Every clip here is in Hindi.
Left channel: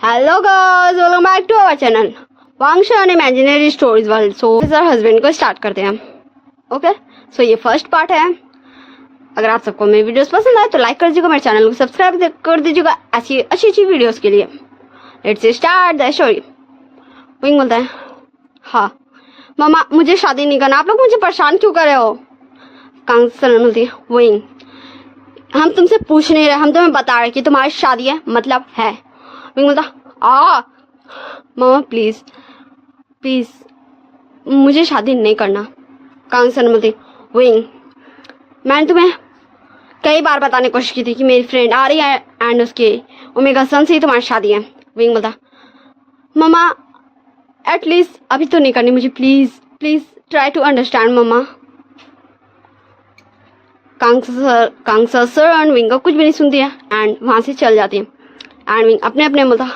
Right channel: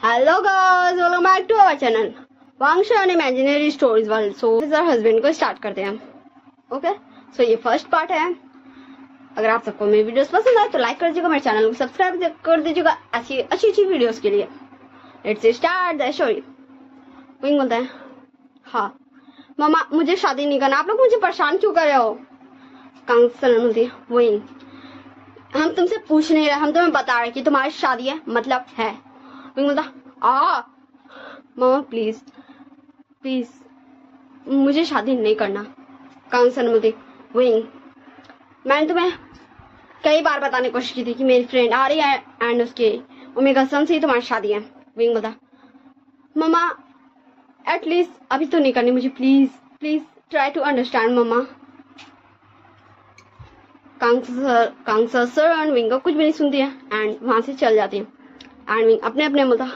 Hello guys, welcome back to our channel वांगशा and Imaginary Stories World. So this is our husband को स्टार्ट करते हैं. ओके सो ये फर्स्ट पार्ट है. अगर आप सबको मेरी वीडियोस पसंद आए तो लाइक कर दीजिएगा, मेरे चैनल को सब्सक्राइब कर दीजिएगा ऐसी अच्छी वीडियोस के लिए. Let's start the story. Wing बोलता है, हाँ मामा मुझे शादी नहीं करना, आप लोग मुझे परेशान क्यों कर रहे हो. कांगसन बोलती है, विंग हम तुमसे पूछ नहीं रहे, हम तुम्हें बता रहे कि तुम्हारी शादी है मतलब है. विंग बोलता, मामा प्लीज प्लीज मुझे शादी नहीं करना. कांगसन बोलती, विंग मैंने तुम्हें कई बार बताने की कोशिश की थी कि मेरी फ्रेंड आ रही है एंड उसके ओमेगा सन से ही तुम्हारी शादी है. विंग बोलता, मामा एटलीस्ट अभी तो नहीं करनी मुझे, please please try to understand मामा. कांगसा सर एंड विंग का कुछ भी नहीं सुनती है एंड वहां से चल जाती है. एंड विंग अपने अपने बोलता,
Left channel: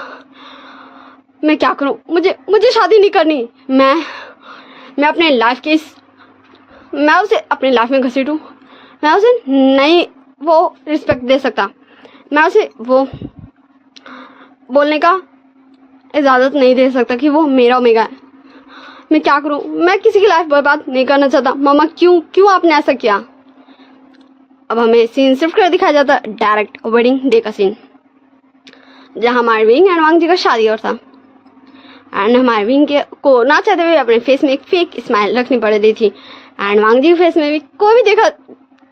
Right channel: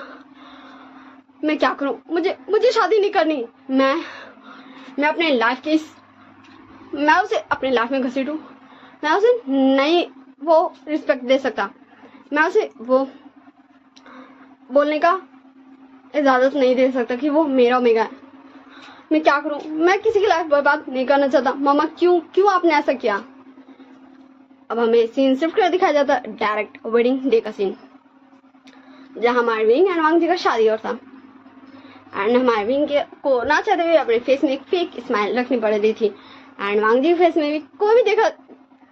मैं क्या करूं, मुझे शादी नहीं करनी. मैं अपने लाइफ के मैं उसे अपनी लाइफ में घसीटूं, मैं उसे नहीं वो रिस्पेक्ट दे सकता, मैं उसे वो बोलने का इजाज़त नहीं दे सकता कि वो मेरा ओमेगा है. मैं क्या करूं, मैं किसी की लाइफ बर्बाद नहीं करना चाहता. मामा क्यों आपने ऐसा किया. अब हमें सीन शिफ्ट कर दिखाया जाता डायरेक्ट वेडिंग डे का सीन, जहाँ हमारे विंग एंड वांग जी का शादी और था. एंड हमारे विंग के को ना चाहते हुए अपने फेस में एक फेक स्माइल रखनी पड़ रही थी एंड वांग जी के फेस में भी कोई भी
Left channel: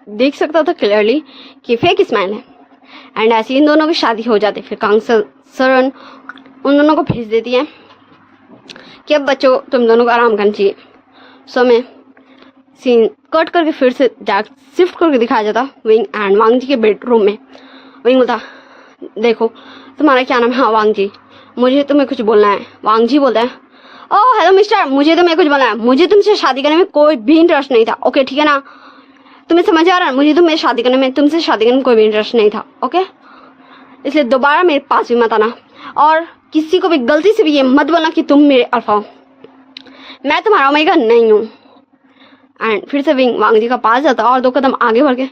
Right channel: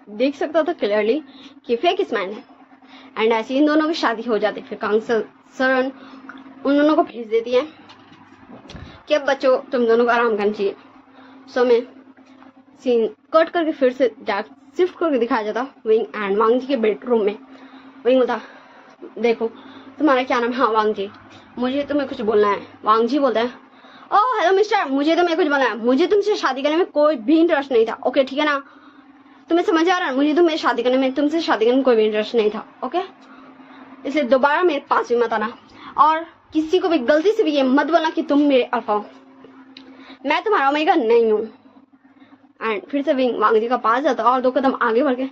देख सकता था क्लियरली कि फेक स्माइल है. एंड ऐसे इन दोनों की शादी हो जाती. फिर कांगसल सरन उन दोनों को भेज देती है कि अब बच्चों तुम दोनों को आराम करना चाहिए. सो मैं सीन कट करके फिर से शिफ्ट करके दिखाया जाता विंग एंड वांग जी के बेडरूम में. विंग बोलता, देखो तुम्हारा क्या नाम है. हाँ वांग जी, मुझे तुम्हें कुछ बोलना है. वांग जी बोलता है, ओह हेलो मिस्टर, मुझे तुम्हें कुछ बोलना है. मुझे तुमसे शादी करने में कोई भी इंटरेस्ट नहीं था. ओके ठीक है ना, तुम्हें समझ आ रहा है. मुझे तुमसे शादी करने में कोई भी इंटरेस्ट नहीं था. ओके इसलिए दोबारा मेरे पास भी मत आना और किसी को भी गलती से भी ये मत बोलना कि तुम मेरे अल्फा हो. मैं तुम्हारा ओमेगा नहीं हूँ. एंड फिर से विंग वांग जी का पास जाता और 2 कदम आगे बढ़ के,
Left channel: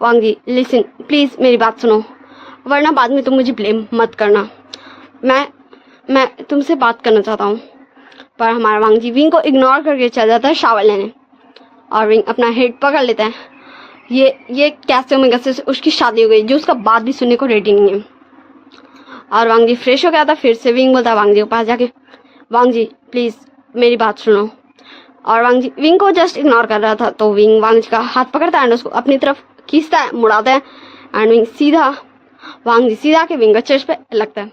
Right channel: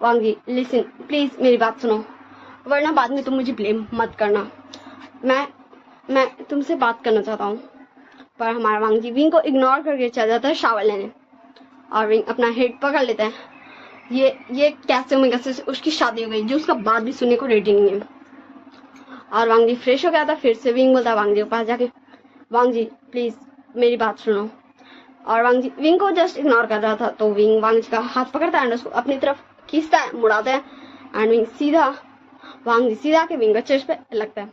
वांग जी लिसन प्लीज मेरी बात सुनो, वरना बाद में तुम मुझे ब्लेम मत करना. मैं तुमसे बात करना चाहता हूँ. पर हमारा वांग जी विंग को इग्नोर करके चल जाता है शावर लेने और विंग अपना हेड पकड़ लेता है. ये कैसे ओमेगा से उसकी शादी हो गई जो उसका बात भी सुनने को रेडी नहीं है. और वांग जी फ्रेश हो गया था. फिर से विंग बोलता है वांग जी के पास जाके, वांग जी प्लीज मेरी बात सुनो. और वांग जी विंग को जस्ट इग्नोर कर रहा था तो विंग वांग जी का हाथ पकड़ता है एंड उसको अपनी तरफ खींचता है, मुड़ाता है एंड वांग जी सीधा के विंग का चेस्ट पे लगता है.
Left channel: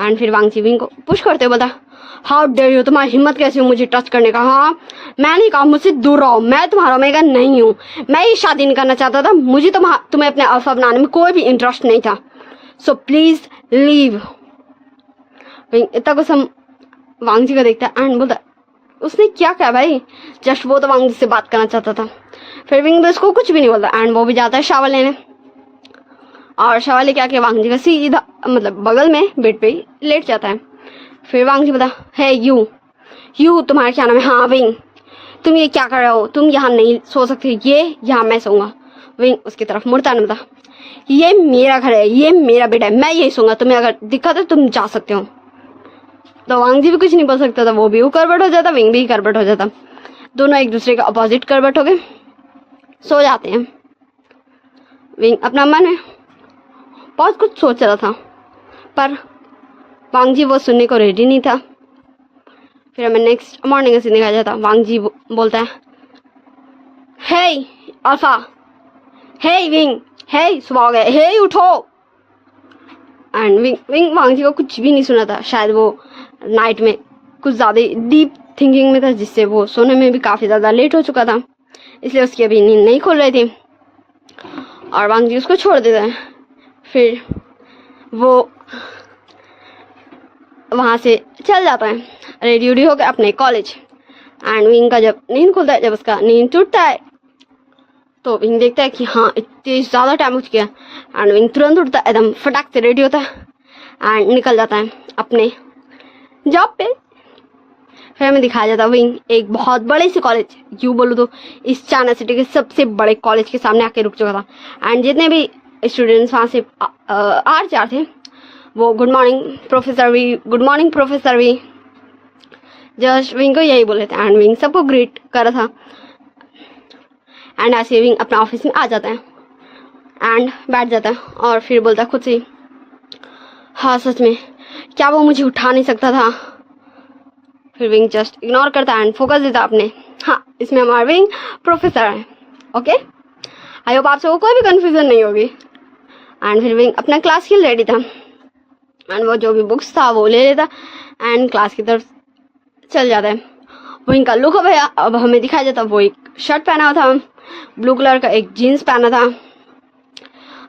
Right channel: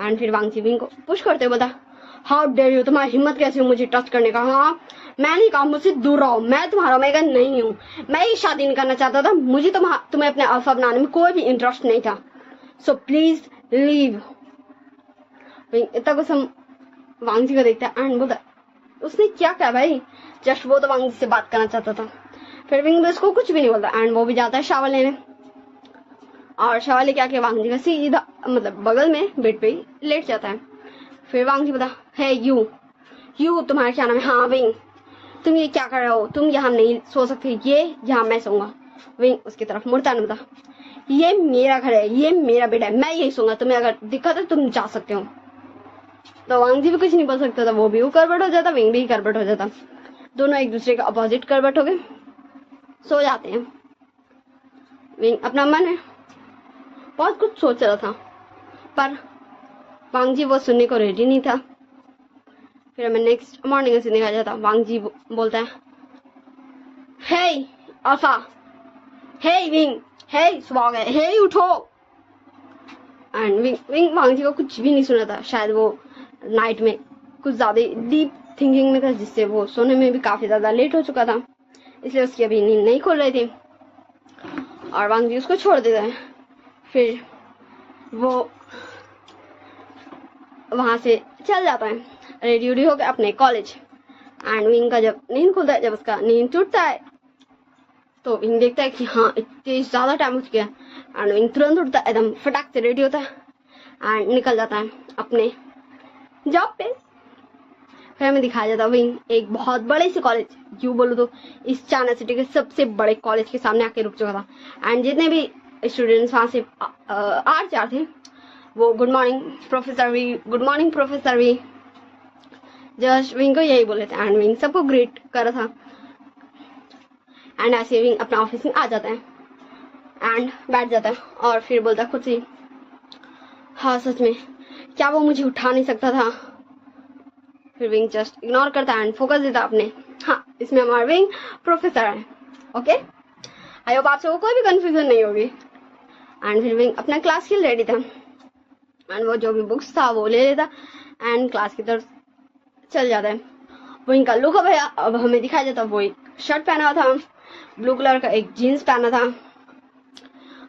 एंड फिर वांग जी विंग को पुश करते हुए बोला, हाउ डेयर यू, तुम्हारी हिम्मत कैसे हो मुझे टच करने का. हाँ मैंने कहा मुझसे दूर रहो, मैं तुम्हारा ओमेगा नहीं हूँ, मैं ये शादी नहीं करना चाहता था, मुझे तुम्हें अपने अल्फा बनाने में कोई भी इंटरेस्ट नहीं था. So please leave. इतना कुछ हम वांग जी को देखता है एंड बोलता, उसने क्या कहा भाई, जस्ट वो तो वांग जी से बात करना चाहता था. फिर विंग भी उसको कुछ भी नहीं बोलता एंड वो भी जाता है शावर लेने. और शावर लेके आके वांग जी का सीधा मतलब बगल में बेड पे ही लेट जाता है. फिर वांग जी बोला, है यू तुम्हारा क्या नाम है. हाँ विंग तुम ये क्या कर रहे हो, तुम यहाँ नहीं सो सकते, ये यहाँ मैं सोऊंगा. विंग उसकी तरफ मुड़ता है, बोला ये मेरा घर है, ये मेरा बेड है, मैं यही सोऊंगा, तुम्हें अगर दिक्कत है तुम जा सकते हो. तो वांग जी भी कुछ नहीं बोल सकता था, वो भी करवट हो जाता, विंग भी करवट हो जाता. दोनों एक दूसरे का अपोजिट करवट हो गए, सो जाते हैं. विंग अपना मन है बहुत कुछ सोच रहा था पर वांग जी वो सुनने को रेडी नहीं था. फिर हमें नेक्स्ट मॉर्निंग से दिखाया जाता. वांग जी बोलता है, हे अल्फा, हे विंग, हे सुबह हो गया, हे उठो. एंड विंग वांग जी को कुछ भी नहीं सुना था. शायद वो नाइट में कुछ ज़्यादा डीप थिंकिंग में था जिससे वो सोने में भी काफ़ी ज़्यादा लेट हो चुका था, इसलिए उसकी अभी नींद नहीं खुल रही थी. और वांग जी उसको छोड़ देता है. फिर वो वहाँ से चल जाता है रेडी होकर अपने कॉलेज. एंड विंग का जब नींद खुलता है, जब उसका नींद टूटता है तो विंग देखता है कि हाँ इतनी ज़्यादा टाइम हो चुका है. एंड विंग तुरंत उठता है, एकदम फटाक से रेडी होता है एंड निकल जाता है अपने जॉब पे. फिर हमें दिखाया जाता है विंग एक बहुत बड़े से कॉलेज, यूँ बोलूँ तो इस चाइना सिटी के सबसे बड़े कॉलेज के सामने आके रुक चुका था. एंड जितने भी स्टूडेंट्स वहाँ से आ जा रहे थे वो good morning professor V, good morning professor V just Wing को यही बोले थे। एंड विंग सबको ग्रीट कर रहा था। एंड ऐसे विंग अपना ऑफिस में आ जाता है एंड बैठ जाता है और फिर बोलता खुद से, हाँ सच में क्या वो मुझे उठा नहीं सकता था। फिर विंग जस्ट इग्नोर करता है एंड फोकस देता अपने, हाँ इसमें हमारा विंग प्रोफेसर है। ओके, आई होप आप सबको कोई भी कंफ्यूजन नहीं होगी। एंड फिर विंग अपना क्लास के लिए रेडी था एंड वो जो भी बुक्स था वो ले लेता एंड क्लास की तरफ चल जाता है। विंग का लुक भैया अब हमें दिखाई देता, वो एक शर्ट पहना हुआ था, ब्लू कलर का एक जीन्स पहना था,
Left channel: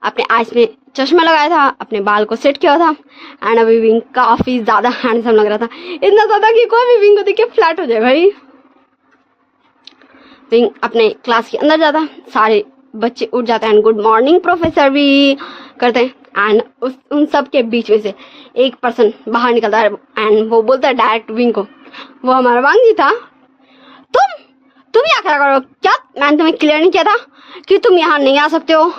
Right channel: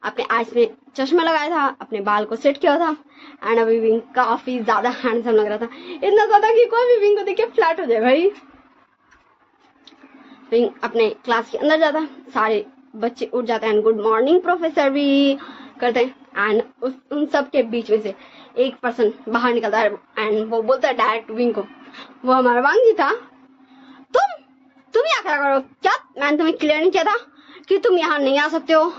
अपने आईज में चश्मा लगाया था, अपने बाल को सेट किया था एंड अभी विंग काफी ज्यादा हैंडसम लग रहा था, इतना ज्यादा कि कोई भी विंग को देख के फ्लैट हो जाए भाई। विंग अपने क्लास के अंदर जाता, सारे बच्चे उठ जाते हैं एंड गुड मॉर्निंग प्रोफेसर भी करते हैं एंड उन सब के बीच में से एक पर्सन बाहर निकलता है एंड वो बोलता है डायरेक्ट विंग को, वो हमारा वांग जी था, तुम यहाँ क्या करो, क्या मैंने तुम्हें क्लियर नहीं किया था कि तुम यहाँ नहीं आ सकते हो,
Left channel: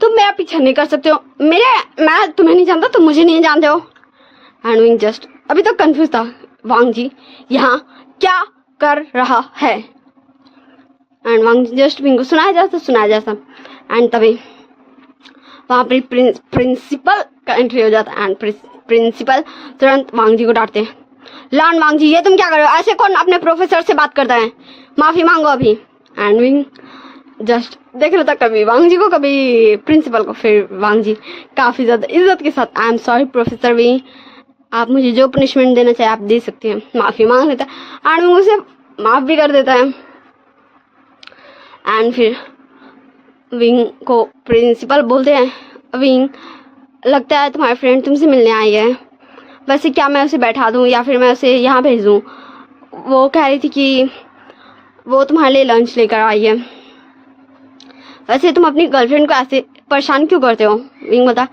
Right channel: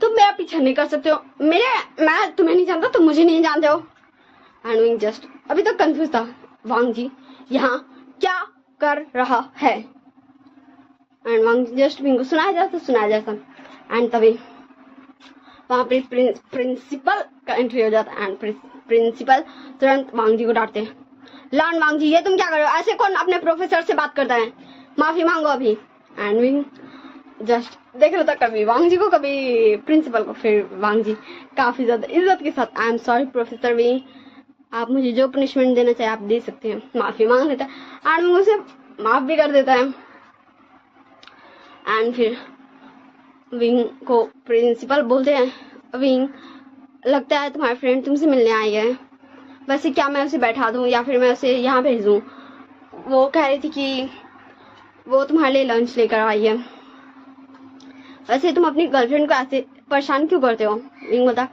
तुम मेरा पीछा नहीं कर सकते हो, मैं तुम्हें नहीं जानता, तुम मुझे नहीं जानते हो। एंड विंग जस्ट अभी तक कंफ्यूज था, वांग जी यहाँ क्या कर रहा है। And Wang ji just Wing को सुनाया जाता एंड तभी वहाँ पर प्रिंसिपल का एंट्री हो जाता है एंड प्रिंसिपल तुरंत वांग जी को डांटते हैं, लॉर्ड वांग जी ये तुम क्या कर रहे हो, ऐसे कौन अपने प्रोफेसर से बात करता है, माफी मांगो अभी। एंड विंग जस्ट देख रहा था कभी वांग जी को कभी प्रिंसिपल को, फिर वांग जी काफी ज्यादा इज्जत के साथ, I am sorry professor V, आप मुझे जो पनिशमेंट देना चाहे आप दे सकते हैं, माफी मांग लेता है एंड विंग उसे माफ भी कर देता है। एंड फिर विंग को प्रिंसिपल बोलते हैं, विंग लगता है तुम्हारी फ्रेंड तुमसे मिलने आई है, वैसे क्या मैं उसे बैठा दूं या फिर मैं उसे यहाँ भेज दूं, वो कह रही थी कि वो तुम्हारे लिए लंच लेकर आई है, वैसे तुम अपनी गर्लफ्रेंड को ऐसे परेशान क्यों करते हो। विंग बता,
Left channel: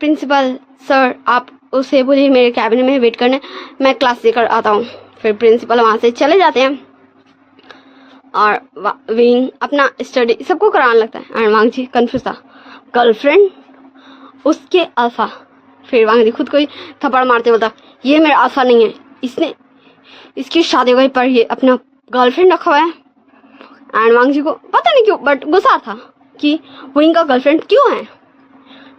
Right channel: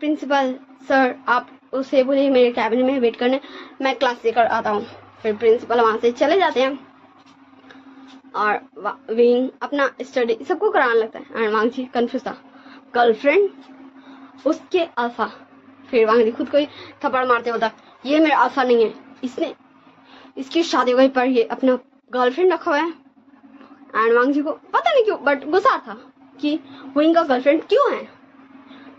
प्रिंसिपल सर आप उसे बोलिए मेरे कैबिन में वेट करने, मैं क्लास लेकर आता हूँ। फिर प्रिंसिपल वहाँ से चले जाते हैं और विंग अपना स्टडी सबको कराने लगता है एंड वांग जी कंफ्यूज था, गर्लफ्रेंड उसके अल्फा। फिर वांग जी खुद को ही थप्पड़ मारते बोलता, ये मेरा अल्फा नहीं है, इसने इसकी शादी हो गई पर ये अपना गर्लफ्रेंड रखा हुआ है। एंड वांग जी को पता नहीं क्यों बट गुस्सा था कि विंग का गर्लफ्रेंड क्यों है।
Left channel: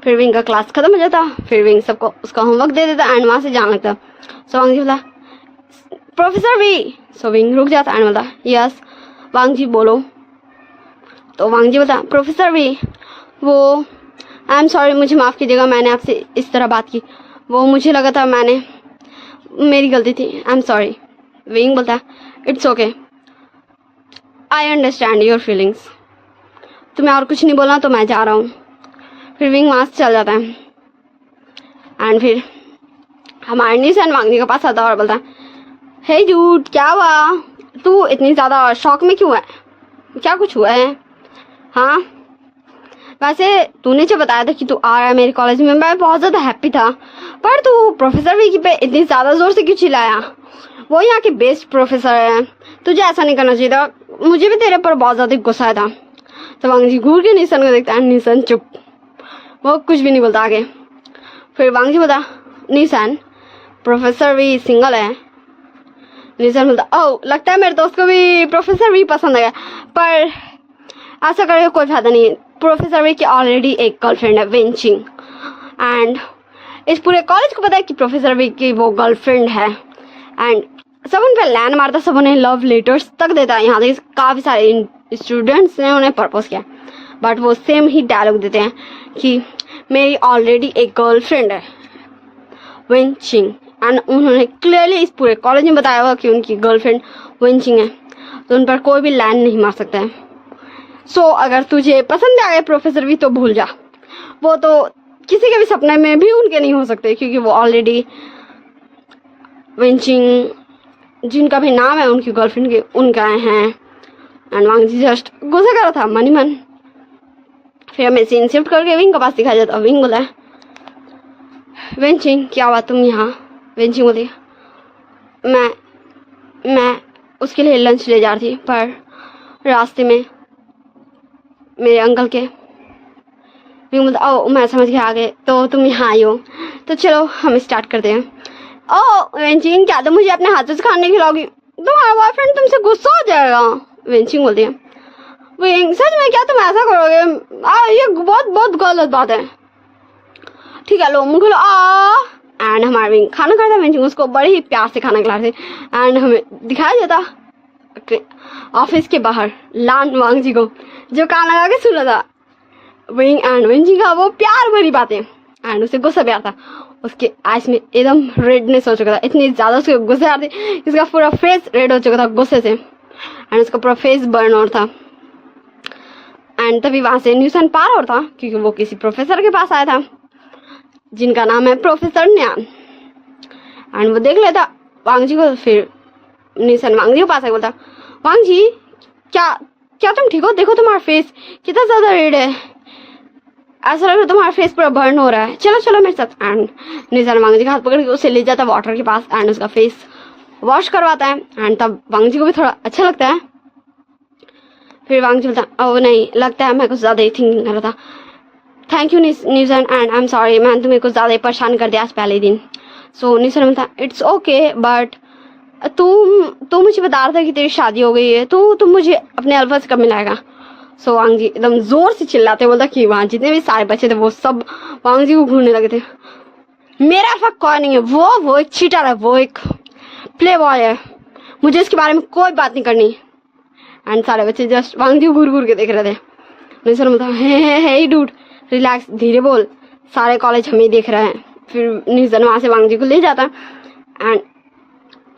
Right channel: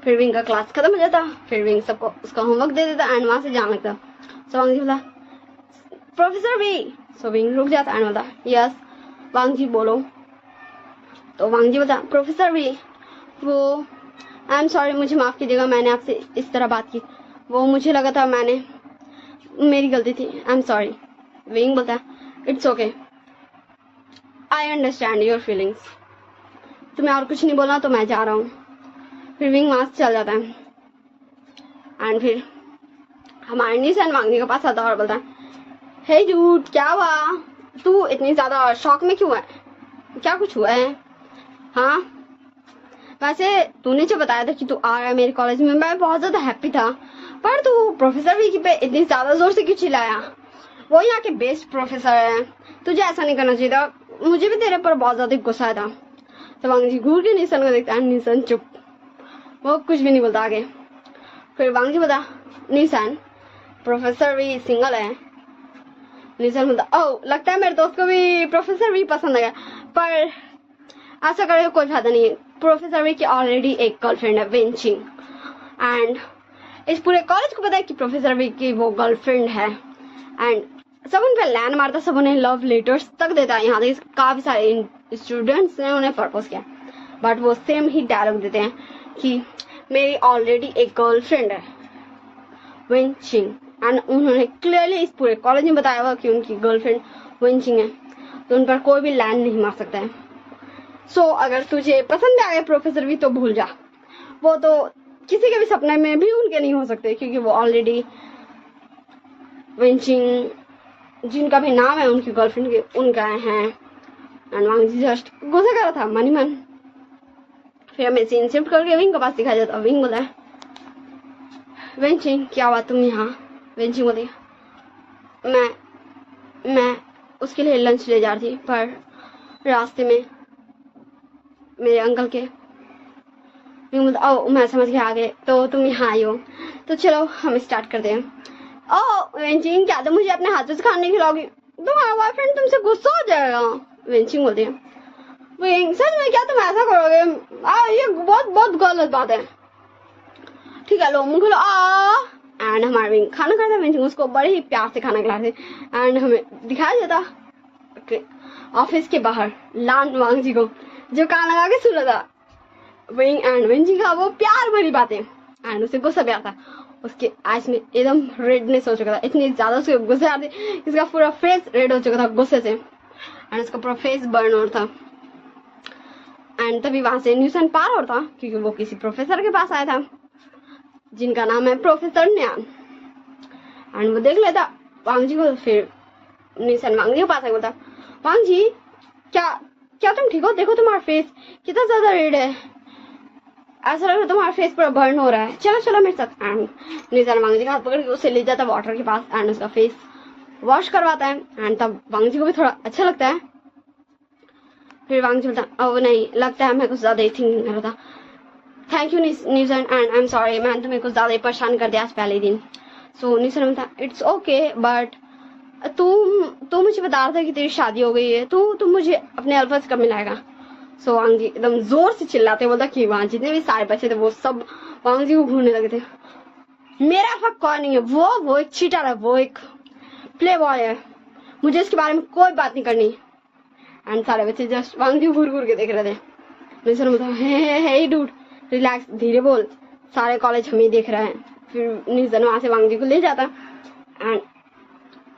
फिर विंग का क्लास खत्म हो जाता, फिर विंग सबको उसका होमवर्क दे देता एंड वहाँ से जाने लगता। सो वांग जी बोला, प्रोफेसर वी। सो विंग रुक जाता एंड बोलता, यस वांग जी बोलो। तो वांग जी बोलता, प्रोफेसर वी वो आई एम सॉरी, मुझे माफ़ कीजिएगा, मैंने आपसे इस तरह बात की, वो मुझे लगा था मेरी गलती थी, आई एम सॉरी। विंग बोलता, it's okay, I understand your feelings, तुम्हें और कुछ नहीं बोलना तो मैं जा रहा हूँ। फिर विंग वहाँ से चल जाता है एंड फिर हमारे निशान वांग जी के पास आता है और बोलता है, हे जूट क्या हुआ, तू इतनी ज़्यादा शॉक में क्यों है, क्या कुछ हुआ है। हाँ वैसे तूने जो बताया था कि तू आ रहा है मेरे कॉलेज में, मैं बहुत ज़्यादा हैप्पी था, पर तू प्रोफेसर वी पे इतनी ज़्यादा ज़ोर से क्यों चिल्लाया, वो यहाँ के बेस्ट प्रोफेसर है, तुझे ऐसा नहीं करना चाहिए था, मुझे भी तेरे पर बहुत ज़्यादा गुस्सा आया था। तो वांग जी घूर के निशान को देखता है, निशान चुप, वो कुछ भी नहीं बोलता आगे। फिर वांग जी बोलता, निशान प्रोफेसर वी सिंगल है। निशान बोलता, ओह लगता है मेरे दोस्त को भी प्रोफेसर वी पसंद है, पर ऐसा करके कोई फायदा नहीं है, प्रोफेसर वी की ऑलरेडी एक गर्लफ्रेंड है वेंचिंग, एंड इस पूरे कॉलेज को पता है कि प्रोफेसर वी की वो गर्लफ्रेंड है। एंड सब उन पर लैंड मारता, सब उन्हें लव लेटर्स तक देता है, यहाँ तक काफ़ी सारे स्टूडेंट्स ने उन्हें प्रपोज किया, बट वो सेम ही डायलॉग देते हैं कि मेरी ऑलरेडी एक गर्लफ्रेंड है वेंचिंग, एंड उन्होंने क्लियरली इस पूरे कॉलेज में बताया हुआ कि उनकी गर्लफ्रेंड वेंचिंग है, तो उन पर कोई भी लैंड नहीं मार सकता है। सो अगर तुझे पसंद आ गए प्रोफेसर वी तो भूल जा, वो तो किसी के भी सपने में भी उनके नहीं हो सकते, क्योंकि वो ऑलरेडी वेंचिंग जिनका भी नाम है उनकी गर्लफ्रेंड के उनका हैं। एंड वांग जी जस्ट गुस्सा कर रहा था मन ही मन। फिर हमें सीन शिफ्ट करके विंग के पास दिखाया जाता, विंग बोला, वेंचिंग क्या हुआ तुम यहाँ। वेंचिंग बोली, मैं उसके लिए लंच ले जा रही थी, पर रास्ते में मेरे अंकल के विंग बोलता ओ मैं समझ गया आगे, तो तुम यहाँ आई हो, तो चलो हम स्टार्ट करते हैं। ओ वेंचिंग, क्या तुम मुझे अपने हाथों से खाने खिलाओगी? तुम्हारा बॉयफ्रेंड तुमसे गुस्सा हो जाएगा। वेंचिंग बोलती है विंग सच में क्या तुम ऐसा करोगे? ये बहुत बहुत गलत बात है। ठीक है लो मुंह खोलो आ। एंड हमारा विंग खाना खाता है, वेंचिंग उसको बड़े ही प्यार से खाना खिलाते एंड हमें दिखाया जाता ऑफिस के बाहर लान वांग जी को जो खाना खा के सुना था विंग एंड वेंचिंग का वो प्यार भरी बातें। एंड उसे गुस्सा भी आता, उसके आइज में एकदम रेडनेस हो चुका था, इतनी ज्यादा उसके गुस्से आ रही थी, इसका पूरा फेस रेड हो चुका था गुस्से से एंड उसका पूरा फेस बर्न हो था। एंड तभी वहां से न्यूसन पार हो था क्योंकि वो किसी प्रोफेसर के पास आया था जिनका नाम है प्रोफेसर न्यान। एंड वो देख लेता वांग जी को, फिर न्यूसन वांग जी के पास आया, बोलता वांग जी क्या क्या तुम ठीक हो? देखो तुम्हारा फेस कितना ज्यादा रेड है, ऐसा लग रहा है तुम्हारा फेस पूरा बर्न हो रहा है, चलो चलो मेरे साथ। एंड न्यूसन वांग जी का हाथ पकड़ के उसे ले जाता वाटर के पास एंड उसका फेस वॉश करवाता है। एंड तब वांग जी को भी थोड़ा अच्छा लगता है। फिर वांग जी बोलता ओ नहीं, लगता है मैं कुछ ज्यादा ही थिंकिंग कर रहा था, thank you न्यूसन and I am sorry, मैंने तुम्हें कुछ ज्यादा ही परेशान कर दिया आज पहले दिन। सो न्यूसन बोलता इट्स ओके बट तू मुझे बता रहा था कि तेरी शादी हो गई है, तो तुम मुझे अपने अल्फा से कब मिलाएगा? सो वांग जी एकदम जोर से चिल्लाते बोलता कि वहाँ जितने भी सारे बच्चे थे वो सब वांग जी को घूरने लगे थे। मेरा अल्फा कोई नहीं है, वो एक चीटर है, वो एक प्ले बॉय है, मुझे इसके बारे में कोई बात नहीं करनी। एंड सारे बच्चे जस्ट वांग जी घूर घूर के देख रहे थे। न्यूसन बोलता हे डूड रिलैक्स, धीरे बोल, सारे कॉलेज हमें देख रहे हैं। फिर न्यूसन वहां से वांग जी को ले जाता एंड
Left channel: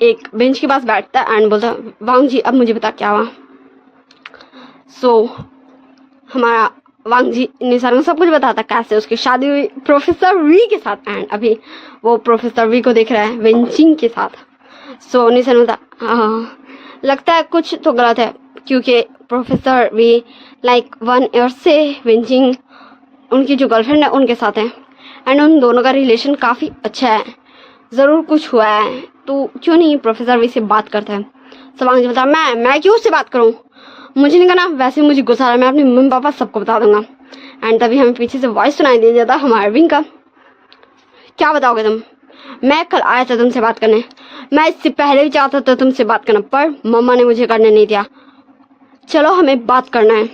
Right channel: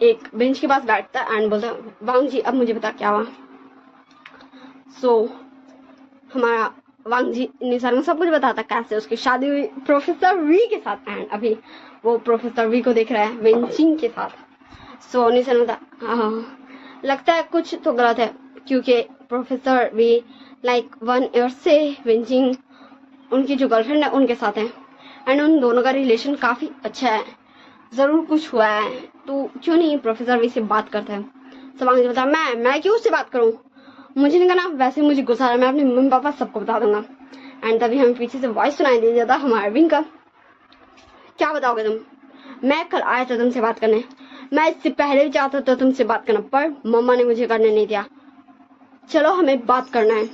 एक बेंच के पास बैठता एंड बोलता वांग जी अब मुझे बता क्या हुआ। सो हमारा वांग जी न्यूसन को सब कुछ बताता कैसे उसकी शादी हुई प्रोफेसर वी के साथ एंड अभी वो प्रोफेसर वी को देख रहा है वेंचिंग के साथ। सो न्यूसन बोलता हाँ लगता है कुछ तो गलत है क्योंकि प्रोफेसर वी लाइक 1 ईयर से वेंचिंग उनकी जो गर्लफ्रेंड है उनके साथ है एंड उन दोनों का रिलेशन काफ़ी अच्छा है, ज़रूर कुछ हुआ है, तो क्यों नहीं प्रोफेसर वी से बात करता है। सब वांग जी बोलता मैं क्यों उससे बात करूँ, मुझे नहीं करना, वैसे मुझे गुस्सा आ रहा है, मैं अपने मम्मी पापा सबको बता दूंगा। एंड तभी हमें पीछे से वॉइस सुनाई दे जाता हमारे विंग का, क्या बताओगे तुम? मैं कल आया था तुमसे बात करने, मैं इससे पहले भी चाहता था तुमसे बात करना पर मम्मा ने मुझे करने नहीं दिया, चलो हमें बात करना है।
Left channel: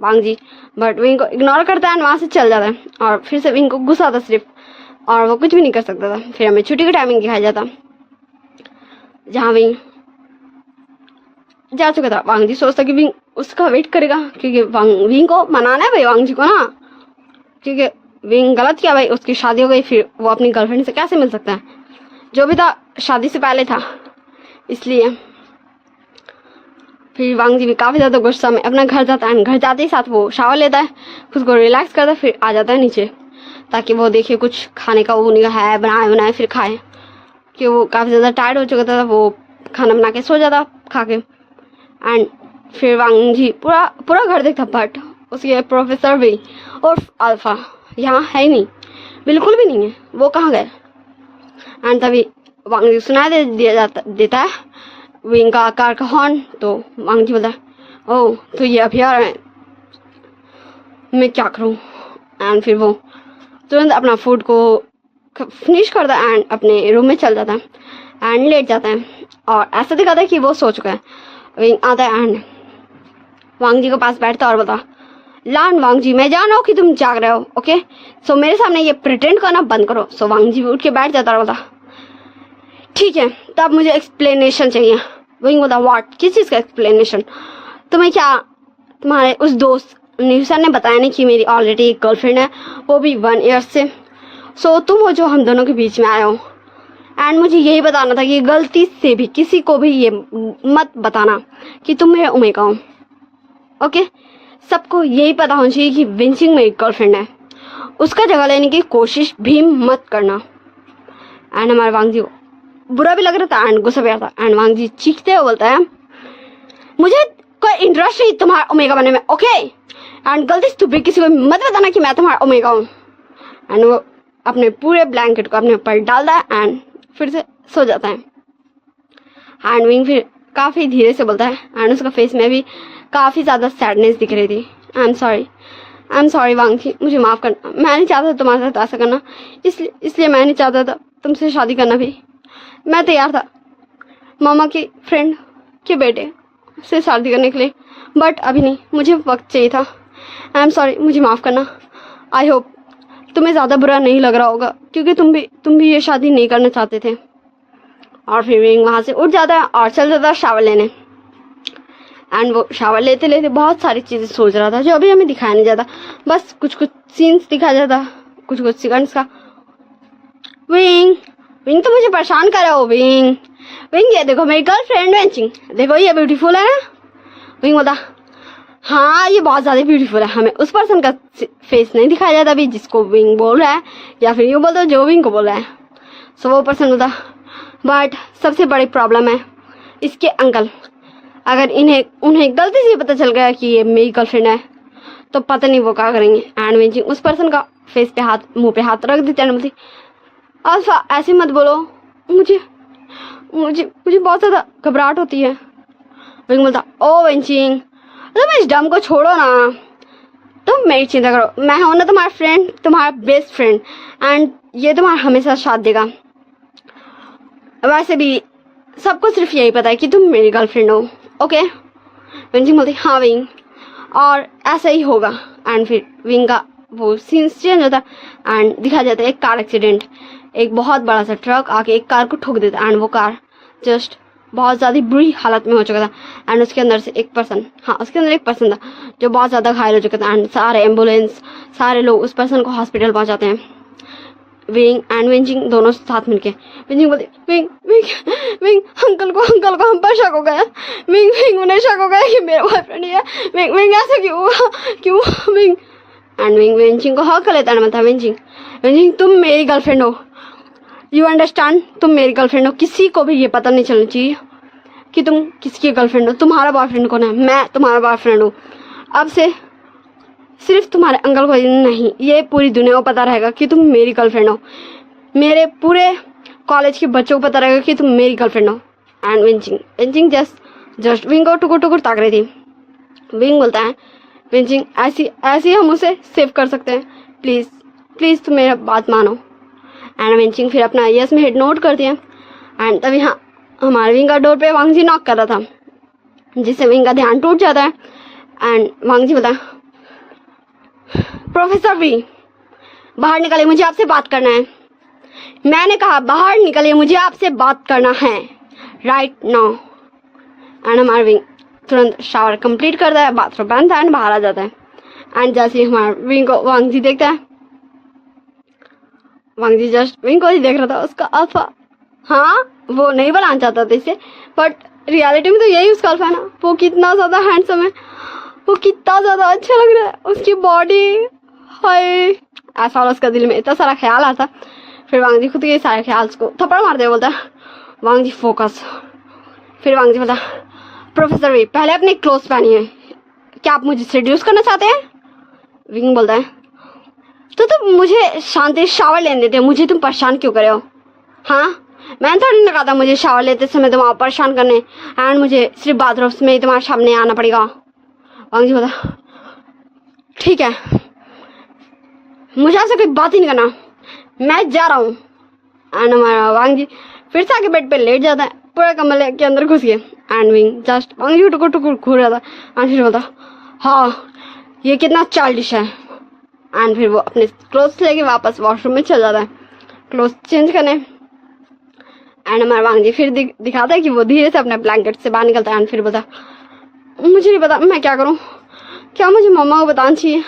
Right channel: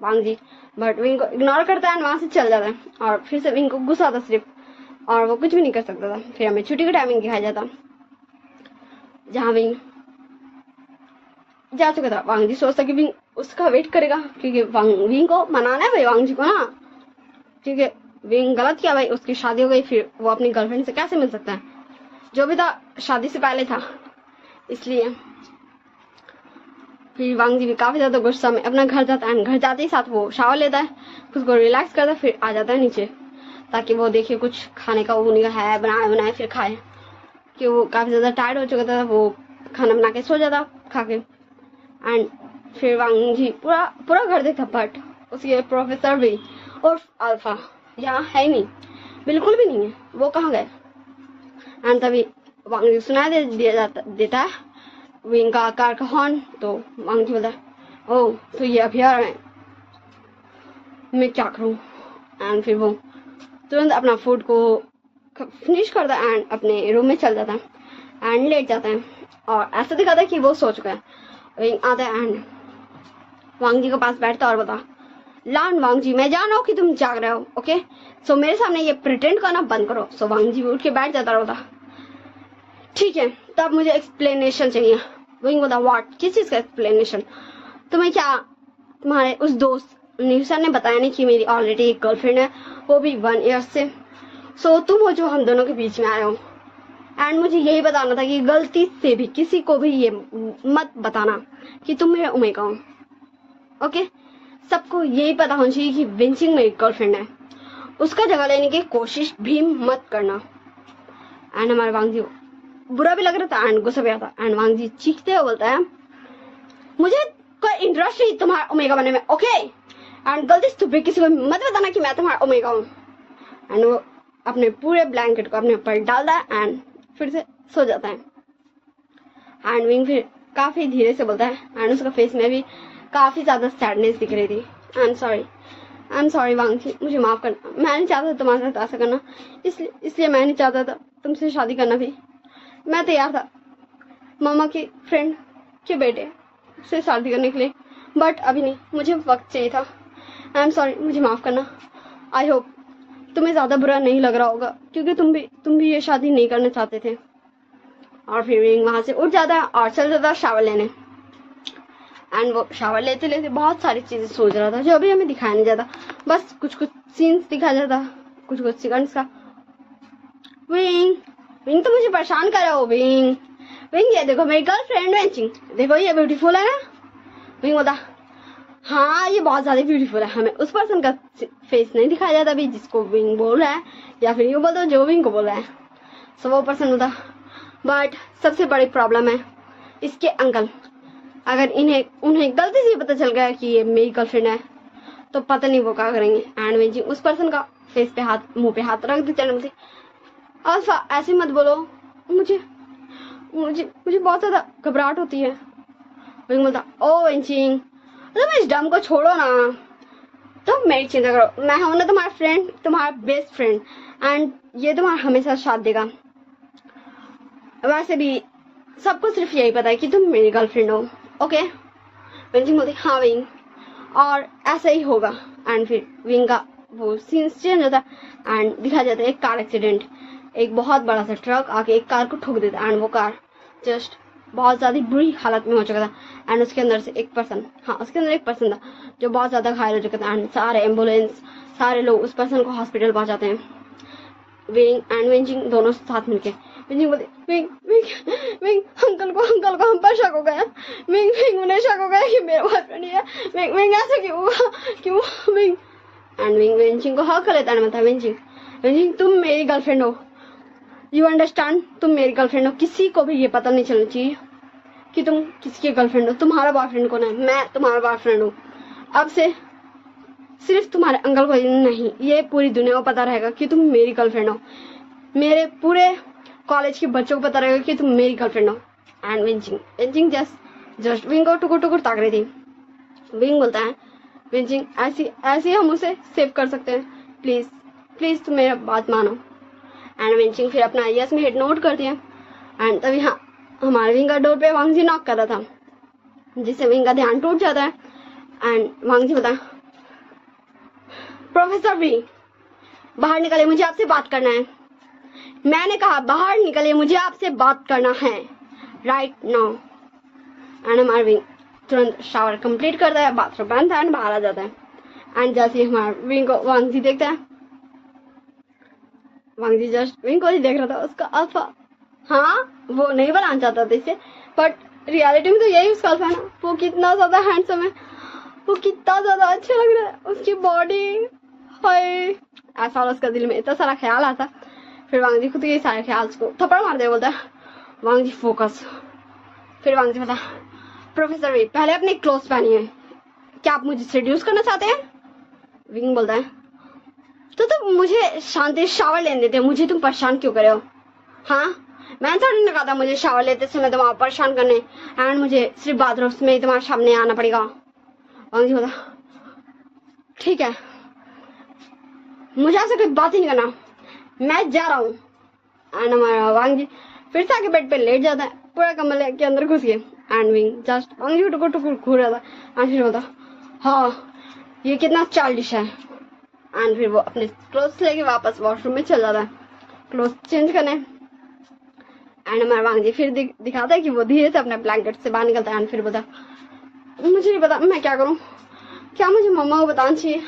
वांग जी बट विंग को इग्नोर करता है वहां से चल जाता है और फिर से विंग को गुस्सा आता सिर्फ और वो कुछ भी नहीं कर सकता था। फिर हमें छुट्टी का टाइमिंग दिखाया जाता जहाँ विंग जा चुका था। वांग जी सोचता कि विंग उसका वेट करेगा क्योंकि विंग को मनाना है भाई वांग जी को ना, क्योंकि विंग गलत किया भाई, उसकी शादी हो गई, फिर वो अपनी गर्लफ्रेंड से कैसे मिल सकता है, जो भी था शादी से पहले था इसलिए। फिर वांग जी भी काफ़ी ज़्यादा गुस्सा में अपना घर जाता है, घर जाते ही साथ वो शावर लेता है, खुद को रिलैक्स करता है, फिर आ जाता है नीचे ताकि वो देखे कुछ खाने का वो नहीं है बनाए फिर खाए, कि वो काफ़ी ज़्यादा टायर्ड हो चुका था, वो खाना बना के सो जाता खा के। एंड फिर वांग जी पूरा घर देखता बट उसके प्रोफेसर भी और अल्फा यहाँ है ही नहीं, बिल्कुल भी नहीं है, वो कहाँ गए। एंड तभी वांग जी सुनाई देता है विंग का कार का हॉर्न, तो वांग जी बोलता ओह तो ये अभी आ रहे हैं, मैं क्या करूँ। एंड फिर वो तुरंत अपना फूड को फिनिश करता है एंड अपने रूम में चल जाता है एंड लेट जाता है और ऐसा दिखाता है कि वो सो चुका है। विंग आता है एंड वांग जी के पास बैठता और बोलता लान वांग जी मैं जान रहा हूँ कि तुम जाग रहे हो, ओके सो मेरे सामने ये प्रिटेंड करना बंद करो। सो वांग जी उठ के बैठ जाता और बोलता ठीक है तब मुझे एक्सप्लेनेशन चाहिए। विंग बोलता व्हाट, किस चीज़ का एक्सप्लेनेशन? तुम्हें क्या तुम्हारे उस दोस्त न्यूसन ने बताया नहीं कि मेरी ऑलरेडी एक गर्लफ्रेंड है, वो भी 1 ईयर से, सो तुम हो जो हम दोनों के बीच में आए हो एंड मुझे यही बताना था कि गलती से भी किसी को भी ये मत बताना कि तुम मेरे ओमेगा हो, ओके सबको यही पता होना चाहिए कि विंचिंग मेरी गर्लफ्रेंड है, उसका जगह लेने की कोशिश भी मत करना। एंड हमारे वांग जी को बुरा भी लग रहा था एंड गुस्सा भी आ रहा था एंड वांग जी चीखते हुए बोलता है मुझे कोई इंटरेस्ट नहीं तुम्हारा ओमेगा बनने में, ओके एंड गलती से भी किसी को मत बताना कि मैं तुम्हारा ओमेगा हूँ। एंड वो अपने पूरे ब्लैंकेट को अपने ऊपर डालता है एंड फिर से सो जाता है। एंड विंग फिर काफ़ी धीरे से बोलता है एंड उसका फेस में भी काफ़ी ज़्यादा सैडनेस दिख रही थी, I am sorry I am sorry वांगी, मुझे माफ़ करना, मैं नहीं चाहता तुम्हारे साथ ऐसा करना, इसलिए मैं नहीं चाहता था तुमसे शादी करना भी। मैं तैयार था मामा की फ्रेंड के बेटे से शादी करने के लिए, बट अभी नहीं, मुझे वक्त चाहिए था। आई एम सॉरी, मुझे माफ़ करना। आई होप तुम्हें ज़्यादा बुरा नहीं लग रहा होगा, क्योंकि तुम भी ये शादी नहीं करना चाहते थे। और फिर विंग वहाँ से उठ जाता है और चल जाता है शावर लेने। एंड वो शावर लेते लेते बहुत सारी चीज़ें सोच रहा था जो अभी हमें दिखाया नहीं जाता, बस कुछ कुछ सीन्स दिखाया जाता, कुछ कुछ सेकंड्स का। विंग विंग तो मुझे परेशान कर रहा हो विंग। विंग ये देखो मेरी गर्लफ्रेंड वेंचिंग, देखो ये ब्यूटीफुल है ना। विंग बोला हाँ ये बहुत ज़्यादा ब्यूटीफुल है। हमें उस पर्सन का फेस नहीं दिखाया जाता अभी जिसको विंग बोल रहा है, या फिर यूँ बोल दो जो विंग को बोल रहा है। सो वो पर्सन होता, बट सबसे बड़ी प्रॉब्लम है इसके अंकल। अगर उन्हें गलती से पता चल गया कि ये मेरी गर्लफ्रेंड है तो पता नहीं वो क्या करेंगे। एंड वेंचिंग उस पर्सन का फेस पे हाथ, मुंह पे हाथ रख देते हैं। बोलती अल्फा ऐसे मत बोलो, मुझे मुझे मुझे बहुत ज़्यादा घबराहट होती है। विंग बोलता ओ वेंचिंग तुम इस डम को छोड़ो ना, तुम मेरी चिंता करो, मैं हूं ना तुम्हारा फ्रेंड, तुम्हारा बेस्ट फ्रेंड, एंड ये तुम्हारा हमेशा साथ देगा। वैसे भी सबको सिर्फ यही पता है कि तुम मेरी गर्लफ्रेंड हो, ओके। विंग बोलती हाँ विंग, और ऐसा ही होगा। एंड फिर विंग का वो सीन्स चेंज होता है एंड दिखाया जाता है एक कार एक्सीडेंट। एक बहुत बड़ा सा ट्रक आके एक कार को ठोक देता है एंड वो कार जस्ट बहुत ज़्यादा बुरी हालत में हो चुका था। एंड उसके अंदर से एक पर्सन, हाँ उसके अंदर एक पर्सन था जो बहुत ज़्यादा घायल हो चुका था। एंड सारे एम्बुलेंस, सारे लोग उस पर्सन को हॉस्पिटल पहुंचाते हैं। विंग एंड वेंचिंग दोनों साथ मिलके। वेंचिंग बोलते विंग विंग विंग अंकल को हम पर शक हो गया। विंग उन्हें शक हो गया कि मेरा बॉयफ्रेंड ही है। विंग ऐसा क्यों हुआ, क्यों विंग। एंड विंग वेंचिंग को हक कर लेता है। मतलब वेंचिंग तुम मेरी गर्लफ्रेंड हो, यू अंडरस्टैंड, तुम मेरी गर्लफ्रेंड हो। किसी को भी ये पता नहीं चलना चाहिए कि तुम किसकी गर्लफ्रेंड हो। तुम्हारा बॉयफ्रेंड कौन है, मैं तुम्हारा बॉयफ्रेंड हूँ। अब से सिर्फ तुम्हारे अंकल को नहीं, ये पूरी दुनिया को पता रहेगा कि तुम मेरी गर्लफ्रेंड हो। मेरे पूरे कॉलेज के बच्चों को पता रहेगा कि तुम मेरी गर्लफ्रेंड हो। एंड वेंचिंग जस्ट विंग को टुकुर ताक रही थी। विंग बोलता है वेंचिंग ऐसी हम उसे सेव कर सकते हैं, प्लीज़ तुम मेरा बात मानो। एंड वेंचिंग फिर अपना यस में हेड नोट करती है। एंड तभी हाँ हमारे विंग का डोर पे वांगजी नॉक कर रहा था, जिससे विंग का ध्यान टूट जाता है। एंड वांगजी बोलता है प्रोफेसर वी बाहर निकलिए, मुझे आपसे बात करना है। मैंने कहा बाहर निकलिए, मुझे आपसे बात करना है राइट नाउ। एंड हमारा विंग तुरंत शावर कंप्लीट करता है, बाथरूम पहनता है एंड बाहर आ जाता है। एंड जैसे ही हमारा विंग को वांगजी देखता है, वांगजी जस्ट विंग को ही देख रहा था। उसका अल्फा, हाँ वो नहीं बनाना चाहता था इसे, बट रियलिटी में तो यही उसका अल्फा है ना। वो कितना ज़्यादा हैंडसम है, वो कितना ज़्यादा अच्छा लग रहा है, उसकी बॉडी, हाय ऐसा वाला उसका दिल में इतना सारा ख्याल आता। फिर वांगजी खुद के सारे ख्याल को थप्पड़ मारते बोलता है वांगजी फोकस। फिर वांगजी बोलता प्रोफेसर वी पहले अपने क्लोथ पहनिए, क्या आप मुझे सेड्यूस करना चाहते हैं। विंग बोलता है तो तुम मुझे शांति शावर लेने देते हो, मुझे तुम परेशान क्यों करे हो। हाँ मैंने थोड़ी ना कहा था मुझे शावर लेते समय तुम आप परेशान करने, एंड मुझे सिर्फ बाथरूम में ही तुम्हारे सामने आना पड़ेगा। वांगजी बोला ठीक है, मुझे ऐसे कोई बात ही नहीं करना, मैं जा रहा हूँ। एंड हमारा वांगजी फिर से आके बेड पे लेट जाता है, पूरा कमरे के अंदर घुस गए। एंड विंग जस्ट वांगजी टुकुर घूर रहा था। एंड फिर बोलता हाँ ये कितना चाइल्डिश है। एंड फिर वो अपने क्लोथ्स लेके वापस वॉशरूम में चल जाता है क्लोथ्स चेंज करने। एंड हमारा वांगजी फिर दिखाता है कि वो धीरे से अपने ब्लैंकेट से बाहर निकलता है। एंड फिर बोलता मुझे नहीं पता मैं क्या करूं, क्या मुझे मम्मा को बताना चाहिए,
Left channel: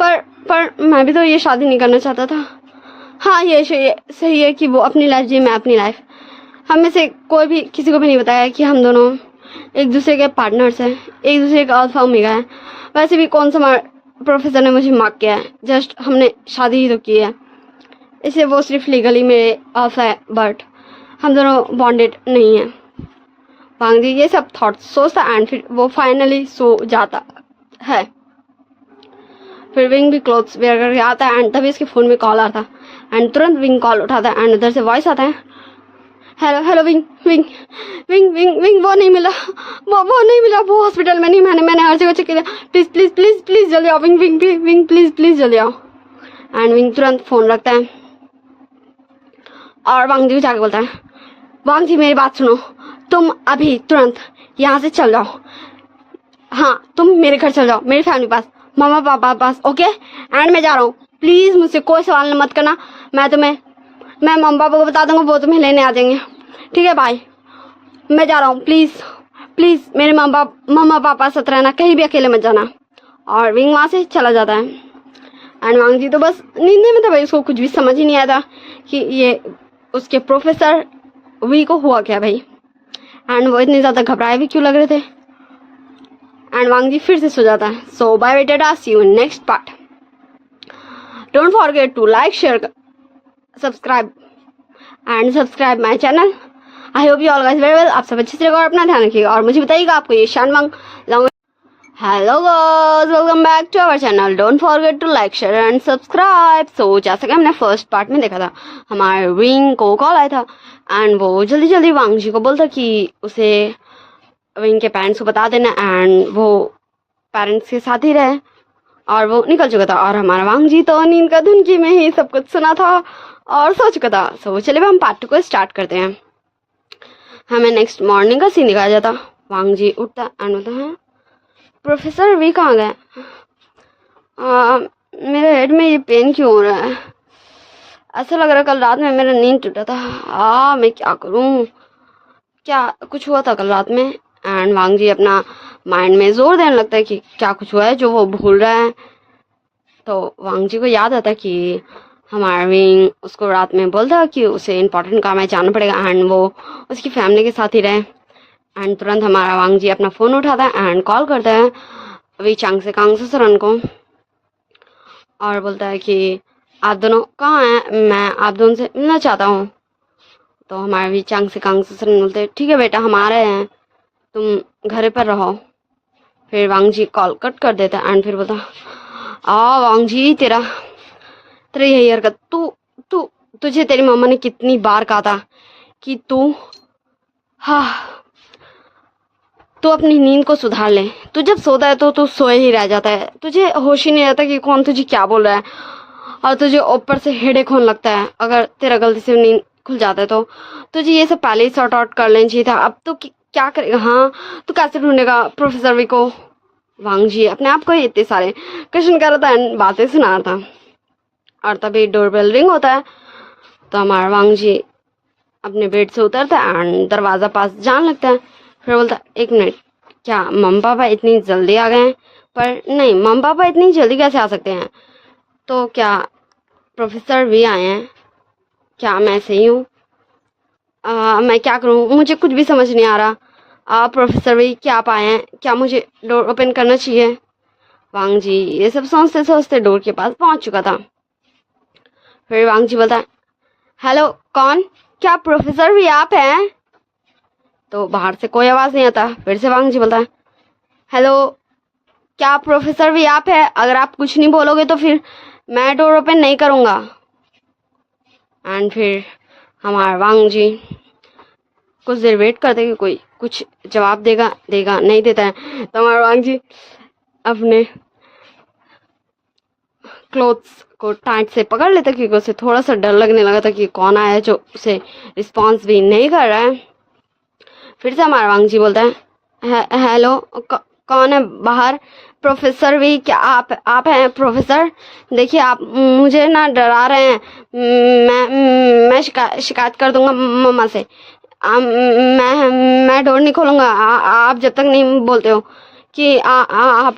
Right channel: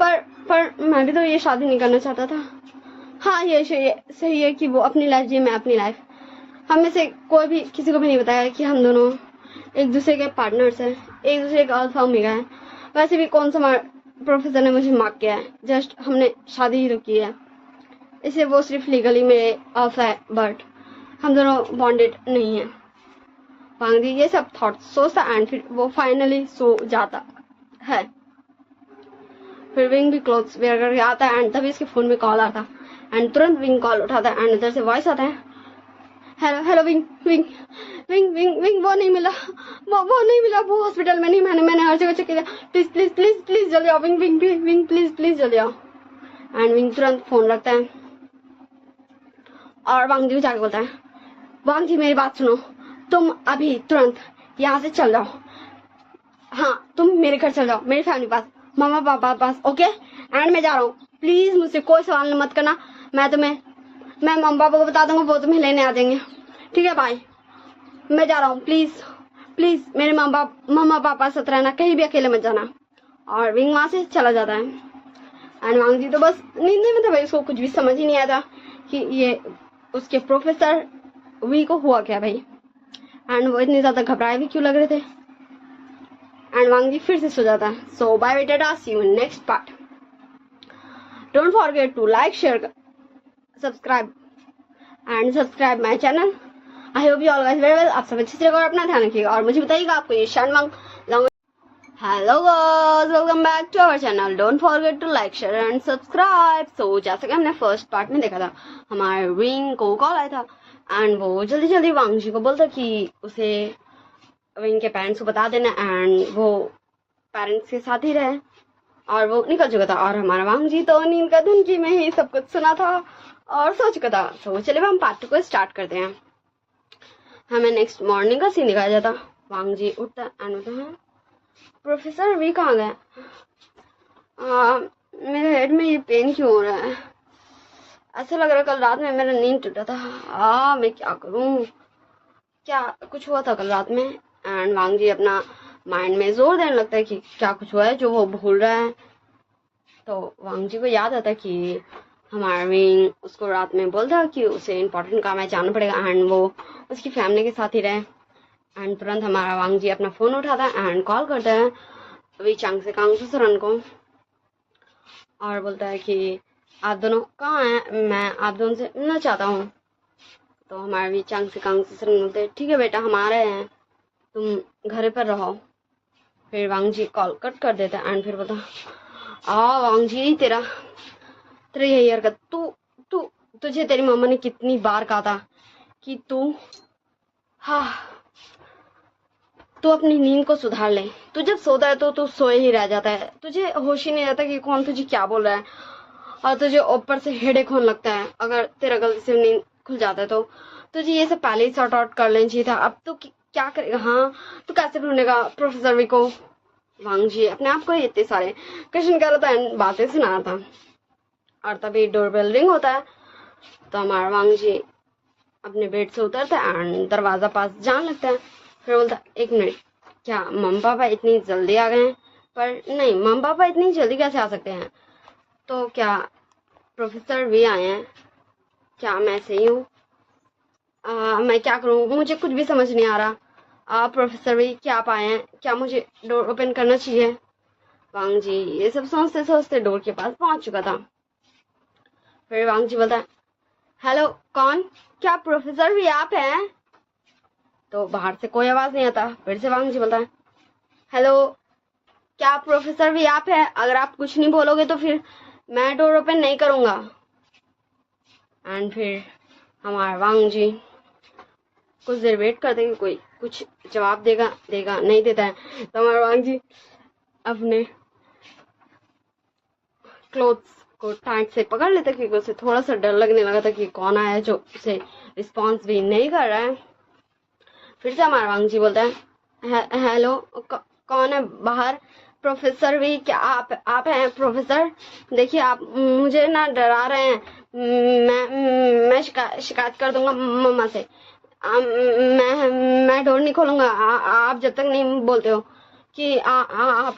पर मैं भी तो ये शादी नहीं करना चाहता था। हाँ ये सही है कि वो अपनी लाइफ जी, मैं अपनी लाइफ। हम में से कोई भी किसी को भी नहीं बताया कि हम दोनों एक दूसरे के पार्टनर्स हैं, एक दूसरे का अल्फा ओमेगा है। वैसे भी कौन सा प्रोफेसर ने मुझे मार्क किया है, जस्ट हमने शादी ही तो की है, इसलिए वो सिर्फ लीगली मेरे अल्फा है, बट हम दोनों बॉन्डेड नहीं हैं। वांगजी ये सब थॉट्स सोचता एंड फिर वो फाइनली सो जाता है। फिर विंग भी क्लोथ्स वेयर करके आता है एंड तभी इसके फ़ोन में कॉल आता है। एंड तुरंत विंग कॉल उठाता है एंड उधर से वॉइस आता है hello hello wing wing wing wing wing वो नहीं मिला, वो नहीं मिला, वो हॉस्पिटल में नहीं, मैंने हर जगह चेक किया, प्लीज प्लीज प्लीज प्लीज जल्दी आओ wing wing wing please please जल्दी आओ। एंड विंग तुरंत फोन रखता है और वांग जी को जाके बोलता है, वांग जी मेरी बात सुनो, तुम अभी तुरंत यहाँ से चल जाओ, हाँ तुम मेरे घर चल जाओ, मेरी फैमिली पास, मामा पापा पास, ओके। एंड मैं जा रहा हूँ, प्लीज मुझसे कोई सवाल मत करना, मैं मम्मी पापा को बता दूंगा, वो तुम्हें लेने आ जाएंगे, ठीक है बाय, मैं जा रहा हूँ, प्लीज प्लीज मेरे मामा पापा साथ रहना, कहीं भी अकेले मत जाना। और विंग वहाँ से चला जाता है। एंड वांग जी तो बस नींद में था भाई, उसको कुछ भी समझ ही नहीं आया था कि ये उसके प्रोफेसर वी को हुआ क्या भाई। एंड वो इतने ज़्यादा घबराए भी क्यों लग रहे थे। एंड वांग जी फिर से सो जाता है। So bye tata, see you in next part. Don't forget to like share subscribe my channel. I hope you all guys very well. आप सब अच्छे से रहो और अपना ध्यान रखिएगा और मुझे बताइएगा आपको ये शानवांग। Hello guys, welcome back to our channel. Don't forget to like share and subscribe. So जैसा कि हमने फर्स्ट पार्ट में देखा था, हमारे विंग को कॉल आया था एंड वो जल्दी जल्दी वांग जी को बोलता कि उसे विंग के पेरेंट्स को बता देना। एंड वो पेरेंट्स के साथ ही रहे और वो निकल चुका था और हमारा वांग जी तो नींद का धुनकी में ही सब कुछ सुना था और सो चुका था। सो चलिए हम पार्ट 2 को स्टार्ट करते हैं। हमें नेक्स्ट मॉर्निंग का सीन दिखाया जाता। वांग जी उठता एंड बोलता है, प्रोफेसर वी कहाँ गए? मेरे हेड में ये पेन क्यों हो रहा है? ऐसा लग रहा है कल रात में मेरा नींद टूटा था। मैं क्या करूँ? क्या कुछ हुआ था कल रात में? एंड वांग जी अपना माइंड में जोर देने लगता है कि क्या कुछ हुआ है जो वो भूल रहा है। तो वांग जी को याद आता है कि हमारा विंग उसको रात में बोलता है कि उसे इम्पोर्टेंट काम है, जाना पड़ेगा एंड वो उसकी फैमिली के साथ ही रहे। एंड तुरंत हमारा वांग जी अपना फ़ोन उठाता है एंड कॉल करता है वी चांग से कांग सरन को और बोलता है कि आप दोनों कहाँ हैं, मैं आप दोनों से मिलना चाहता हूँ। तो हमारे वी चांग से कांग सरन बोलते हैं, ठीक है बेटा हम आ रहे हैं, तुम घर पर रहो। फिर वांग जी कॉल कट कर देता है एंड फिर बोलता, वांग जी तेरा यही हरकत, तुझे तेरी मम्मा ने कितनी बार कहा था कि तू अपनी नींद को सुधार ले। तू जब सोता है तो तू सोए ही रह जाता है, तुझे होश ही नहीं रहता कि कौन तुझे क्या बोल रहा है और तुझे ऊपर से हेडेक होने लगता है। अगर तेरा गलती से नींद खुल जाता है तो तुझे ये सब पहले ही सॉर्ट आउट कर लेना चाहिए था। अब तो क्या करेगा? हाँ तू कैसे ढूंढेगा प्रोफेसर वी को? वांग जी अपने आप को ही इतने सारे क्वेश्चन कर रहा था एंड बातें सुना रहा था और तभी डोरबेल रिंग होता है। तो हमारा वांग जी अपने बेड से उतरता है एंड दरवाज़ा पास जाने लगता है। फिर बोलता, एक मिनट, क्या मम्मी पापा इतनी जल्दी आ गए हैं? पर नहीं, मम्मी पापा इतनी जल्दी कैसे आ सकते हैं? तो क्या प्रोफेसर वी आए हैं? क्या मैं सही हूँ? मैं क्या करूँ? मुझे कुछ भी समझ नहीं आ रहा। प्रोफेसर वी क्या आप आए हैं? क्या मुझे डोर ओपन करना चाहिए? वांग जी ये सब सोचते सोचते डोर के पास पहुँच चुका था। फिर वांग जी बोलता है, हेलो कौन? क्या प्रोफेसर वी आप हैं? तो बाहर से कोई आवाज़ नहीं आता। फिर से वांग जी बोलता है, हेलो क्या प्रोफेसर वी आप है? अगर आप कुछ नहीं बोलोगे तो फिर मैं डोर ओपन नहीं करूँगा। एंड फिर हमारा वांग जी कुछ देर वेट करते कि कोई कुछ जवाब देगा नहीं देता है। तो हमारा वांग जी अपने क्लोथ्स को टाइट से पकड़ लेता क्योंकि उसे थोड़ा सा डर लगने लगा था कि कौन आया है जो उसे रिस्पॉन्स भी नहीं कर रहा है। फिर से हमारा वांग जी बोलता है, हेलो कौन है बाहर? प्रोफेसर वी क्या आप हैं प्रोफेसर? देखिए आप मुझे ना डरा रहे हैं। मैं शिकायत कर दूंगा मम्मा से। मैं डोर नहीं खोलूँगा आप जब तक नहीं बोलते हो कि आप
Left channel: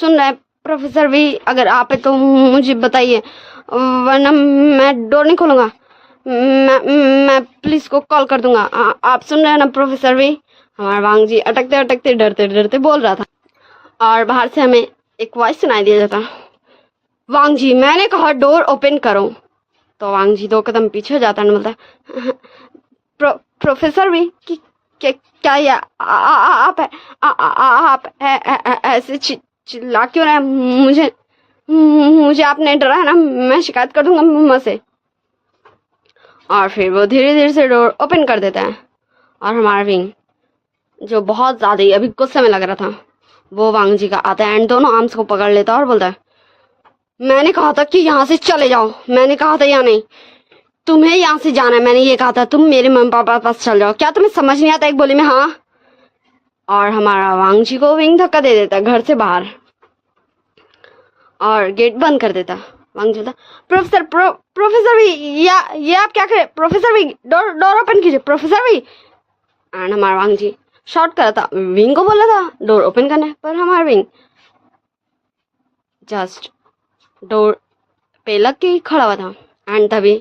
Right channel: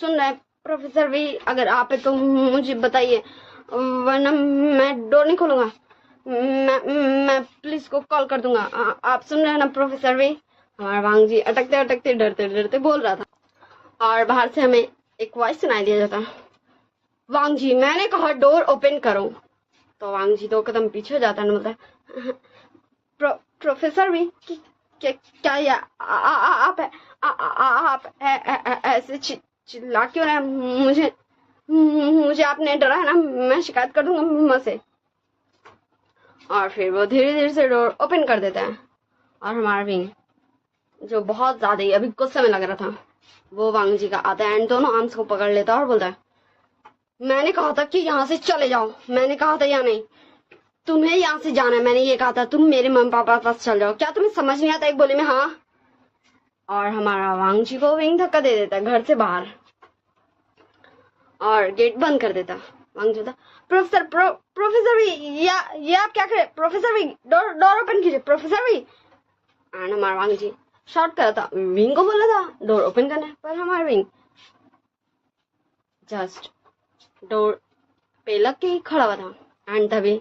सुन रहे हैं प्रोफेसर वी? अगर आप है तो मुझे बताइए वरना मैं डोर नहीं खोलूँगा। मैं पुलिस को कॉल कर दूंगा। आप सुन रहे हैं ना प्रोफेसर वी? हमारा वांग जी अटकते अटकते डरते डरते बोल रहा था और बाहर से हमें एक वॉइस सुनाई दिया जाता, वांग जी मैंने कहा डोर ओपन करो। तो वांग जी 2 कदम पीछे हो जाता है बोलता है, प्रोफेसर वी क्या ये आप ऐसे चिल्ला क्यों रहे? मुझे आपने डरा है ना, मैं शिकायत कर दूंगा मम्मा से। और फिर वो धीरे धीरे से डोर ओपन कर देता है और हमारा विंग, जो बहुत ज़्यादा ही अभी गुस्से में लग रहा था, वो वांग जी का आता है एंड दोनों आर्म्स को पकड़ लेता है और बोलता है, मैंने कहा था कि यहाँ से चले जाओ, मैंने कहा था या नहीं, तुम्हें यहाँ से जाना है, मैंने ये कहा था, तुम मेरे मम्मी पापा के पास चल जाओ, क्या तुम्हें समझ नहीं आता एक बोली में हाँ। और हमारा वांग जी को विंग धक्का दे देता है घर से बाहर और गेट बंद कर देता। वांग जी बोलता, प्रोफेसर भी ये आप क्या करे, प्रोफेसर भी डोर ओपन कीजिए प्रोफेसर भी। एंड हमारा वांग जी शॉर्ट करा था, विंग को बोला था डोर ओपन करना है, पर हमारा विंग जस्ट डोर पे लग के ही खड़ा हुआ था। एंड तभी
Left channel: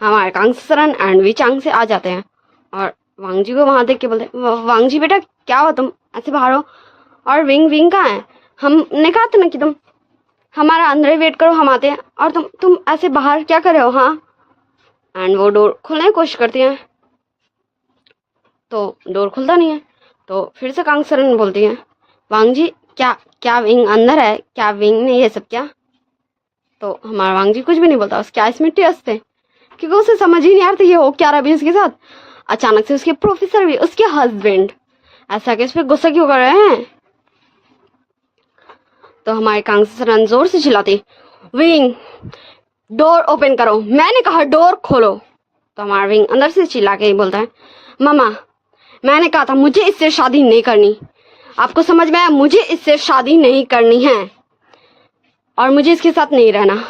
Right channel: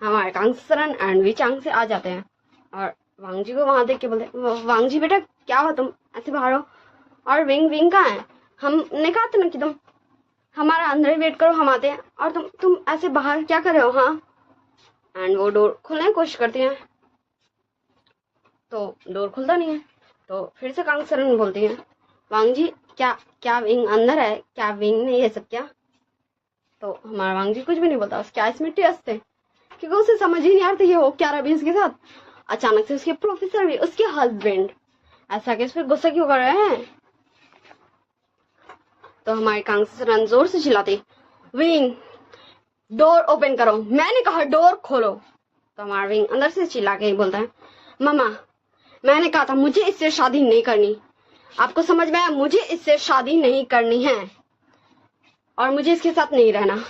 हमारे कांगसरन एंड वी चांग से आ जाते हैं और वांग जी को वहां देख के बोलते, वांग जी बेटा क्या हुआ, तुम ऐसे बाहर हो, और विंग कहाँ है, हमने कहा था ना कि तुम हमारा अंदर ही वेट करो, हम आते हैं, और तुम ऐसे बाहर क्या कर रहे हो हाँ। एंड वो डोर खोलने की कोशिश करती हैं तो डोर खुलता नहीं है, तो फिर से कांगसरन बोलती है, वांग जी क्या विंग अंदर है, क्या विंग ने ये सब क्या। तो हमारा वांग जी कुछ भी नहीं बोलता, उसके आइस में टीयर्स थे क्योंकि उसे समझ ही नहीं आ रहा था ये हो क्या रहा भी उसके साथ। अचानक से उसके प्रोफेसर भी, उसके हस्बैंड ऐसा कि उस पर गुस्सा क्यों कर रहे हैं। तो हमारे कांगसरन जोर से चिल्लाती, विंग डोर ओपन करो, मैंने कहा डोर खोलो। तो हमारा विंग अंदर से चिल्ला के ही बोलता है, मामा मैंने कहा था मुझे इससे शादी नहीं करनी, आपको समझ में आया, मुझे इससे शादी नहीं करनी है और मुझे इसके साथ नहीं रहना,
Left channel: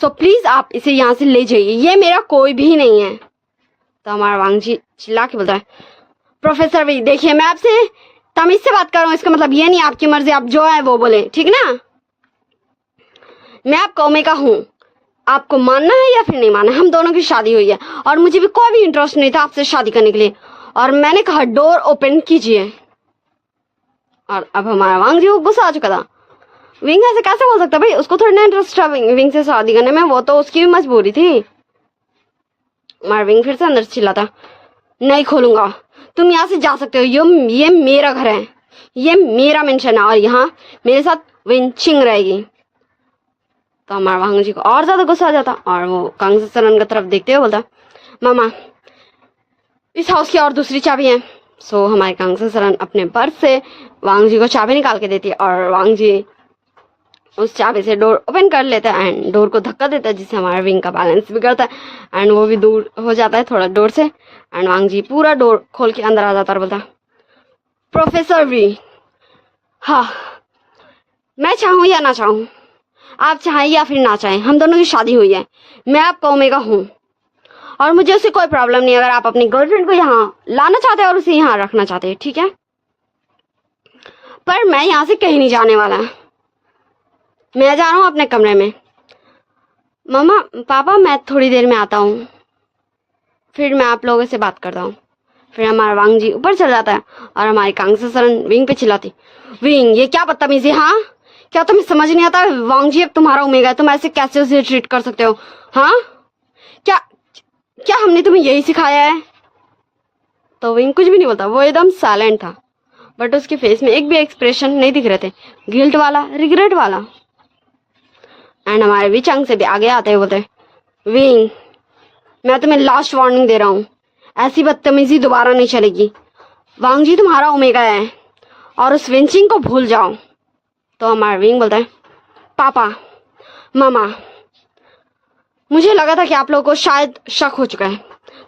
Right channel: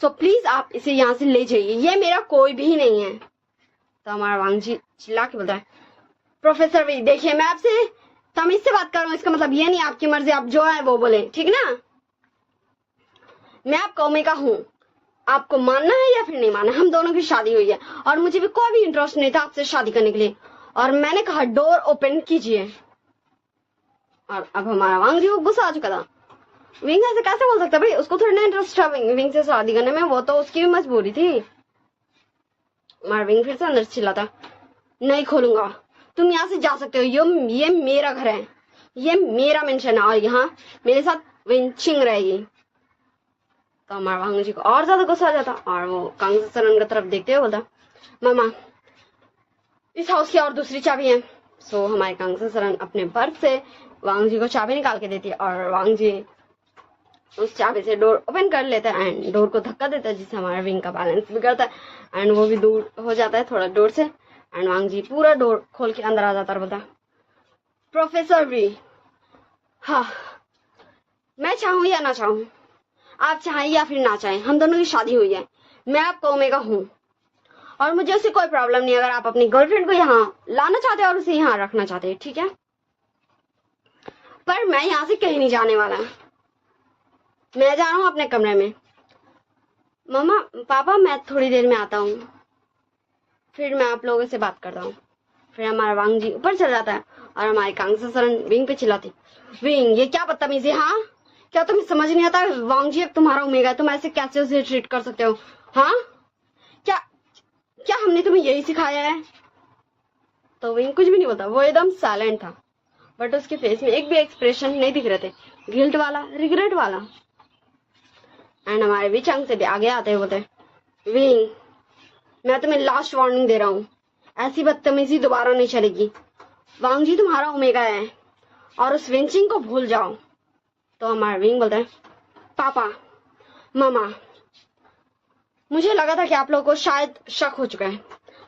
सो प्लीज आप इसे यहाँ से ले जाइए, ये मेरा कोई भी नहीं है। तो हमारा वांग जी चिल्ला के बोलता है, प्रोफेसर भी देखिए मैं आपसे तमीज से बात कर रहा हूँ, इसका मतलब ये नहीं आपकी मर्जी, आप जो है वो बोले, ठीक ना, मैं आपका ओमेगा हूँ, आपको मानना है या फिर नहीं मानना, हम दोनों की शादी हुई है और मुझे भी कोई भी इंटरेस्ट नहीं था आपसे शादी करने के लिए, और मैंने कहा डोर ओपन कीजिए। और अब हमारा वांग जी को गुस्सा आ चुका था, विंग ऐसे कैसे बोल सकता भाई, उसको थोड़ा ना इंटरेस्ट था विंग से शादी करने में, वो तो उसकी भी मजबूरी थी। हमारा विंग फिर से अंदर चिल्लाता, नहीं खोलूंगा, तुम यहाँ से जा सकते हो, ये मेरा घर है, ये मेरा मेंशन है और यहाँ मेरे साथ विंचिंग रहेगी। तो हमारा वांग जी को और ज्यादा गुस्सा आ जाता और वो कांगसरन की तरफ देखते हुए बोलता, मामा इस हाउस की और दूसरी चाबी है। सो हमारे कांगसरन अपने पर्स से वांग जी को चाबी निकाल के देती है और वांग जी उस चाबी से डोर ओपन कर लेता है एंड डोर को धक्का देता है, जिससे हमारा विंग का बैलेंस बिगड़ता है एंड वो भी दूर हो जाता है थोड़ा डोर से। एंड वांग जी पूरा डोर खोल के अंदर आ जाता है और बोलता, प्रोफेसर वी, हाँ मैं चाहूँ या ना चाहूँ, आप चाहें या फिर ना चाहें, हम दोनों की शादी हुई है, मैं आपका ओमेगा हूँ और मुझे उससे कोई प्रॉब्लम नहीं अगर आप अपनी गर्लफ्रेंड को यहाँ लाना चाहते हैं और उसे यहाँ रखना चाहते हैं, ठीक है, पर मैं यहाँ से कहीं नहीं जाने वाला, मैं जा रहा हूँ अपने कमरे में, मम्मा पापा मैं थोड़ी देर में आता हूँ, फिर मैं आप लोगों से बात करता हूँ। फिर हमारा वांग जी ऊपर चल जाता है और हमारी कांगसरन विंग पे चिल्लाती, विंग ये क्या बदतमीजी, हाँ क्या तुम्हें समझ नहीं आता, वांग जी अब तुम्हारा ओमेगा है, तुम ऐसे कैसे उसे ट्रीट कर सकते हो, हाँ क्या क्या हमने तुम्हें यही सिखाया है। तो विंग कुछ भी नहीं बोलता, वो एकदम साइलेंट था, बट उसके फेस में एक भी एक्सप्रेशन नहीं दिख रहे थे, गिल्ट वाला, रिग्रेट वाला। एंड हमारे वी चांग से भी आगे आते हैं, बोलते, विंग मैं तुम्हें लास्ट वार्निंग दे रहा हूँ, ऐसी बदतमीजी दोबारा नहीं चलेगी, वांग जी तुम्हारा ओमेगा है और उस विंचिंग को भूल जाओ। तो हमारा विंग बोलता है, पापा मामा मुझे लगा था कि आप लोगों को शायद शक हो चुका है,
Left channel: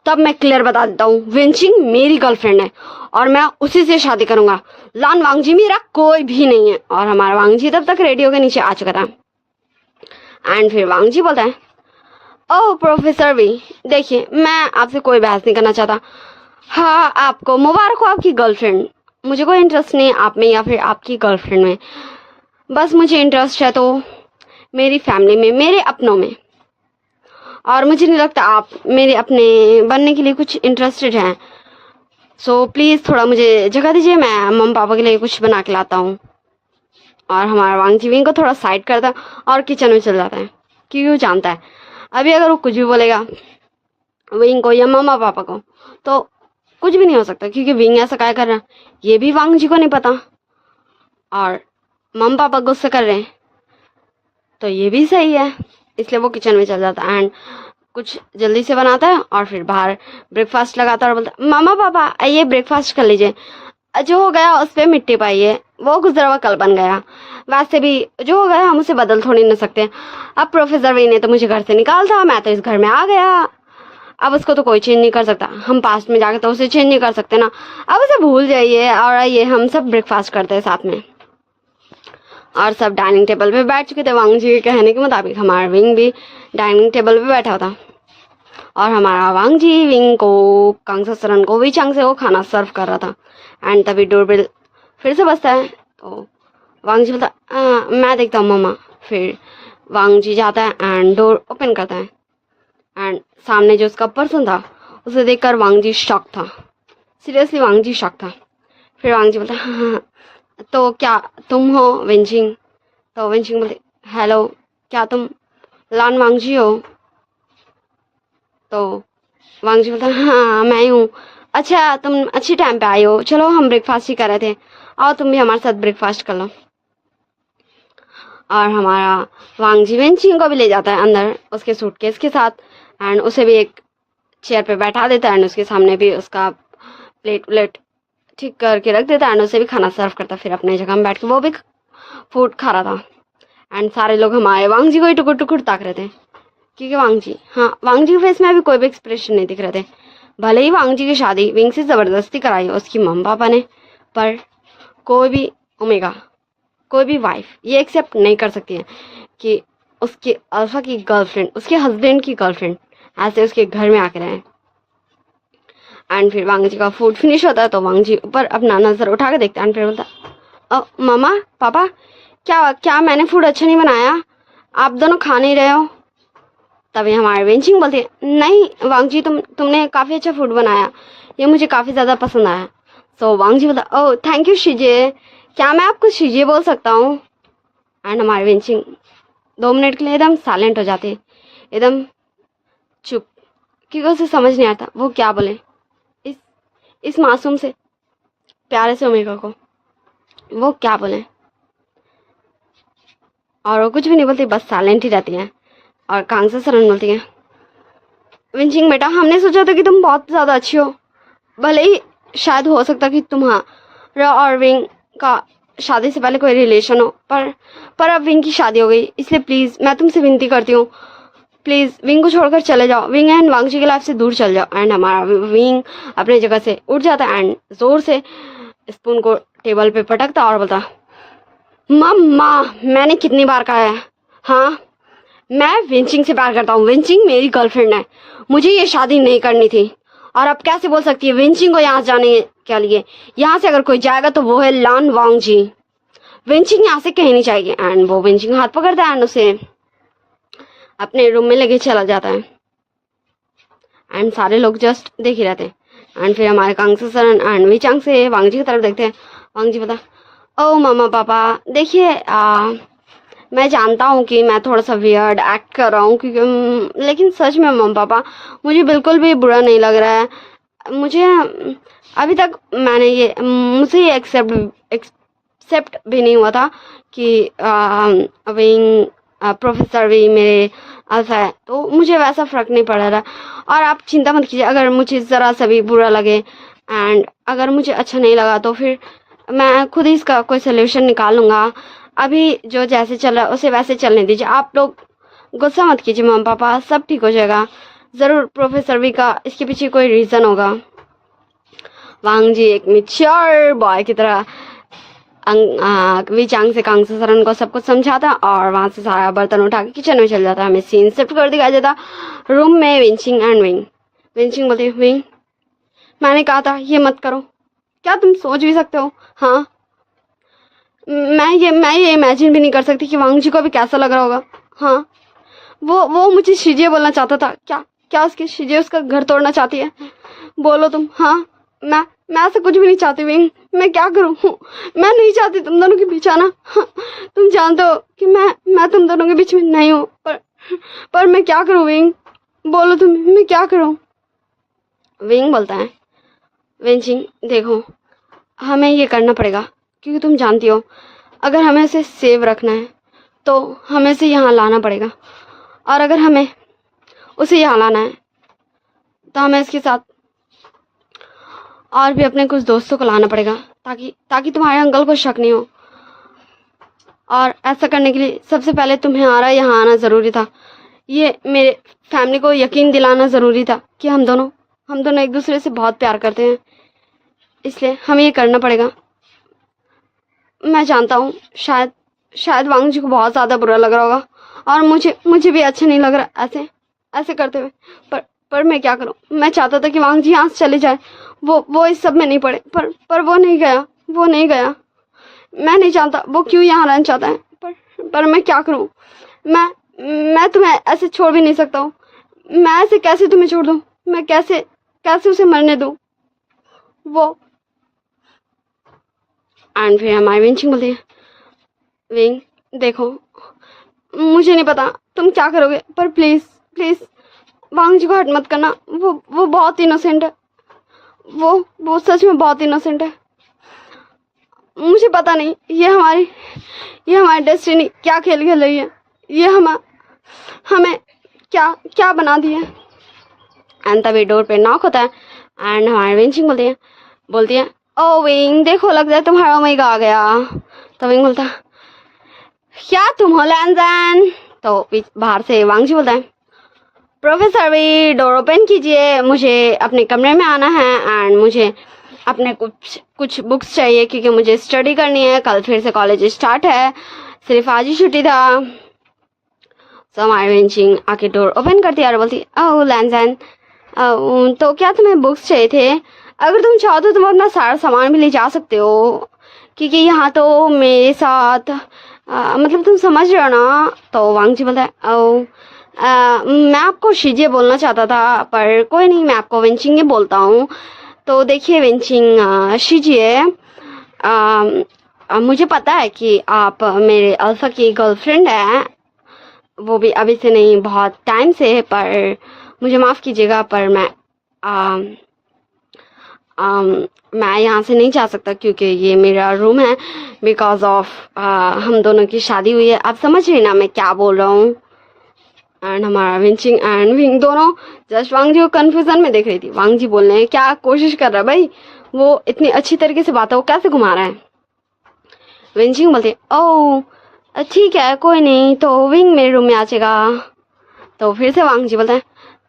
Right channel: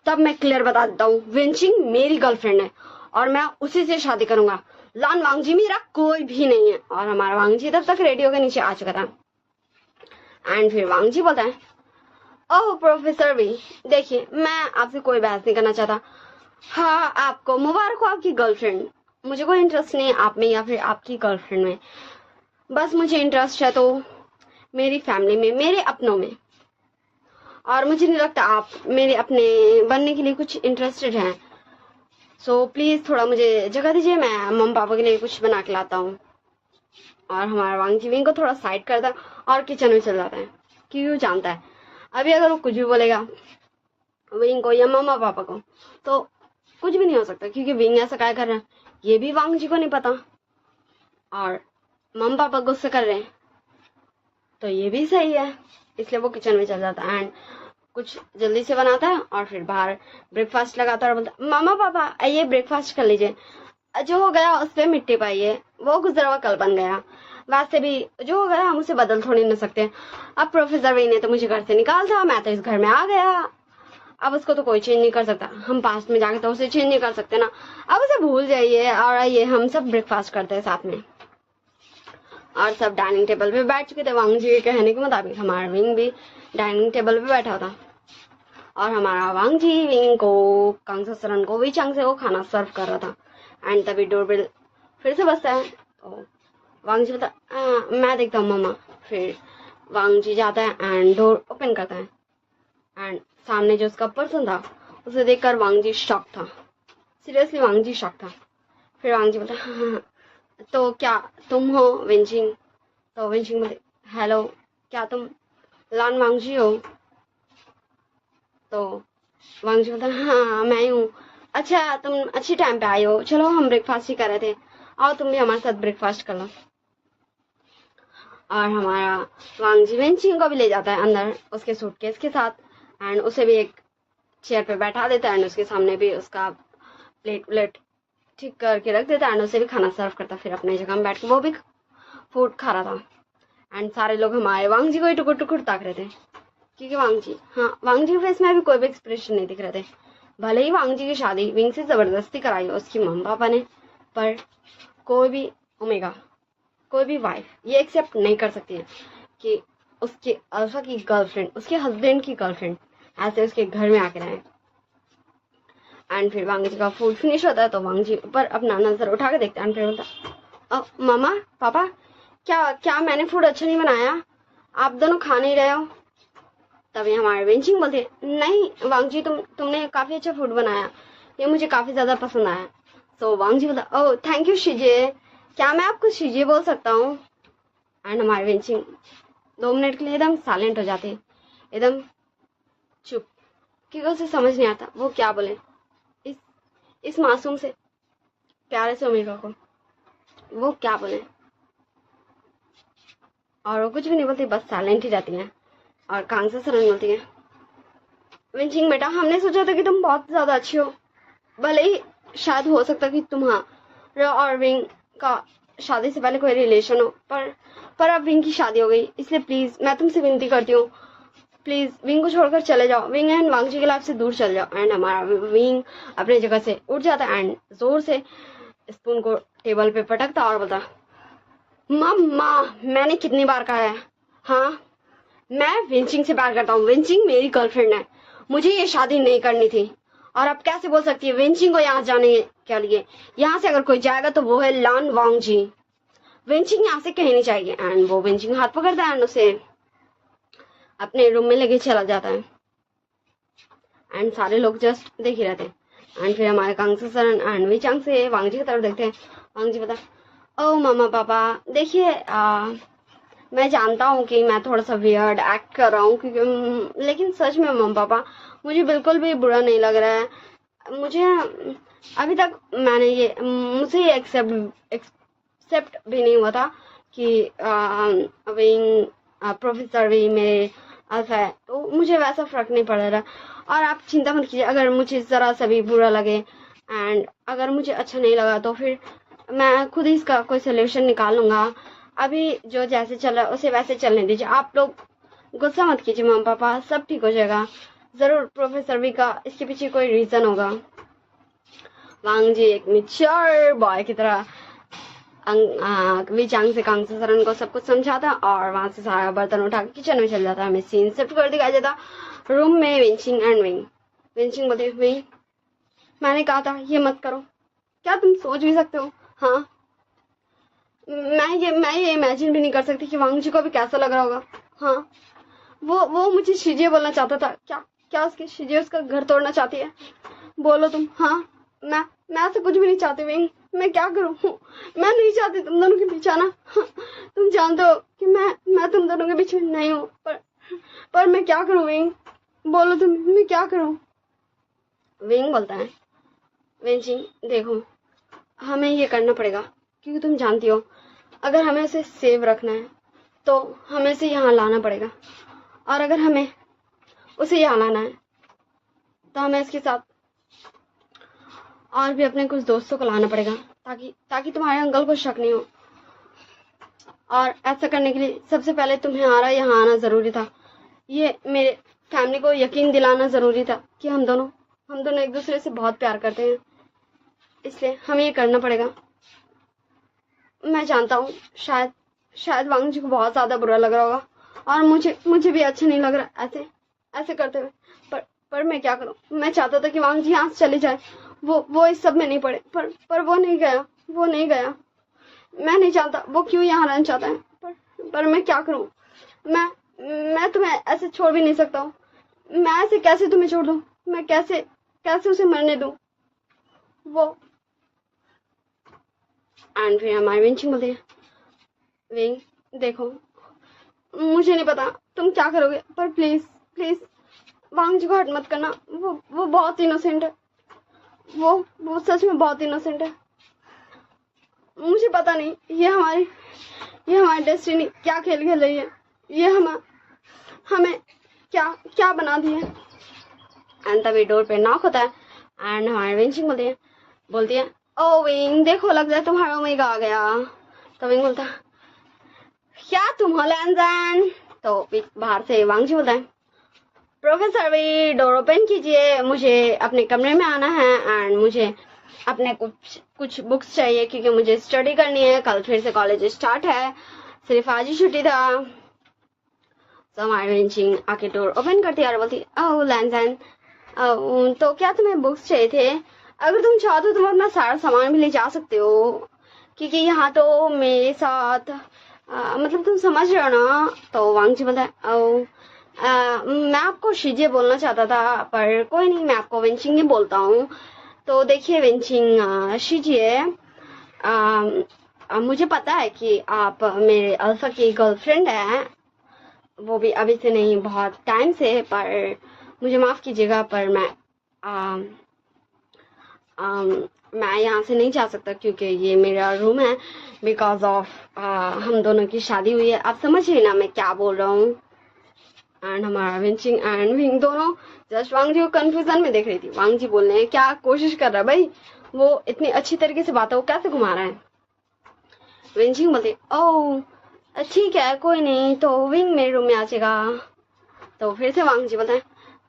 तब मैं क्लियर बता देता हूँ, विंचिंग मेरी गर्लफ्रेंड है और मैं उसी से शादी करूंगा, लान वांग जी मेरा कोई भी नहीं है। और हमारा वांग जी तब तक रेडियो के नीचे आ चुका था एंड फिर वांग जी बोलता है, ओह प्रोफेसर भी देखिए मैं आपसे कोई बहस नहीं करना चाहता, हाँ आपको मुबारक हो आपकी गर्लफ्रेंड, मुझे कोई इंटरेस्ट नहीं है आप में या फिर आपकी गर्लफ्रेंड में, बस मुझे इंटरेस्ट है तो मेरी फैमिली में, मेरे अपनों में, और मुझे नहीं लगता आप मेरे अपने बनने के लिए कुछ इंटरेस्टेड हैं, सो प्लीज़ थोड़ा मुझे जगह दीजिए, मैं मम्मी पापा के लिए कुछ बना के लाता हूँ। और हमारा वांग जी विंग को थोड़ा साइड करता है और किचन में चल जाता है क्योंकि वो जानता है अभी अगर वो कुछ भी बोलेगा विंग को या मम्मा पापा को तो कुछ भी नहीं हो सकता, क्योंकि विंग ऐसा क्या कर रहा है ये भी वांग जी को नहीं पता और मम्मा पापा गुस्से कर रहे हैं तो ये भी सही है, इसलिए वो किचन में चल जाता है एंड कुछ जल्दी से बनाता है और फिर बाहर ब्रेकफास्ट लगाता है और बोलता है मामा पापा आइए ब्रेकफास्ट कर लीजिए, जो हो गया उस पर मिट्टी पाइए, वो गुजरा हुआ कल बन गया, वैसे भी जो हो गया हम उसे बदल थोड़ी ना सकते। अब प्रोफेसर वी ने तो मुझे घर से निकाल था, मैं तो इस घर में आ गया, अब उसको तो कोई चेंज नहीं कर सकता, हम पास्ट में जाके तो उसे चेंज नहीं कर सकते ना, अब उसे भूल जाइए और आइए हम सब ब्रेकफास्ट करते हैं साथ में। और सब डाइनिंग टेबल पे बैठ चुके थे। वांग जी के कहने के मुताबिक हमारा विंग भी डाइनिंग टेबल पे बैठा था और हमारा वांग जी विंग को कांगसा सरन को विचांग से वो खाना सर्व कर रहा था। एंड तभी डोरबेल फिर से बजता है तो वांग जी बोलता मैं देखता हूँ मम्मा। फिर वांग जी जाता है एंड डोर ओपन करता है एंड सामने जो उसका पर्सन था उसे देखकर वांग जी शॉक था, सीरियसली वांग जी शॉक था। फिर वांग जी बोलता हाँ तो क्या तुम हो विंचिंग? तो विंचिंग बोलते हेलो क्या तुम लान वांग जी हो? तो वांग जी बोलता हाँ मैं ही हूँ। अच्छा तुम अच्छी टाइम पे आई हो, चलो हम ब्रेकफास्ट ही कर रहे थे, आओ तुम भी हमारे साथ ब्रेकफास्ट कर लो। और हमारा वांग जी विंचिंग को भी ले जाता है अंदर उसके सूटकेस के साथ एंड उसे भी एक चेयर पे बैठा देता है एंड उसके सामने भी उसका प्लेट व्लेट ठीक करके रख देता है एंड उसे भी खाना सर्व करता। फिर अपने जगह में बैठ के वो भी फूड खा रहा था एंड सारे लोग हमारे वांग जी को ही टुकुर टुकुर ताक रहे थे क्योंकि वांग जी वांग जी के फेस में अभी कोई भी एक्सप्रेशन नहीं दिख रहे थे। भले ही वांग जी की शादी विंग से ज़बरदस्ती कराई उसकी मम्मी पापा ने, पर कोई भी ओमेगा कोई भी वाइफ ये एक्सेप्ट नहीं कर सकती है कि उसके अल्फा की गर्लफ्रेंड उसके हस्बैंड की गर्लफ्रेंड ऐसे उसके घर में आके रहे। एंड फिर वांग जी का फूड फिनिश होता है तो वांग जी ऊपर अपना नज़र उठा के देखता है एंड फिर बोलता मामा पापा क्या क्या मैंने फूड अच्छा नहीं बनाया, आप दोनों खा नहीं रहे हो? तभी हमारे वेंचिंग बोलते नहीं वांग जी तुमने काफ़ी अच्छा फूड बनाया, ये मुझे काफ़ी ज़्यादा पसंद आया। सो वांग जी बोलता ओह थैंक यू शीजे, क्या मैं आपको शीजे बोल सकता हूँ? एंड हमारे वेंचिंग 2 मिनट के लिए एकदम साइलेंट हो जाते, एकदम चुप, क्योंकि उसे समझ नहीं आता वो क्या बोले इस मासूम से प्यारे से ओमेगा को, वो क्या बोले। और वो कुछ भी नहीं बोलती, बस साइलेंट ही रहती है। और कांगसा सरन बोलती है विंचिंग बेटा हमने सोचा था कि तुम बहुत ज़्यादा अच्छी हो, भले ही शायद हो सकता कि तुम्हारा और विंग का शादी से पहले कोई रिलेशन हो, पर अब विंग की शादी हो गई, इसलिए प्लीज़ मैं तुमसे विनती करती हूँ प्लीज़ विंग को छोड़कर चले जाओ, विंग एंड वांग जी की लाइफ से दूर चले जाओ। एंड हमारा विंग अपनी जगह से उठ जाता है एंड ज़ोर से स्पून को टेबल पे पटकता और बोलता मम्मा मैंने कितनी बार कहा है, हाँ मैं विंचिंग से प्यार करता हूँ, विंचिंग मेरी गर्लफ्रेंड है, मुझे ये शादी नहीं करनी थी। और अब कैसे बोल सकती है विंचिंग को यहाँ जाने के लिए? यहाँ से अगर कोई जाएगा तो वो है लान वांग जी, विंचिंग यहाँ से कहीं नहीं जाएगी। एंड वो विंचिंग हाथ पकड़ता है एंड उसे अपने रूम में लेके चला जाता है एंड सारे लोग जस्ट देख ही रहते हैं। एंड फिर हमारे कांगसा सरन एंड विचांग से वांग जी की तरफ देखते हैं। वांग जी बता ओ मामा पापा देखिए मैं जानता हूँ कि मैं थोड़ा सा वियर्ड एक्ट कर रहा हूँ क्योंकि लेकिन सच में मम्मा पापा मुझे बिल्कुल भी बुरा नहीं लग रहा है, मुझे अभी तक मैंने ये मुझे ये एक्सेप्ट भी नहीं हुआ था कि विंग प्रोफेसर भी मेरे अल्फा है, तो मुझे वैसा फ़र्क नहीं पड़ रहा। और आप चिंता मत कीजिए, अगर मुझे ज़रा सा भी बुरा लगे एंड अगर मुझे अच्छा नहीं लगा तो फिर मैं खुद ही इसका कोई सोल्यूशन निकाल लूँगा, अभी जो जैसे चल रहा है उसे वैसे चलने दीजिए, आप लोग गुस्सा मत कीजिए मम्मा पापा, सब ठीक हो जाएगा, ज़रूर प्रोफेसर वी का इसके पीछे कोई रीज़न होगा। वांग जी एक मैच्योर बॉय की तरह विचांग से कांगसा सरन को सब कुछ समझाता और वहाँ से सारा बर्तन उठा के किचन में चल जाता। हमें सीन शिफ्ट कर दिखाया जाता रूम में विंचिंग एंड विंग। विंचिंग बोलती विंग मैंने कहा था ये मत करो, क्या तुम सोच भी सकते हो? हाँ मैं ये इमेजिन भी नहीं कर सकती कि वांग जी को भी कैसा लग रहा होगा। हाँ वो मुझे शीजे बोलना चाहता था, क्या उसके शीजे उसका घर तोड़ना चाहती है? बोलो तुम। हाँ मैं ऐसा कुछ भी नहीं चाहती विंग, मैं क्या करूँ? मैं नहीं चाहती तुम दोनों के बीच आना। हाँ, तुम जानते हो कि मैं तुम दोनों के बीच में नहीं हूँ, पर मैं क्या करूँ विंग? बोलो तुम मैं क्या करूँ? विंग बोलता है विंचिंग देखो हमें ये करना पड़ेगा क्योंकि तुम जानती हो अगर हमें उसे सेव रखना है तो हमें से यहाँ लाना पड़ेगा, और अगर हमें उसे यहाँ लाना है। तो हमें इसके साथ और भी अपने कुछ दोस्तों को लाना पड़ेगा ताकि ताकि तुम्हारे अंकल को शक नहीं हो। और ऐसा करने के लिए सबसे पहले तुम्हारा यहाँ आना ज़रूरी था। ये मेरे फैमिली को यकीन दिलाना ज़रूरी था कि हम दोनों एक दूसरे से बहुत प्यार करते हैं, इसलिए हमें ये करना पड़ेगा। मैं जानता हूँ शायद वांग जी को बहुत ज़्यादा बुरा लग रहा होगा और मुझे भी अच्छा नहीं लग रहा ऐसे करते हुए, पर मैं क्या करूँ। मैं चाहता था कि वांग जी यहाँ से चले जाए, वो इस सब में नहीं पड़े, पर वो नहीं गया। मैं नहीं जानता वो क्यों यहाँ रहना चाहता है, पर मैं क्या करूँ। मैं तुम्हें ऐसे छोड़ भी नहीं सकता हूँ। मैं ऐसे कैसे तुम्हें छोड़ दूँ, मैं कैसे उसे मरने दूँ वो। एंड फिर हमारी विंचिंग बोलती है, विंग देखो, मुझे नहीं पता तुम क्या करोगे, पर प्लीज़ वांग जी को हर्ट मत करना। वो बहुत इनोसेंट है, वो सच में बहुत इनोसेंट है। मुझे पता नहीं ये हमारी डेस्टिनी क्या खेल खेल रही है, ये हमें क्या बना दी है। एंड तभी डोर पे नॉक होता है एंड हमारी विंचिंग बोलती है ओ विंग देखो, लग जाए तुम्हारा ओमेगा आ गया। तो विंग बोलता है क्या तुम हो लैंजन। तो बाहर से वांग जी बोलता है प्रोफेसर वी डोर ओपन कीजिए, मुझे अपने कमरे में आना है एंड मुझे अपने कुछ बुक्स चाहिए क्योंकि मुझे स्टडी करनी है, कल फिर से कॉलेज स्टार्ट है, सिर्फ आज ही छुट्टी था। तो हमारी विंचिंग आके डोर ओपन करती है और बोलती ओह लैंजन, तो क्या तुम्हें बुक्स चाहिए थे? अगर तुम चाहो तो तुम अपना सारा सामान भी ले जा सकते हो, क्योंकि यहाँ तो मेरे साथ मतलब तुम समझ रहे हो ना। तो वांग जी बोलता है ओह मैं आपको शीजिए बोलना चाहता था, पर कोई नहीं, मैं आपको विंचिंग ही बोलता हूँ। तो देखिए विंचिंग शीजिए, मुझे पता है कि आप मेरे अल्फा की गर्लफ्रेंड है, वो भी अभी से नहीं बहुत टाइम से, पर मुझे माफ़ कीजिएगा, पर मैं यहाँ से नहीं जा सकता क्योंकि ये मेरा रूम है, बिकॉज ऑफ हम दोनों की शादी हुई है। आप समझ रही ना मैं क्या बोल रहा हूँ। एंड हमारा विंचिंग एंड विंग दोनों जस्ट वांग जी को कन्फ्यूजन में देख रही थी। वांग जी बोलने की क्या कोशिश कर रहा है भाई, वो इतनी अच्छी तरीके से बात है, वो कैसे घुमा रहा है। विंचिंग बोलते ओह ठीक है कोई नहीं, तो विंग मेरे रूम में आ जाएगा। तो फिर से वांग जी बोलते हैं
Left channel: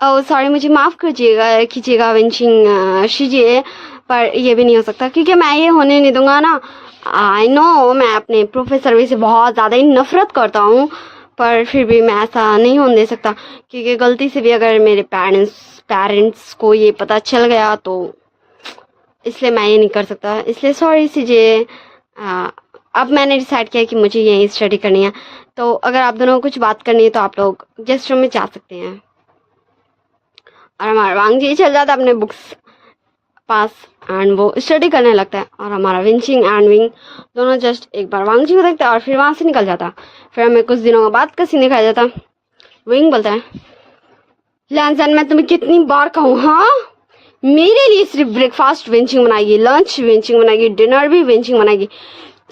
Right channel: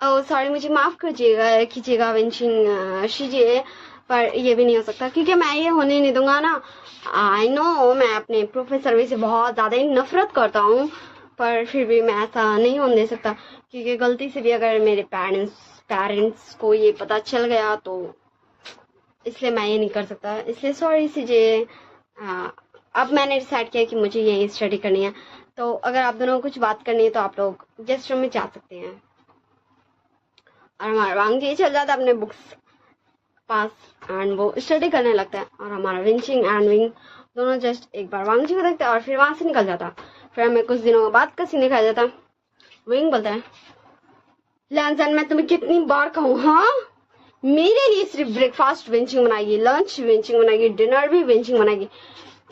ओह सॉरी, मुझे माफ़ कीजिएगा विंचिंग शीजिए, पर ये भी नहीं हो सकता क्योंकि मैं ये होने नहीं दूंगा ना। आई नो मैं अपने प्रोफेसर वी से बहुत ज़्यादा ही नफरत करता हूँ, पर फिर भी मैं ऐसा नहीं होने दे सकता क्योंकि गलती से भी अगर मेरे पेरेंट्स को ये पता चल गया तो इसलिए मैं ये नहीं कर सकता, इसलिए सॉरी कीजिए। अब मैंने डिसाइड किया कि मुझे यही स्टडी करनी है, तो अगर आप दोनों को कुछ बात करनी है तो आप लोग गेस्ट रूम में जा सकते हैं। और हमारा वांग जी चल जाता है अपने बुक्स पास एंड वो स्टडी करने लगता है, और हमारा विंचिंग एंड विंग दोनों जस्ट एक बार वांग जी को देखता है और फिर वहाँ से निकल जाता। फिर हमें कुछ दिनों बाद का सीन दिखाया जाता। विंग बोलता है लैंसन मैं तुम्हें कितनी बार कहूँ, हाँ मेरे लिए सिर्फ ब्रेकफास्ट विंचिंग बनाएगी, लंच विंचिंग बनाएगी, डिनर भी विंचिंग बनाएगी,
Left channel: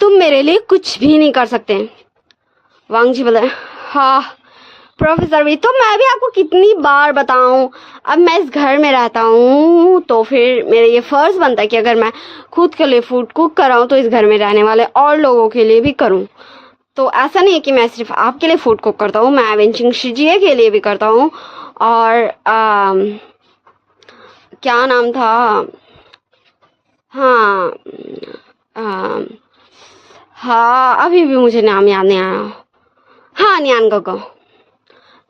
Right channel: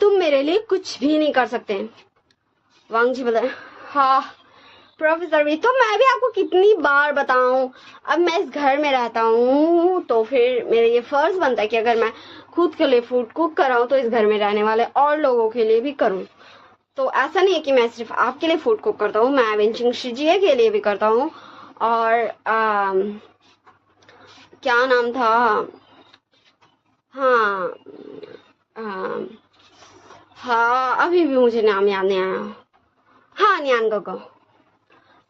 तुम मेरे लिए कुछ भी नहीं कर सकते। वांग जी बोलता है हाँ प्रोफेसर भी, तो मैं भी आपको कितनी बार बताऊं, अब मैं इस घर में रहता हूँ तो फिर मेरा ये फर्ज बनता है कि अगर मैं खुद के लिए फूड कुक कर रहा हूँ तो इस घर में रहने वाले और लोगों के लिए भी करूँ। तो ऐसा नहीं है कि मैं सिर्फ आपके लिए फूड कुक करता हूँ, मैं विंचिंग शीजिए के लिए भी करता हूँ। और क्या नाम था, हाँ अभी भी मुझे नाम याद नहीं आया। हाँ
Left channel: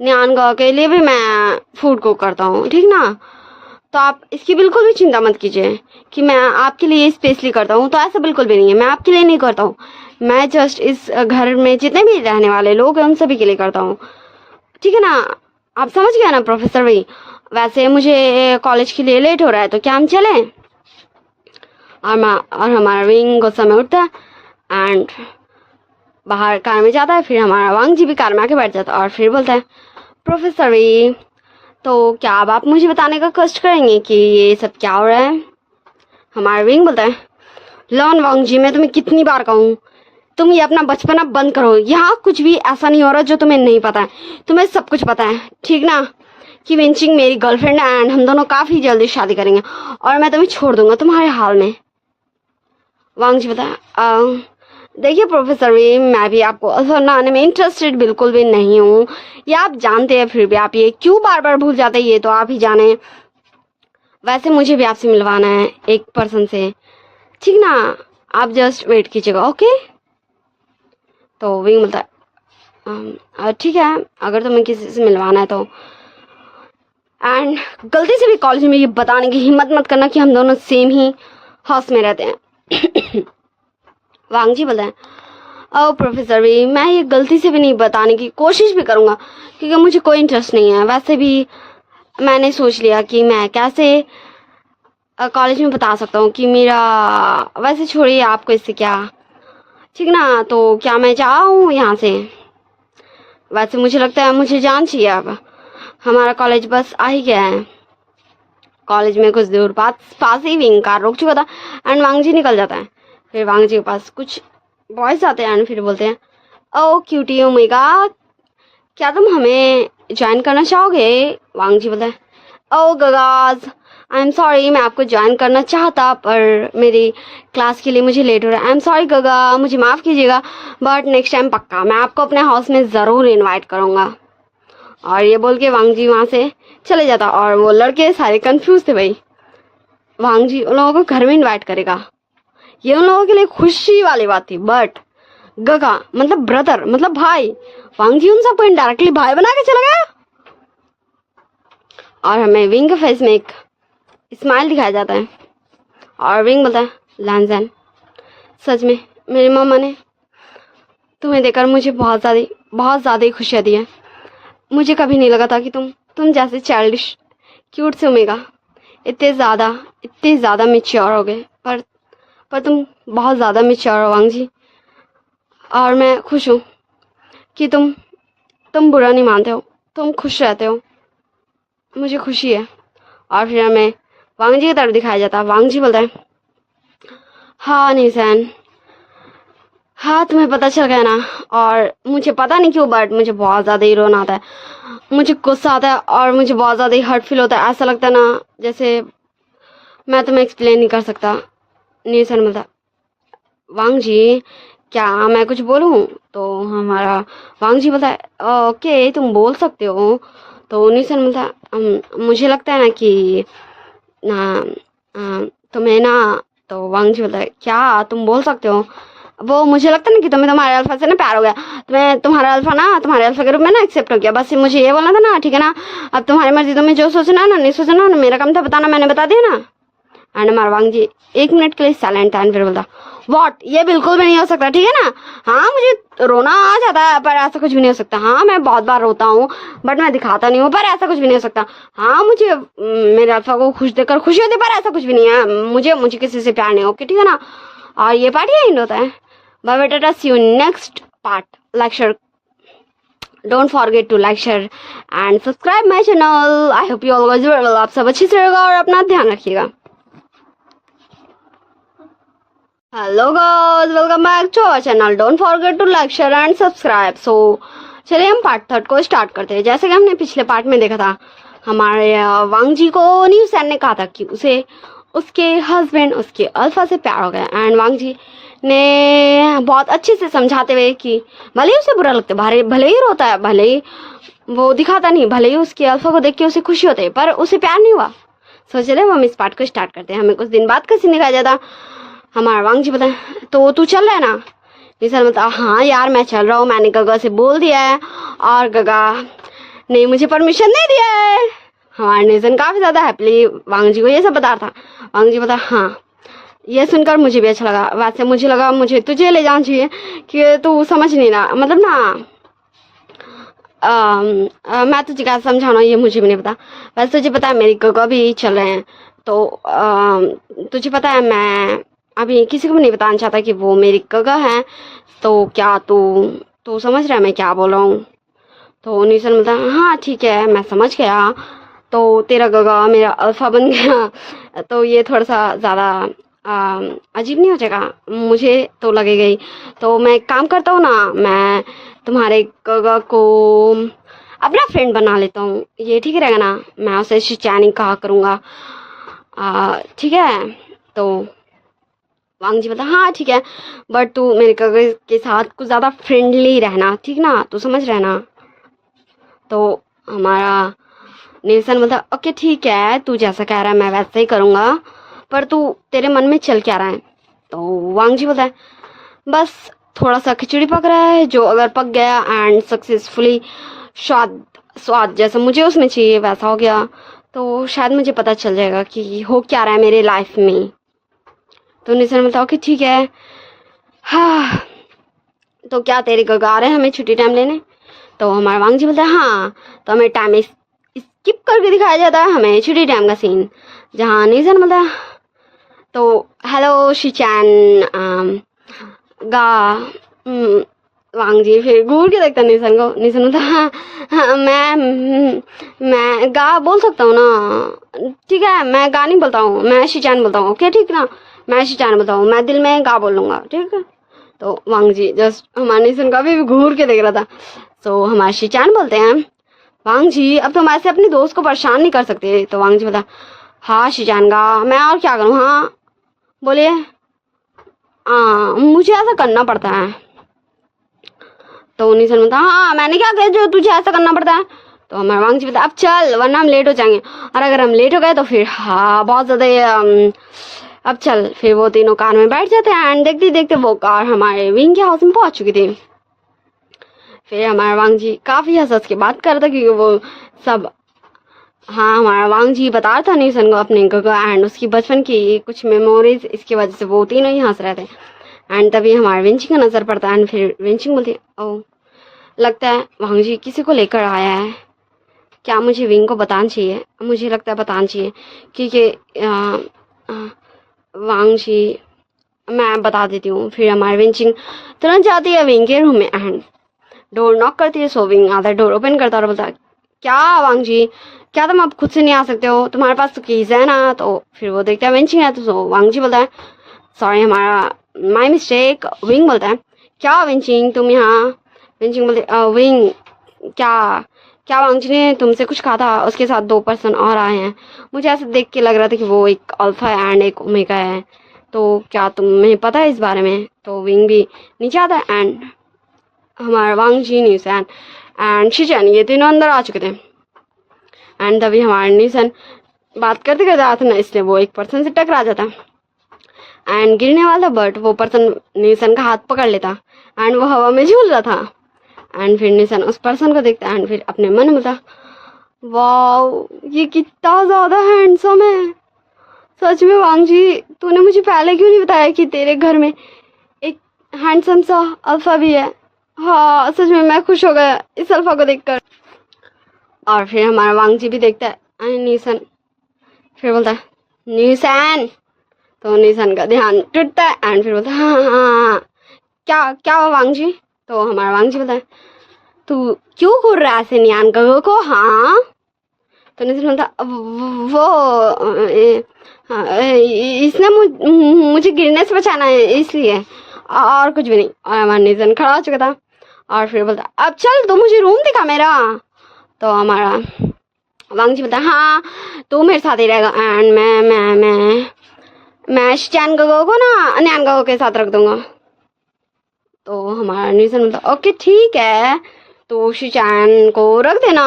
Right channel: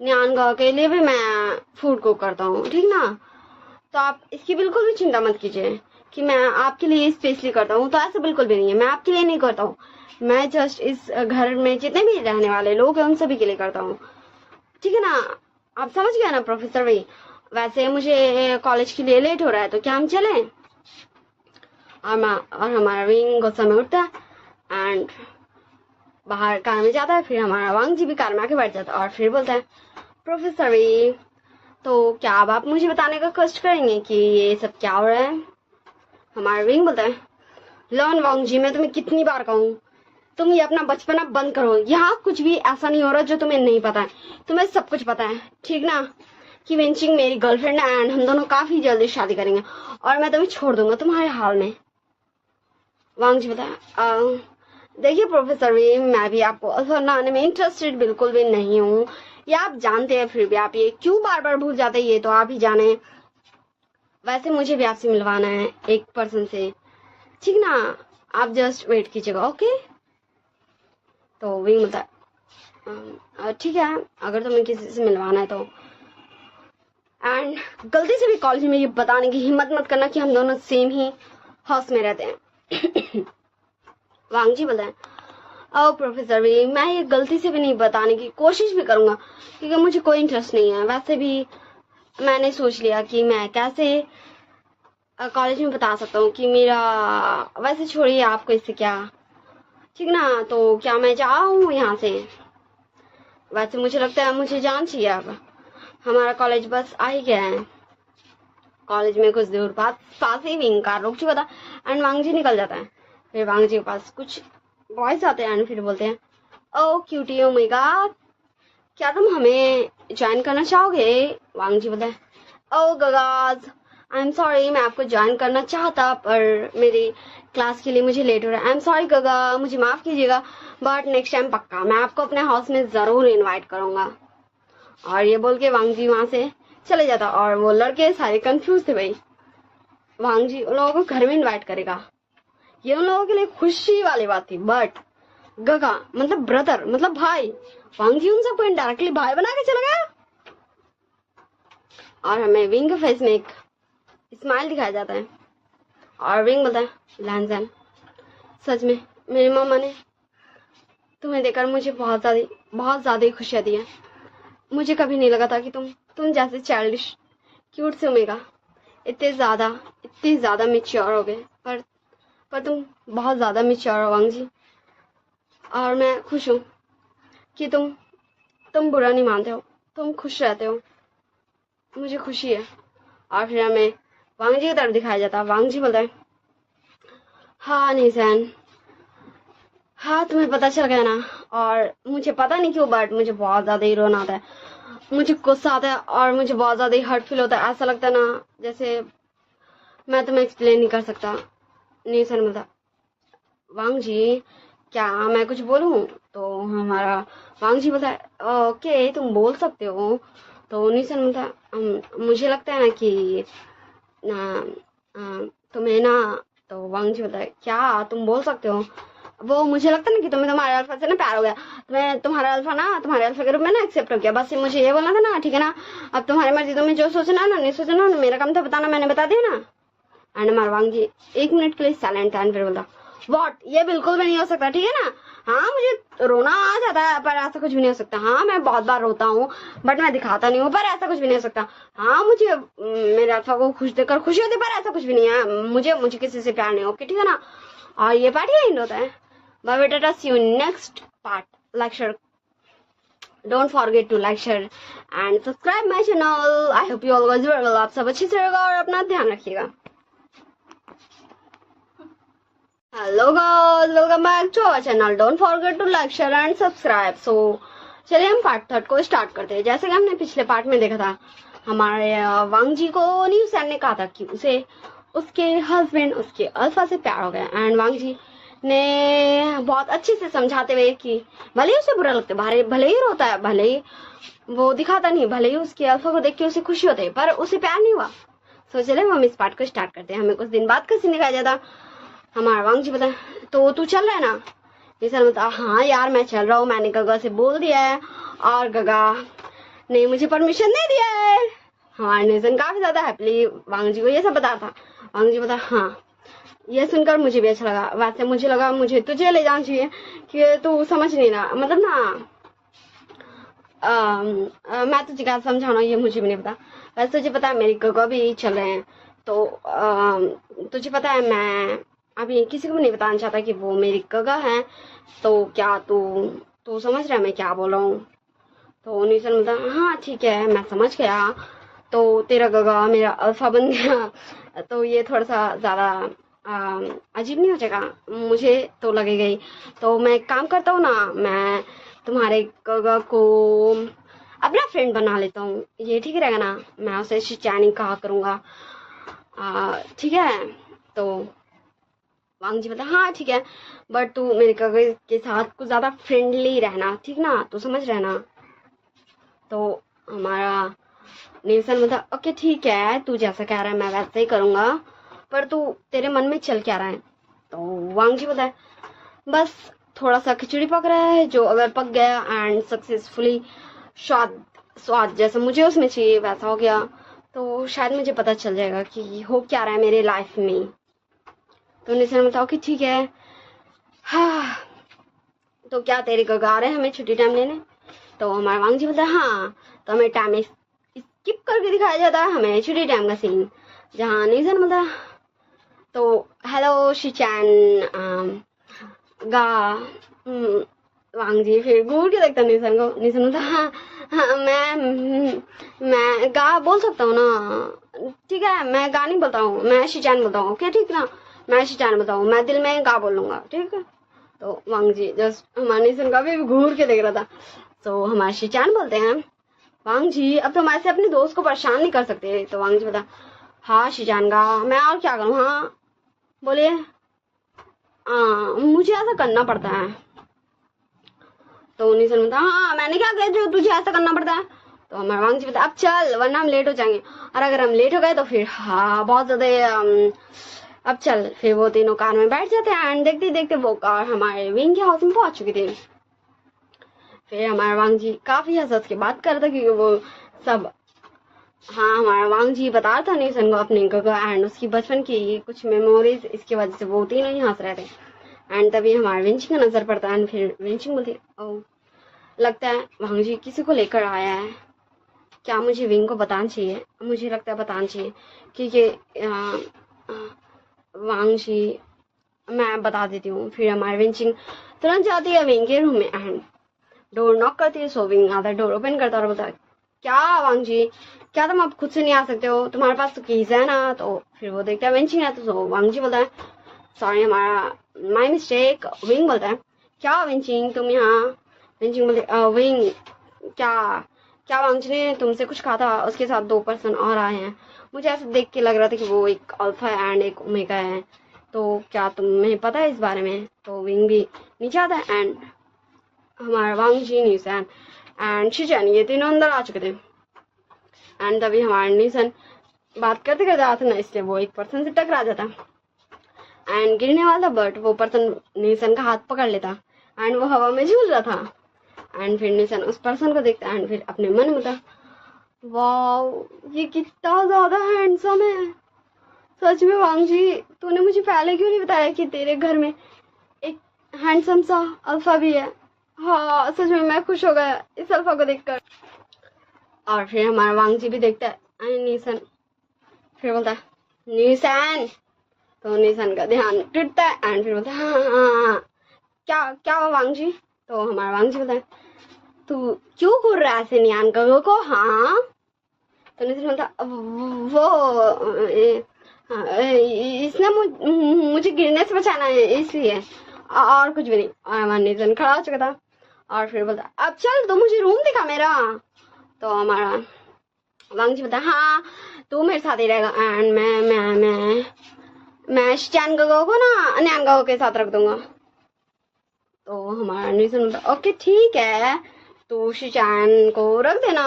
न्यान के लिए भी मैं फूड कुक करता हूँ, ठीक ना। तो आप इसकी बिल्कुल भी चिंता मत कीजिए कि मैं आपके लिए स्पेशली करता हूँ, तो ऐसा बिल्कुल भी नहीं है, मैं आपके लिए नहीं करता हूँ, मैं जस्ट इस घर में जितने भी रहने वाले लोग हैं उन सभी के लिए करता हूँ, ठीक है ना। आप समझ गए ना प्रोफेसर भाई। वैसे मुझे कॉलेज के लिए लेट हो रहा है, तो क्या हम चलें? और हमारा विंग गुस्सा में उठता है एंड बाहर कार में जाता है। फिर हमारा वांग जी भी कार में आके बैठ जाता है और फिर बोलता है प्रोफेसर वी, तो क्या अब आप मुझे बताने का कष्ट करेंगे कि ये सब क्या हो रहा है? हमारा विंग बोलता है लॉन वांग जी मैं तुम्हें कितनी बार कहूँ, तुम ये अपना बचपना बंद करो, यहाँ कुछ भी ऐसा नहीं हो रहा जो तुम्हें नहीं पता है, तुम्हें सब कुछ पता है, ठीक ना। कि विंचिंग मेरी गर्लफ्रेंड है एंड हम दोनों काफ़ी जल्दी शादी करेंगे और मैं तुम्हें छोड़ दूंगा तुम्हारे हाल में। वांग जी बताया, देखिए प्रोफेसर वी, मैं भी आपको असल आने में इंटरेस्टेड बिल्कुल भी नहीं हूँ, ये आप जानते हैं, फिर भी आप ये क्यों बार बार भूल जाते हैं ये तो आप ही जाने। वैसे मुझे भी आपसे मिलवाना है एक पर्सन से, ठीक ना, आप जस्ट वेट कीजिएगा, ओके। तो विंग बोलता है, ठीक है, अगर तुम्हें किसी से मिलवाना है तो, एंड गलती से भी कॉलेज में ये बताने की हिम्मत मत करना कि हम दोनों सेम ही हाउस में रहते हैं। वांग जी बोलते हैं, ओ प्रोफेसर वी, मैं ये गलती से भी नहीं बताने की कोशिश भी करूँगा क्योंकि मुझे कोई इंटरेस्ट नहीं है। वैसे भी मैंने सोच लिया कि मैं कैसे कॉलेज में बता सकता हूँ कि मेरा, वैसे छोड़िए आपको इससे क्या, ठीक ना, तो क्या मैं जाऊँ यहाँ से। वैसे मुझे लगता है मुझे जान चाहिए अब, हमारा कॉलेज बस आ ही गया है। कॉलेज में कुछ दूर पास ही विंग कार रोक चुका था एंड वांग जी निकल जाता है। फिर वांग जी के पास कुछ बॉयज आते हैं एंड फिर बोलते हैं, ओ क्यूटी ओमेगा, क्या तुम हमें ज्वाइन करना चाहोगे। वांग जी बोलते हैं, ओ गगाज, आई एम सॉरी, मैं आपको ज्वाइन करना चाहता पर मेरी क्लास के लिए मुझे लेट हो रहा है। आई एम सॉरी गगा, मुझे माफ़ कीजिएगा, बट नेक्स्ट टाइम पक्का मैं आपको अपने हाउस में ज़रूर इनवाइट करूँगा। और ये बोल के वांग जी वहाँ से चले जाता और वो लड़के सारे कंफ्यूज थे भाई, वांग जी उन लोगों को घर में इनवाइट करेगा, ये उन लोगों के लिए खुशी वाली बात थी, बट गगा मतलब ब्रदर मतलब भाई, वांग जी उन सबको इनडायरेक्टली भाई बना के चला गया। और हमें विंग के फेस में एक स्माइल दिखाया जाता है और विंग बोलता है, लैंजन, सच में मेरी मम्मा ने तुम्हें देखकर मुझे बहुत ज़्यादा ही खुशियाँ दी है। मुझे कभी नहीं लगा था कि तुम जैसे चाइल्डिश क्यूट से ओमेगा इतने ज़्यादा मेच्योर हो गए, पर तुम बहुत ज़्यादा मेच्योर हो वांग जी, और मैं खुश हूँ कि तुम बुरा नहीं मानते हो, तुम खुश रहते हो, मुझे खुशी है। और फिर हमें वांग जी की तरफ दिखाया जाता है। वांग जी बोलता है, हाँ निशन, हाँ तुम्हें पता चल गया ना, और मुझे पता नहीं क्यों बट मुझे बहुत ज़्यादा ही रोना आता है, मुझे गुस्सा आता है और मुझे बहुत ज़्यादा ही हर्ट फील होता है, ऐसा लगता है ना जैसे मैं तुम्हें एक्सप्लेन नहीं कर सकता। निशन बोलता, वांग जी क्या मैं कुछ बोलूँ। तो हमारा वांग जी बोलता है, ओके तुम बोल सकते हो। तो निशन बोलता है, मुझे लगता है ना कि ना तुम्हें ना, तो वांग जी बोलता है, क्या तुम बोल सकते हो। वो मुझे लगता है ना कि तुम्हें तुम्हारे अल्फा से ना प्यार हो गया, तुम्हें तुम्हारा अल्फा ना तुम्हारे अल्फा के रूप में ना एक्सेप्ट हो गया, बस मुझे ये बोलना था ना, ठीक है ना, अब तुम्हारी मर्जी, तुम्हें जो सोचना ना नहीं सोचना ना, मेरा काम था बताना, मैंने बता दिया ना। एंड हमारा वांग जी 1 मिनट के लिए साइलेंट एंड फिर बोलता, वॉट, ये बिल्कुल भी नहीं हो सकता, ठीक है ना, हाँ मुझे रोना आ जाता है पर ऐसा कुछ भी नहीं हो सकता, हाँ मैं बहुत बार रोता हूँ बट मैं दिखाता नहीं हूँ, पर ऐसा कुछ भी नहीं हो सकता, हाँ मुझे मेरे अल्फा को खुश देखकर खुशी होती है पर ऐसा कुछ भी नहीं है, मुझे किसी से प्यार नहीं, ओके ठीक है ना। और ये पार्ट यही होता है। Bye bye, tata, see you next part lecture. Don't forget to like, share and subscribe my channel. I hope you all guys are well. आप सब अच्छे से रहेगा और अपना ध्यान रखिएगा। Hello guys, welcome back to our channel. Don't forget to like, share and subscribe. So चलिए हम पार्ट 3 को स्टार्ट करते हैं। जैसे कि हमने पिछले पार्ट में देखा था, हमारे वांग जी को न्यू सैन ने कहा था कि उसे उसके हस्बैंड उसके अल्फा से प्यार हो गया, एंड वांग जी ने बहुत अच्छे से समझाते हुए कि भले ही उसे बुरा लगता है, भले ही रोता है, भले ही वो दिखाता नहीं, भले ही उसके अल्फा को देख के उसे खुशी होती है, पर उसे प्यार नहीं हुआ। सोच रहे हम इस पार्ट को स्टार्ट करते हैं। हमें कुछ दिन बाद का सीन दिखाया जाता। हमारा वांग जी बताए, तो तू चल रहा है ना। निशन बता, हाँ यार मैं चल रहा हूँ, मैंने गगा से बोल दिया है और गगा ने मुझे परमिशन दे दिया है। हमारा निशन काफी ज्यादा हैप्पीली वांग जी को ये सब बता रहा था। वांग जी बता, हाँ ये सुनकर मुझे भी अच्छा लगा, वैसे मुझे लगा मुझे तुझे ले जाना चाहिए कि तू समझ नहीं रहा, मतलब ना मैं तुझे क्या समझाना ये मुझे भी नहीं पता। वैसे तुझे पता है मेरी गगा भी चल रहे हैं, तो तुझे पता है मैं अभी किसी को भी नहीं बताना चाहता कि वो मेरी गगा है, तो क्या तू समझ रहा है मैं क्या बोल रहा हूँ। तो निशन बोलता, हाँ ठीक है मैं समझ गया, तो तेरा गगा मेरा अल्फा बन गया, तो ये थोड़ा सा ज़्यादा अजीब नहीं हो जाएगा, मुझे तो लगेगा ही। तो मैं एक काम करता हूँ ना, मैं तुम्हारे गगा को अपना फ्रेंड बना लेता हूँ, ये ठीक रहेगा ना? मैं उसे शिचानी कहा करूँगा, ठीक है? तो वांग जी बोलता हाँ ठीक है, बट तू मेरे गगो के साथ कुछ ज़्यादा फ्रेंडली रहना, ठीक ना? तू समझ रहना। तो हमारा निल्सन बोलता ओके ठीक है, तू जैसा कह रहा है मैं वैसा ही करूँगा, पर तू तेरे मन में चल क्या रहा है? तो वांग जी बोलता है बस थोड़ा सा खिचड़ी पक रहा है, जो अगर पक गया एंड सक्सेसफुली स्वाद स्वाद जैसा मुझे उसमें चाहिए वैसा हो गया, तो शायद मुझे पता चल जाएगा कि हो क्या रहा है मेरे लाइफ में। तो निल्सन बोलता ओके ठीक है। हाँ, तो क्या तेरे गगा आ रहे हैं हमें छुट्टी टाइम लेने? तो हमारा वांग जी बोलता है हाँ, तो हमें टाइम स्किप करके दिखाया जाता है हमें छुट्टी टाइम का सीन, जहाँ निल्सन बोलता है तो हेलो शिचैन गा वांग जी फिर घूर के देखता निल्सन को। निल्सन बोलता हाँ हाँ मैं गा बोल सकता हूँ ना? ठीक है, मैं गा नहीं बोलता हूँ, मैं शिचैन बोलता हूँ। ओके ठीक ना, मैं शिचैन बोलता हूँ, मैं दिल में गा बोल लूँगा, ठीक है? तो वांग जी जस्ट हमारे निल्सन का भी घूर के देख रहा था। सो हमारे शिचैन बोलते हैं वांग जी अब तुम ऐसे अपने दोस्त को परेशान नहीं कर सकते। तो वांग जी बोला हाँ शिचैन गा, मैं और क्या करूँ? हाँ बोलिए। मुझे ऐसा करना पड़ता है। तो निल्सन बोलता हाँ मैंने क्या कहा जो तुझे ऐसा करना पड़ता है? तो हमारा वांग जी बोलता अब चल वरना हम लेट हो जाएंगे, और अगर हम लेट हो गए तो फिर हाँ बहुत ज़्यादा अब चल। फिर वो तीनों कार में बैठ जाते हैं एंड देखते देखते वो कार हमारे विंग के हाउस में पहुंच चुकी थी। फिर हमारा वांग जी काफ़ी हंस के बात कर रहा था क्योंकि वो सब हाँ हमारा वांग जी बता रहा था निल्सन को अपने गगा एंड उसकी बचपन की कुछ मेमोरीज, इसकी वजह से वो तीनों ही हंस रहे थे। एंड तभी हमारे विंचिंग का नज़र पड़ता है एंड फिर विंचिंग बोलती है ओ लगता है वांग जी किसी को लेकर आया है, क्या मुझे विंग को बताना चाहिए? मुझे लगता है बताना चाहिए क्योंकि वांग जी मैं बता देती हूँ। फिर हमारी विंचिंग तुरंत जाती है विंग के रूम में एंड डोर नॉक करती है। सो विंग आता है, डोर ओपन करता है और बोलता है क्या वांग जी, क्या तुम अब खुद से नहीं आ सकते हो? तुम्हारे पास तो कीज है ना? तो फिर वो देखता है विंचिंग है, तो सो वांग जी बोलता है सॉरी हमारा माई मिस्टेक। विंग बोलता है क्या विंचिंग तुम यहाँ? विंचिंग बोलते विंग क्या क्या वांग जी ने तुमसे कुछ कहा था? उसके साथ 2 पर्सन और आए हैं, मुझे ऐसा देख के लग रहा था कि वो एक अल्फा एंड एक ओमेगा है, तो क्या तुम्हें पता है इस बारे में? तो विंग भी नीचे आता है एंड हमारा वांग जी निल्सन एंड शिचैन ये तीनों अंदर आ चुके थे। एंड तभी हमारा निल्सन बात करते करते आता ना, इसलिए वो एक पर्सन से टकरा जाता एंड गिरने वाला था, बट वो पर्सन निल्सन का हाथ पकड़ लेता एंड वो हवा में झूल रहा था। एंड फिर निल्सन उस पर्सन को देखता एंड फिर अपने मन में बोलता वाओ ये कितना ज़्यादा हैंडसम है, सच में वांग जी तूने मुझे पहले क्यों नहीं बताया कि तेरे घर में एक हैंडसम सा अल्फा भी है? हाँ सच में मैं खुश हो गया इस अल्फा को देखकर। और फिर हमारा वांग जी भी देखता है निल्सन, फिर बोलता है निल्सन। तो निल्सन का ध्यान टूटता है एंड फिर बोलता है हाँ हाँ हाँ क्या क्या हुआ वांग जी? तो हमारा वांग जी बोलता है तू क्यों घूर रहा है ऐसे नियान गगो को? हाँ तो निल्सन बोलता वो इसने मुझे गिरने से बचाना है इसलिए, और कुछ भी नहीं। और हमारा निल्सन खड़ा हो चुका था और फिर बोलता अब चल तू मुझे रूम दिखा मेरा। तो हमारा वांग जी बोलता हाँ तू मेरे साथ ही रहेगा एंड मैं शिचैन गगो को ना न्यान गगो के साथ रख दूंगा। तो हमारा निल्सन बोलता ओके ठीक है, तो शिचैन को रख देना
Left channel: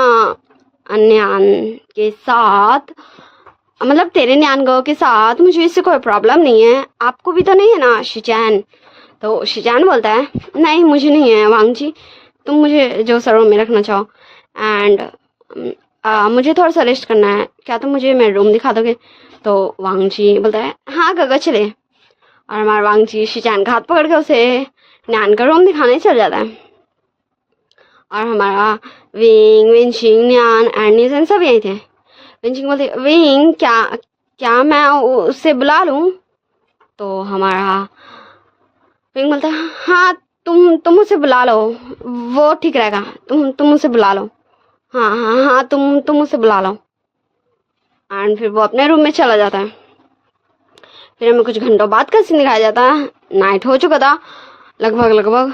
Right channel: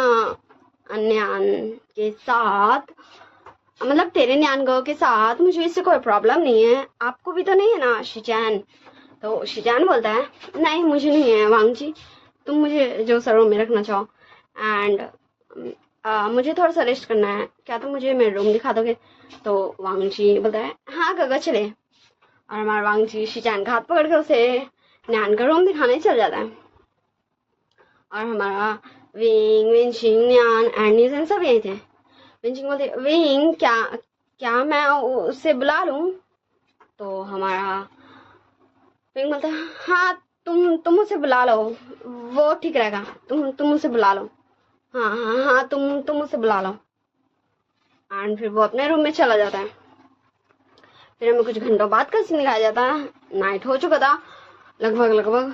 न्यान के साथ, मतलब तेरे न्यान गगो के साथ, मुझे इससे कोई प्रॉब्लम नहीं है। आपको भी तो नहीं है ना शिचैन? तो शिचैन बोलता है नहीं मुझे नहीं है वांग जी, तुम मुझे जो सर रूम में रखना चाहो एंड मुझे थोड़ा सा रेस्ट करना है, क्या तुम मुझे मेरा रूम दिखा दोगे? तो वांग जी बोलता है हाँ गगा चले। और हमारा वांग जी शिचैन का हाथ पकड़ के उसे न्यान का रूम दिखाने चल जाता है। और हमारा विंग विंचिंग न्यान एंड निल्सन सब यही थे। विंचिंग बोलते विंग क्या क्या मैं उससे बुला लूँ? तो हमारा विंग बोलता हाँ तुम उसे बुला लो, वो ठीक रहेगा, तुम उसे बुला लो, हाँ हाँ हाँ तुम उसे बुला लो। एंड फिर वो अपने रूम में चला जाता है। फिर हमें कुछ घंटों बाद का सीन दिखाया जाता है। नाइट हो चुका था लगभग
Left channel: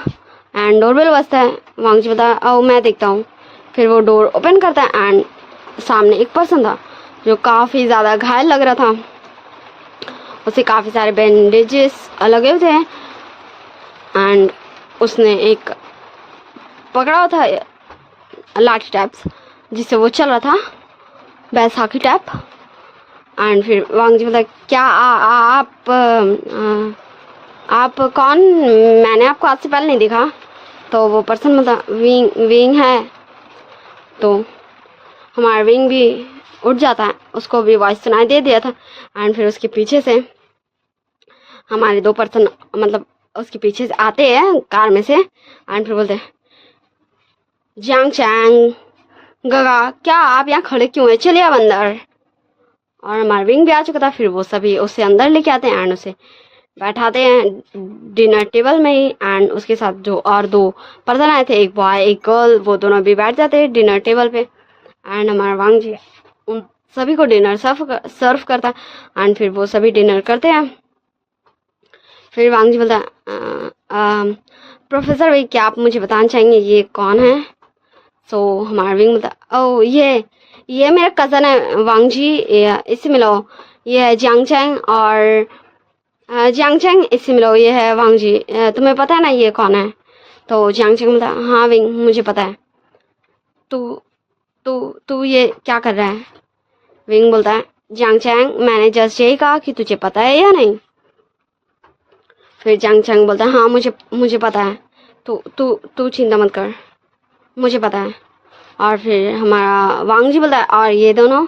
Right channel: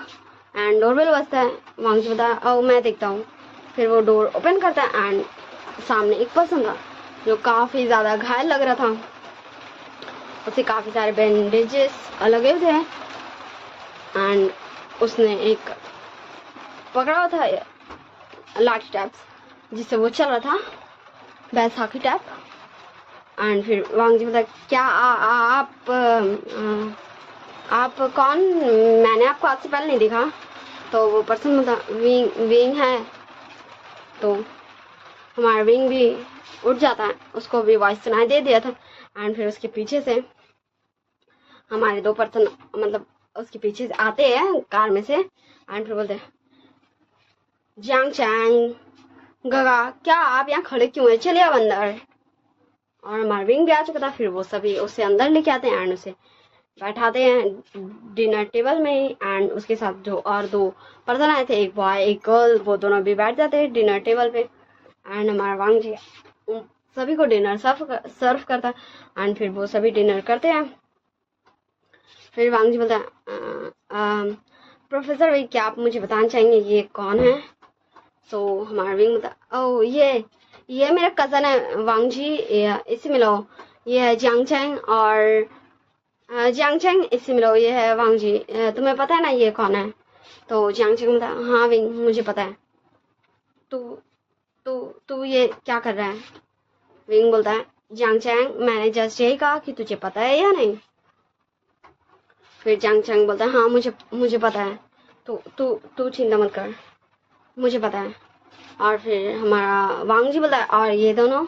एंड डोरबेल बजता है। वांग जी बता ओ मैं देखता हूँ फिर वो डोर ओपन करता है एंड सामने एक पर्सन था जो काफ़ी ज़्यादा घायल लग रहा था, उसे काफ़ी सारे बैंडेजेस लगे हुए थे एंड उसने एक पकड़ा हुआ था लाठी टाइप्स जिससे वो चल रहा था, बैसाखी टाइप। एंड फिर वांग जी बोला क्या आप कौन, मैंने आपको आज से पहले नहीं देखा। तो वो पर्सन बोला विंग है। तो हमारा विंग भी उठ जाता है, उसको भी वॉइस सुनाई दे दिया था एंड फिर उसके पीछे से हमारे दो पर्सन मतलब उसके पीछे से आते हैं कार में से एंड फिर बोलते हैं जियांग चैंग गगा क्या आप यहाँ खड़े क्यों हैं, चलिए आप अंदर। और हमारा विंग भी आ चुका था, फिर वो सभी उसे अंदर लेके आते हैं एंड उसे बैठाते हैं डिनर टेबल में ही एंड उसके साथ जो और दो पर्सन आए थे, एक बॉय एक गर्ल, वो दोनों भी बैठ जाते हैं डिनर टेबल पे एंड हमारा वांग जी उन सभी को डिनर सर्व करता है एंड फिर वो सभी डिनर करते हैं। फिर वांग जी बोलता है प्रोफेसर भाई क्या आप मुझे बताना चाहेंगे ये कौन है। सो हमारा विंग बोलता ओ ये मेरा कज़न है वांग जी, इससे मिलो, ये है जियांग चैंग और जियांग चैंग, इससे मिलो, ये है वांग जी, तुम्हें पता है ना ये कौन है। तो जियांग चैंग बोलता हाँ विंग मुझे पता है। तू तू तू ये क्या कर रहा है। विंग बोलता है जियांग चैंग मैंने जस्ट यही कहा कि तुझे पता है या नहीं। फिर जियांग चैंग बोलता है हाँ मुझे पता है, तू तू तू चिंता मत कर, मुझे पता है। और फिर हमारा वांग जी बोलता है और ये दोनों,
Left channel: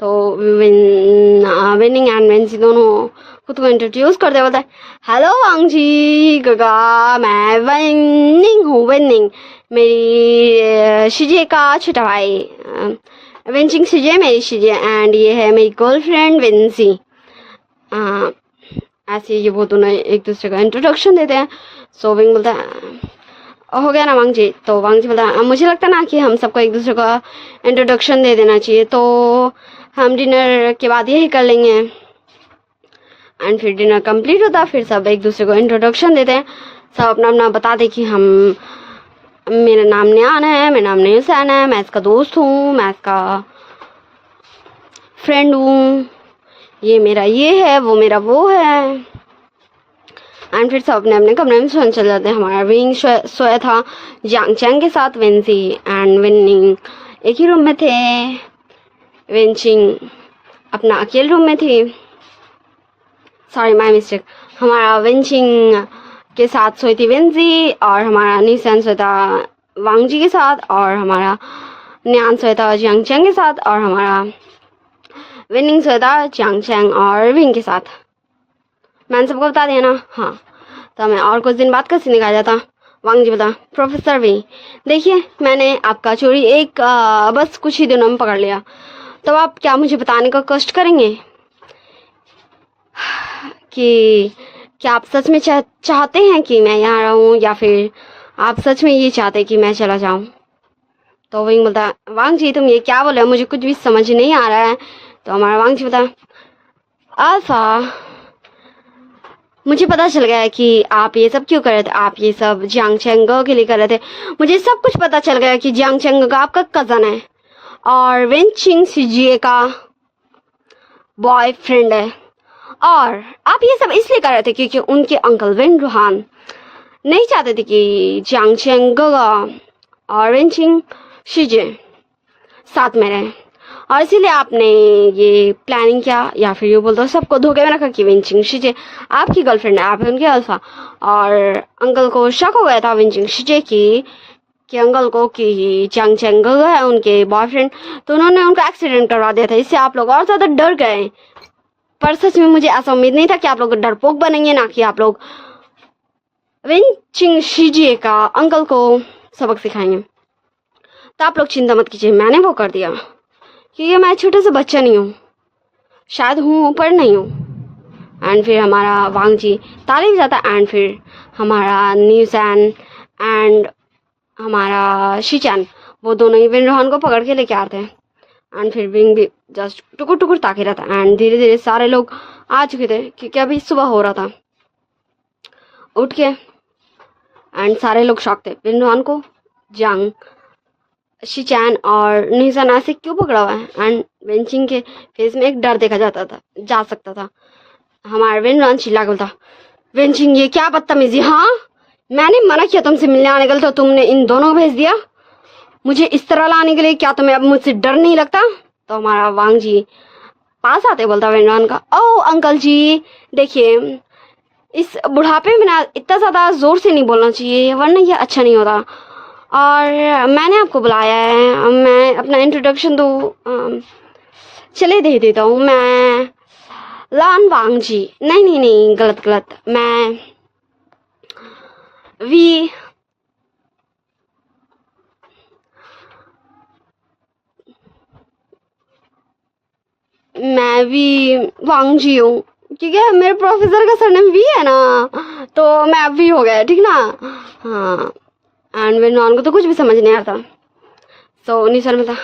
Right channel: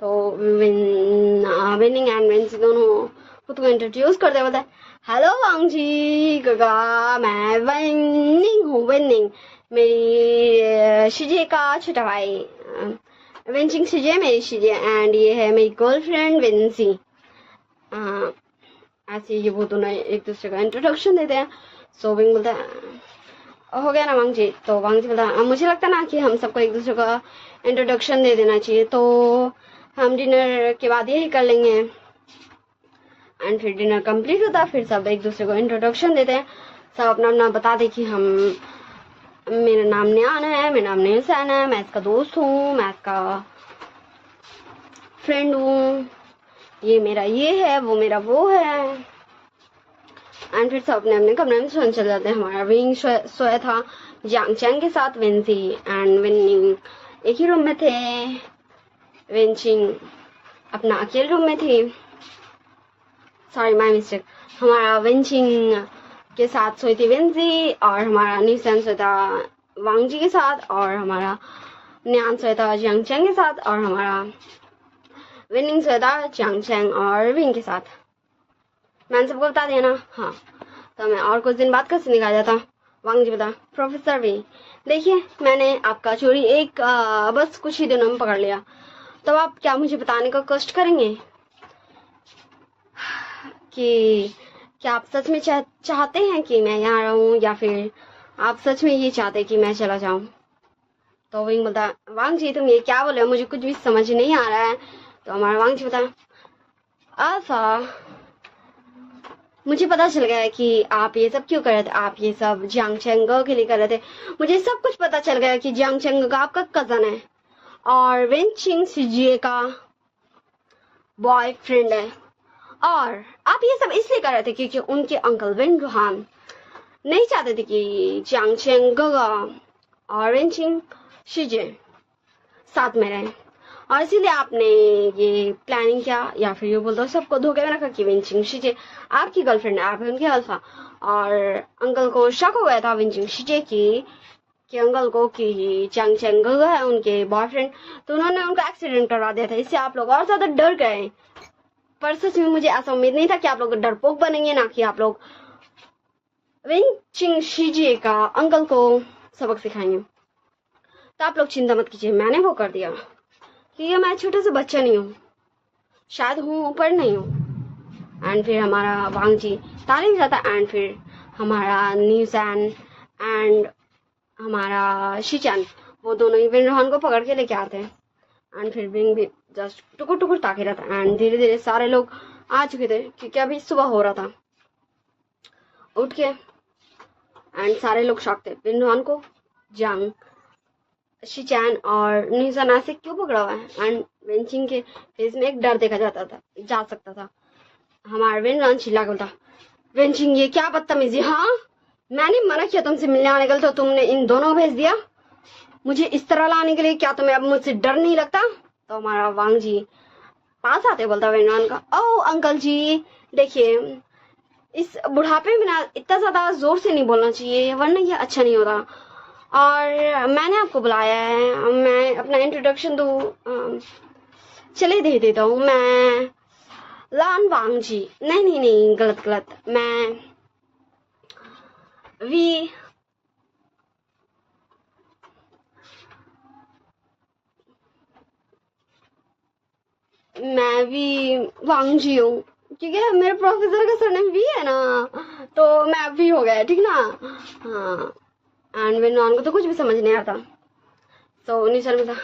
तो विनिंग एंड वेंसी दोनों खुद को इंट्रोड्यूस करते बोलता है हेलो वांग जी गगा मैं विनिंग हूँ, विनिंग मेरी शिजे का छोटा भाई, वेंचिंग शिजे मेरी शिजे एंड ये है मेरी गर्लफ्रेंड विंसी। ऐसे ये वो दोनों एक दूसरे का इंट्रोडक्शन देते हैं। सो विंग बोलता है हो गया ना वांग जी। तो वांग जी बोला मुझे लगता है ना कि हम सबको एक दूसरे का इंट्रोडक्शन दे देना चाहिए, तो हम डिनर के बाद यही कर लेंगे। एंड फिर डिनर कंप्लीट होता है, फिर सब एक दूसरे को इंट्रोडक्शन देते हैं, सब अपना अपना बताते कि हम मेरा नाम न्यान है, मेरा नाम न्यूसैन है, मैं इसका दोस्त हूँ, मैं इसका फ्रेंड हूँ, ये मेरा ये है, वो मेरा वो है। एंड फिर सब अपने अपने कमरे में सोने चले जाते हैं। हमारा विंग सोया था जियांग चैंग के साथ, वेंसी एंड विनिंग एक ही रूम में थे, वेंचिंग अपना अकेले रूम में थी, सॉरी माय मिस्टेक। हमारा वेंचिंग के साथ सोई थी वेंसी और हमारा न्यूसैन सोया था वांग जी के साथ और हमारा न्यान सोया था जियांग चैंग के साथ और हमारा विनिंग सोया था जियांग चैंग और विंग के साथ। मैंने सबको बता दिया ना। हाँ तो मैं और कुछ दिन बाद कैसे निकाल जाता। वांग जी बता प्रोफेसर भी देखिए मैंने आपका चोरी एक बस कुछ ही दिनों में पकड़ लिया, तो आप क्या मुझे बताने का कष्ट करेंगे कि क्या आप सच में चाहते हैं कि मैं यहाँ रहूँ या फिर आप सच में ये चाहते कि मैं चला जाऊँ। तो विंग बोलता वांग जी तुम ये क्या बोल रहे हो, मुझे कुछ भी समझ नहीं आ रहा है। तो हमारा वांग जी बता अल्फा मुझे पता चल गया है कि आप ये सब क्यों कर रहे थे, आप ये सब जियांग चैंग के लिए कर रहे थे। मुझे सब कुछ पता चल गया कि जियांग चैंग आपका कज़न है और वेंचिंग शिजिए का बॉयफ्रेंड है, और आप ये सब इसलिए कर रहे थे क्योंकि उनके अंकल वेन रूहान नहीं चाहते थे कि जियांग चैंग और वेंचिंग शिजे साथ में रहें, और इसीलिए आपने ये प्लानिंग किया, या फिर ये बोल दो सबको धोखे में रखा कि वेंचिंग शिजे आपकी गर्लफ्रेंड है, आप है उनके अल्फा। और अंकल को शक हो गया था वेंचिंग शिजे कि अंकल को कि जियांग चैंग है उनके बॉयफ्रेंड, तो उन्होंने उनका एक्सीडेंट करवा दिया था। इससे आप लोग और ज़्यादा डर गए। पर सच में मुझे ऐसा उम्मीद नहीं था कि आप लोग डरपोक बनेंगे, ना कि आप लोग वेंचिंग शिजे का अंकल को सबक सिखाएंगे। तो आप लोग चिंता मत कीजिए, मैंने वो कर दिया क्योंकि मैं छोटा सा बच्चा नहीं हूँ, शायद हूँ पर नहीं हूँ। एंड फिर हमारा वांग जी ताली बजाता एंड फिर हमारा न्यूसैन एंड हमारा शिचान वो दोनों ही विन रोहन को पकड़ के लेके आते हैं। एंड फिर विंग भी जस्ट टुकुर टुकुर ताके रहता है एंड धीरे धीरे सारे लोग आ चुके थे क्योंकि अभी सुबह हो रहा था। उठ के एंड सारे लोग शॉक थे, विन रोहन को शिचैन और निसान ऐसे क्यों पकड़ा हुआ है। एंड वेंचिंग के फेस में एक डर देखा जा सकता था। हमारा वेनरॉन चिल्ला के बोलता, वेंचिंग ये क्या बदतमीजी, हाँ मैंने मना किया तुमसे मिलने आने के लिए, तो तुमने इन दोनों को भेज दिया मुझे इस तरह लाने के लिए, क्या तुम्हें अब मुझसे डर नहीं लगता। तो हमारा वांग जी पास आते बोलता वेनरॉन का, ओ अंकल जी देखिए इस बुढ़ापे में ना इतना ज़्यादा ज़ोर से नहीं बोलना चाहिए वरना ये अच्छा नहीं होता, और मैंने आपको बुलाया है, मैं अपना इंट्रोडक्शन तो चले दे देता हूँ, मैं लान वांग जी, नहीं नहीं नहीं गलत, मैं वी वांग जी हूँ, ठीक है मेरे प्रोफेसर का सरनेम वी है ना, तो मैं अब वी हो गया ठीक ना। हाँ एंड मेरे नॉन को तो कुछ भी समझ नहीं आता। सो निसर में था,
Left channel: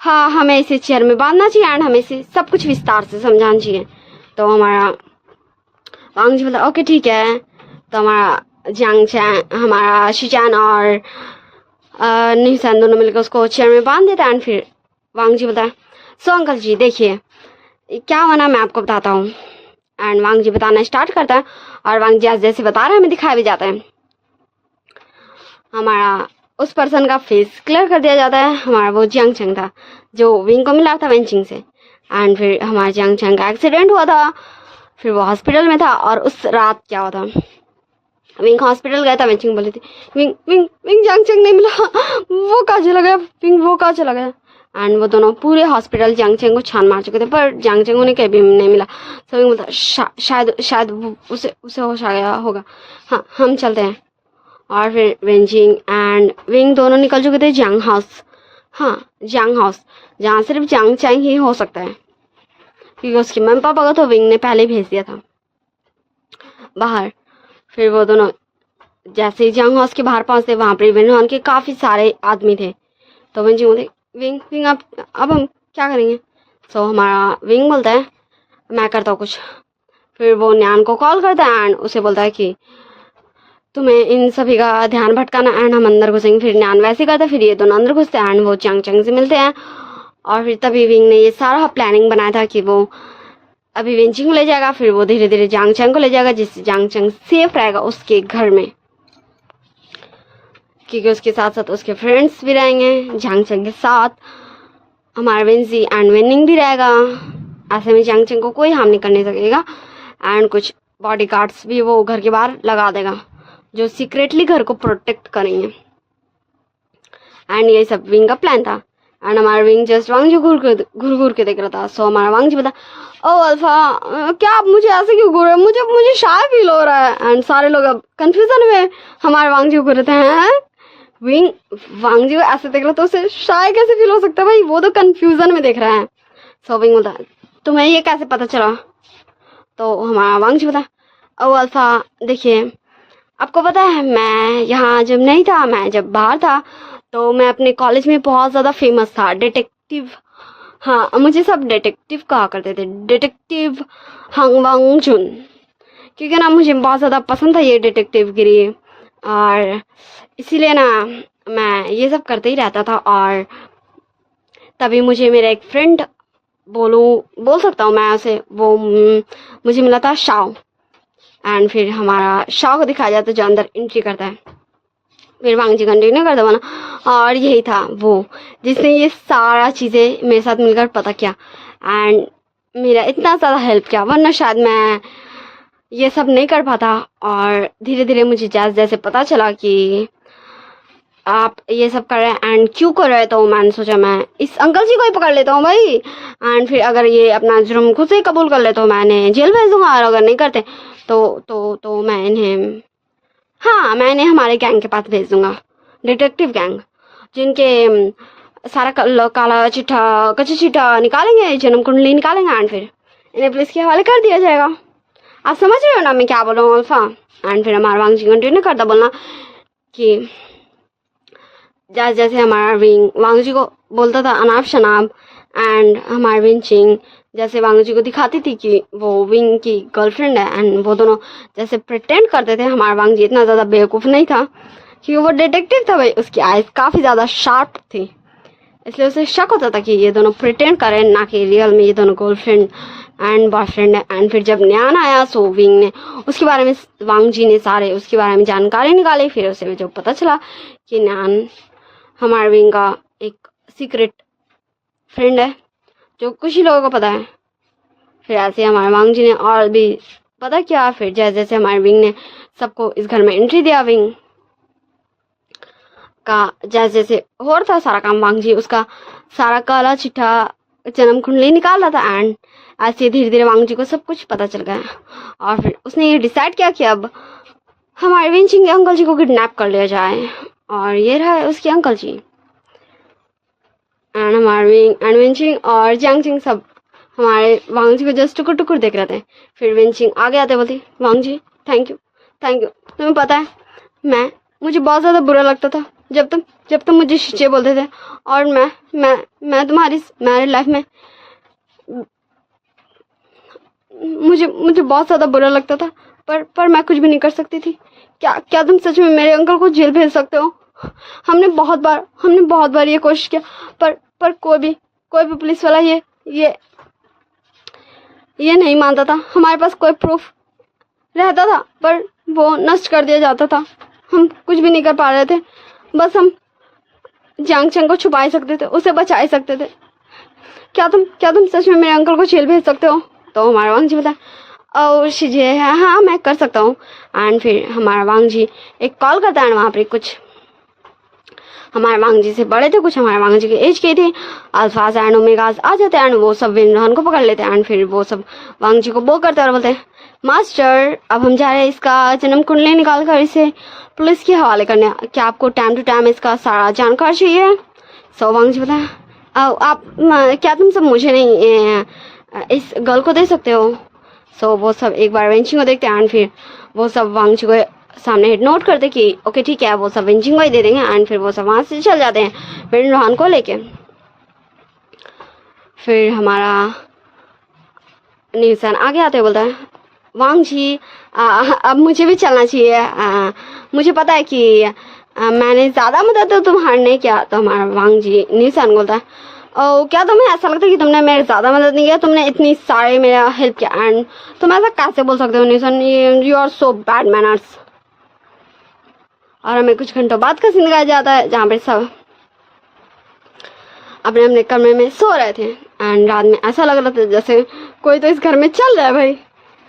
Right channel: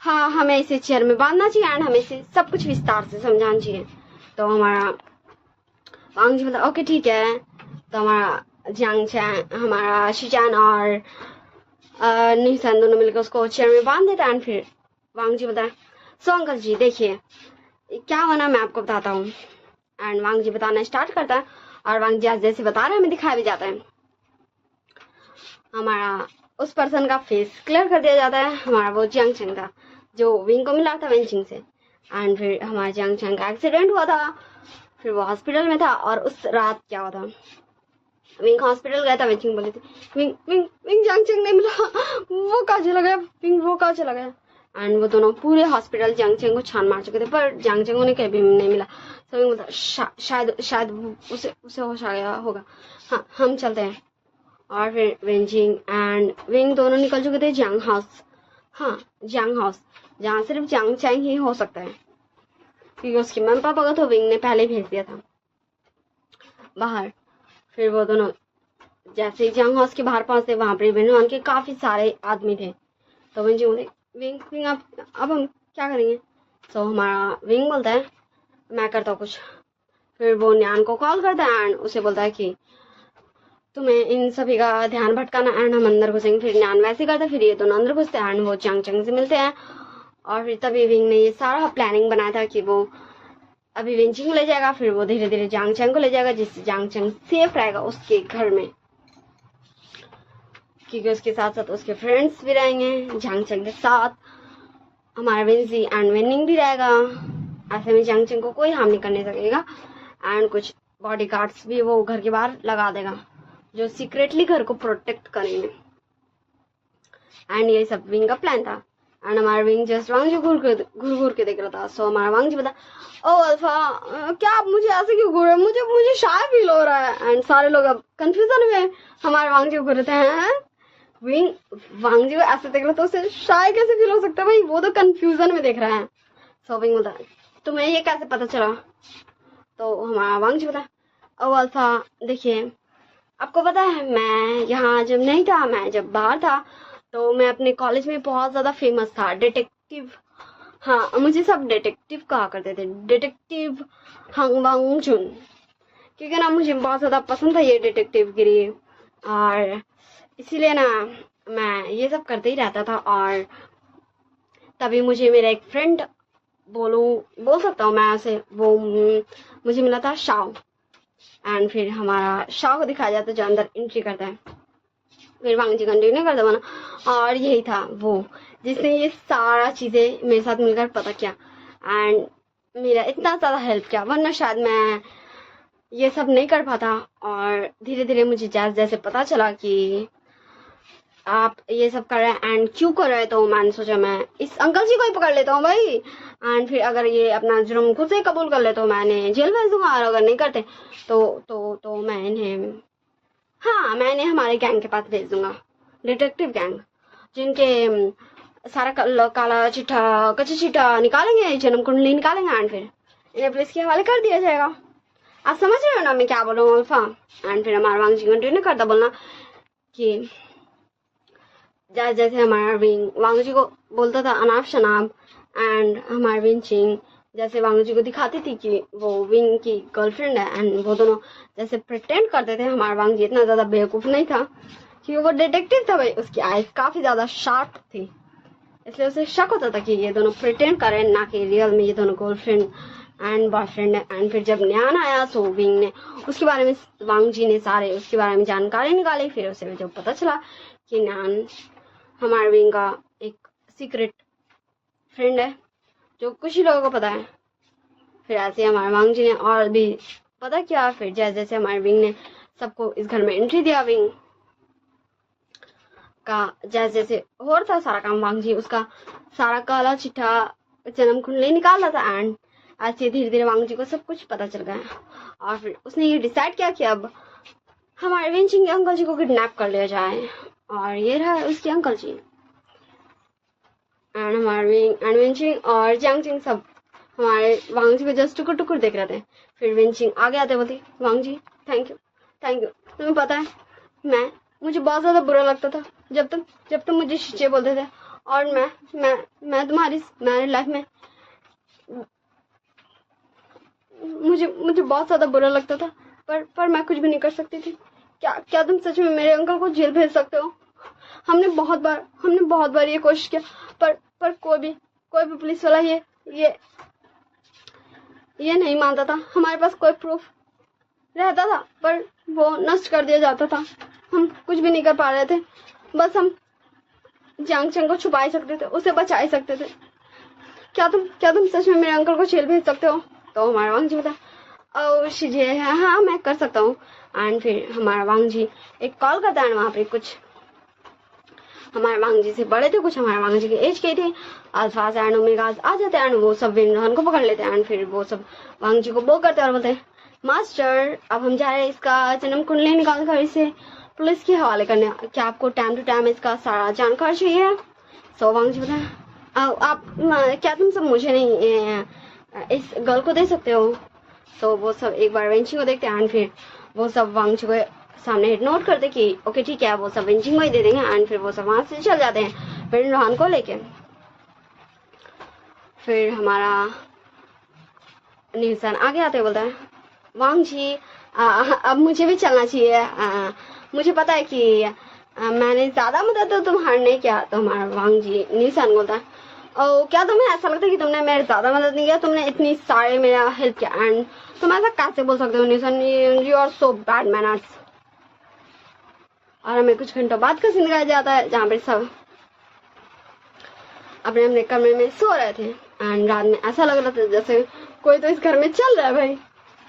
हाँ हमें इसे चेयर में बांधना चाहिए एंड हमें इसे सब कुछ विस्तार से समझाना चाहिए। तो हमारा वांग जी बोला ओके ठीक है। तो हमारा जियांग चैन, हमारा शिचैन और निसान दोनों मिलकर उसको चेयर में बांध देता है। एंड फिर वांग जी बोलता है, सो अंकल जी देखिए क्या हुआ ना मैं आपको बताता हूँ। एंड वांग जी बताना स्टार्ट करता है और वांग जी जैसे बता रहा है हमें दिखाया भी जाता है। हमारा उस पर्सन का फेस क्लियर कर दिया जाता है। हमारा वो जियांग चंग था जो विंग को मिला था वेंचिंग से। एंड फिर हमारा जियांग चंग का एक्सीडेंट हुआ था, फिर वो हॉस्पिटल में था। और उस रात क्या हुआ था, विंग हॉस्पिटल गया था, वेंचिंग बोली थी विंग विंग विंग जियांग चंग नहीं मिला, वो कहाँ चला गया, विंग वो कहाँ चला गया। एंड वो दोनों पूरे हॉस्पिटल जियांग चंग को छान मार चुके थे पर जियांग चंग उन्हें कहीं भी नहीं मिला। तो विंग बोलता शायद उसे होश आ गया होगा, हाँ हम चलते हैं। और फिर वेंचिंग एंड विंग दोनों निकल चुके थे जियांग हाउस, हाँ जियांग हाउस जहाँ सिर्फ जियांग चंग ही हो सकता है क्योंकि उसके मम्मी पापा को तो विंग ने पहले भेज दिया था बाहर। फिर वो दोनों जैसे ही जियांग हाउस के बाहर पहुंचते वहाँ पर वेनरॉन के काफ़ी सारे आदमी थे। तो वेंचिंग बोलते विंग अब हम क्या करेंगे। तो हमारा विंग बोलता है मैं करता हूँ कुछ। फिर वो न्यान को कॉल करता है एंड उसे बोलता है कि तुम्हें इन सभी का ध्यान भटकाना एंड हम अंदर घुसेंगे। फिर न्यान वैसे करता है, फिर ये दोनों अंदर घुसते हैं एंड वो जियांग चंग से मिलते हैं। और फिर तभी विंग ने ये सारा प्लानिंग बनाया था कि वो अभी वेंचिंग को ले जाएगा, फिर वो धीरे धीरे जियांग चंग को ले जाएगा जिससे जियांग चंग सेफ रहेगा उसके घर में, क्योंकि उसके साथ साथ उसके फ्रेंड्स भी रहेंगे जियांग चंग के साथ। हमारा वेंजी एंड वेनिंग भी रहेगा, ऐसे में जियांग चंग को कोई हार्म नहीं करने सकेगा। एंड कुछ बॉडीगार्ड्स भी वो घर के बाहर लगा देगा जो सीक्रेटली घर को प्रोटेक्ट करेंगे। एंड ये सब विंग का प्लान था। एंड हमारा विंग जस्ट वांग जी घूर के देख रहा था। सो हमारा वांग जी बता, ओ अल्फा क्या आप मुझे ऐसे क्यों घूर रहे हैं, मुझे शाय फील हो रहा है। एंड सारे लोग अब कंफ्यूजन में हमारे वांग जी को घूर रहे हैं। विंग वांग जी को ऐसे देख रहा तो उसे शाय कैसे फील हो सकता है भाई, वो तो कंफ्यूजन में देख रहा है। सो विंग बोलता तुम्हें ये कैसे पता चला। तो हमारा वांग जी बता, ओ अल्फा देखिए आपको पता है मैं यहाँ जब नहीं था, मैं जब बाहर था तो मैं अपने कॉलेज में बहुत ज़्यादा फेमस था डिटेक्टिव, हाँ मुझे सब डिटेक्टिव कहा करते थे, डिटेक्टिव हंग वांग जुन, क्योंकि ना मुझे बहुत ज़्यादा पसंद था ये डिटेक्टिव गिरी और इसीलिए ना मैं ये सब करते ही रहता था। और तभी मुझे मेरा एक फ्रेंड बोल सकता हूँ मैं उसे, वो मुझे मिला था शाओ। एंड फिर हमारा शाओ को दिखाया जाता है जो अंदर एंट्री करता है। फिर वांग जी कंटिन्यू करता बना, और यही था वो जिसने ये सारा चीज़ें मेरे साथ मिलकर पता किया एंड मेरा इतना ज़्यादा हेल्प किया, वरना शायद मैं ये सब नहीं कर पाता। और धीरे धीरे मुझे जैसे जैसे पता चला कि आप ये सब कर रहे हैं एंड क्यों कर रहे हैं, तो मैंने सोचा मैं इस अंकल जी को ही पकड़ लेता हूँ भाई। एंड फिर अगर ये अपना जुर्म खुद से कबूल कर ले तो मैंने जेल भेज दूंगा, और अगर नहीं करते तो मैं इन्हें, हाँ मैं इन्हें हमारे गैंग के पास भेज दूंगा, डिटेक्टिव गैंग, जिनके सारा काला चिट्ठा कच्चा चिट्ठा निकालेंगे, जन्म कुंडली निकालेंगे एंड फिर इन्हें पुलिस के हवाले कर दिया जाएगा। आप समझ रहे हो ना मैं क्या बोल रहा हूँ अल्फा। एंड फिर हमारा वांग जी कंटिन्यू करता बोलना कि जैसे जैसे हमारा विंग वांग जी को बोलता था अनाप शनाप एंड हमारा विंचिंग जैसे वांग जी को दिखाती थी कि वो विंग की गर्लफ्रेंड है एंड वो दोनों जैसे प्रिटेंड करते थे। हमारा वांग जी इतना ज़्यादा बेवकूफ़ नहीं था क्योंकि वो डिटेक्टिव था भाई, उसकी आइज काफ़ी ज़्यादा शार्प थी, इसलिए उसे शक होता था कि ये दोनों प्रिटेंड करें, ना कि रियल में ये दोनों गर्लफ्रेंड एंड बॉयफ्रेंड है। एंड फिर जब न्यान आया सो विंग ने उसके बारे में, वांग जी ने सारे उसके बारे में जानकारी निकाली। फिर उसे जो पता चला कि न्यान हमारे विंग का एक सीक्रेट फ्रेंड है जो कुछ ही लोगों को पता है। फिर ऐसे हमारे वांग जी ने और भी पता किया। फिर जैसे जैसे हमारे विंग ने सबको इस घर में एंट्री दिया, विंग का जैसे जैसे हो रहा था सारा काम, वांग जी उसका सारा काला चिट्ठा जन्म कुंडली निकाल रहा था। एंड ऐसे धीरे धीरे वांग जी को सब कुछ पता चल गया और फिर उसने ये डिसाइड किया कि अब हमारे विंचिंग के अंकल जी को किडनैप कर लिया जाए। और ये रहा है उसके अंकल जी। एंड हमारे विंग एंड विंचिंग और जियांगचिंग सब हमारे वांग जी को जस्ट टुकुर टुकुर देख रहे थे। फिर विंचिंग आगे आते बोलती, वांग जी थैंक यू थैंक यू, तुम्हें पता है मुझे बहुत ज़्यादा बुरा लगता था जब तुम मुझे शीचे बोलते थे, और मैं तुम्हारी लाइफ में मुझे बहुत ज़्यादा बुरा लगता था, पर मैं कुछ भी नहीं कर सकती थी। क्या तुम सच में मेरे अंकल को जेल भेज सकते हो? हमने बहुत बार ये कोशिश किया, पर कोई भी पुलिस वाला ये नहीं मानता था। हमारे पास कोई प्रूफ रहता था पर वो नष्ट कर दिया जाता था। हम कुछ भी नहीं कर पा रहे थे, बस हम जियांगचंग को छुपा ही सकते थे, उसे बचा ही सकते थे। क्या तुम सच में मेरे अंकल को जेल भेज सकते हो? तो हमारा वांग जी बताया, ओ शिजे हाँ मैं कर सकता हूँ। एंड फिर हमारा वांग जी एक कॉल करता है, वहाँ पे कुछ हमारे वांग जी से बड़े थे, कुछ हमारे वांग जी के एज के थे, अल्फाज एंड ओमेगाज आ जाते हैं एंड वो सब विनरहान को पकड़ लेते हैं। एंड फिर वो सब वांग जी को बोल करते हैं और बोलते हैं, मास्टर अब हम जा रहे हैं इसका जन्म कुंडली निकाल कर इसे पुलिस के हवाले करने, क्या आपको टाइम टू टाइम इसका सारा जानकारी चाहिए? सो वांग जी बताया, आप क्या तुम सब मुझे नहीं इस गर्ल को दे सकते हो? सो वो सब एक बार वेंचिंग को देखते हैं एंड फिर वो सब वांग जी को सामने नोट करते कि ओके ठीक है, वो सब वेंचिंग को ही दे देंगे। एंड फिर वो सब वहाँ से चल जाते हैं विनरहान को लेके। फिर हमारा न्यूसन आगे आते बोलता है, वांग जी अब मुझे भी चलना चाहिए, मुझे पता है कि मैंने ज़्यादा मदद तो तुम्हारे नहीं किया। तो हमारा वांग जी न्यूसन बोलता है, ओ क्या तुम्हें ऐसा लगता है कि तुमने मेरे ज़्यादा मदद नहीं किया? तुमने इतनी सारे मेरा हेल्प किया एंड तुम ऐसा कैसे बोल सकते हो न्यूसन? You are so bad manners. और हमें कुछ घंटों बाद का सीन दिखाया जाता है जहाँ पे सब अपने अपने कमरे में सो रहे थे एंड रात में ऐसा लग रहा था जैसे कोई तो इस घर में चल रहा है भाई।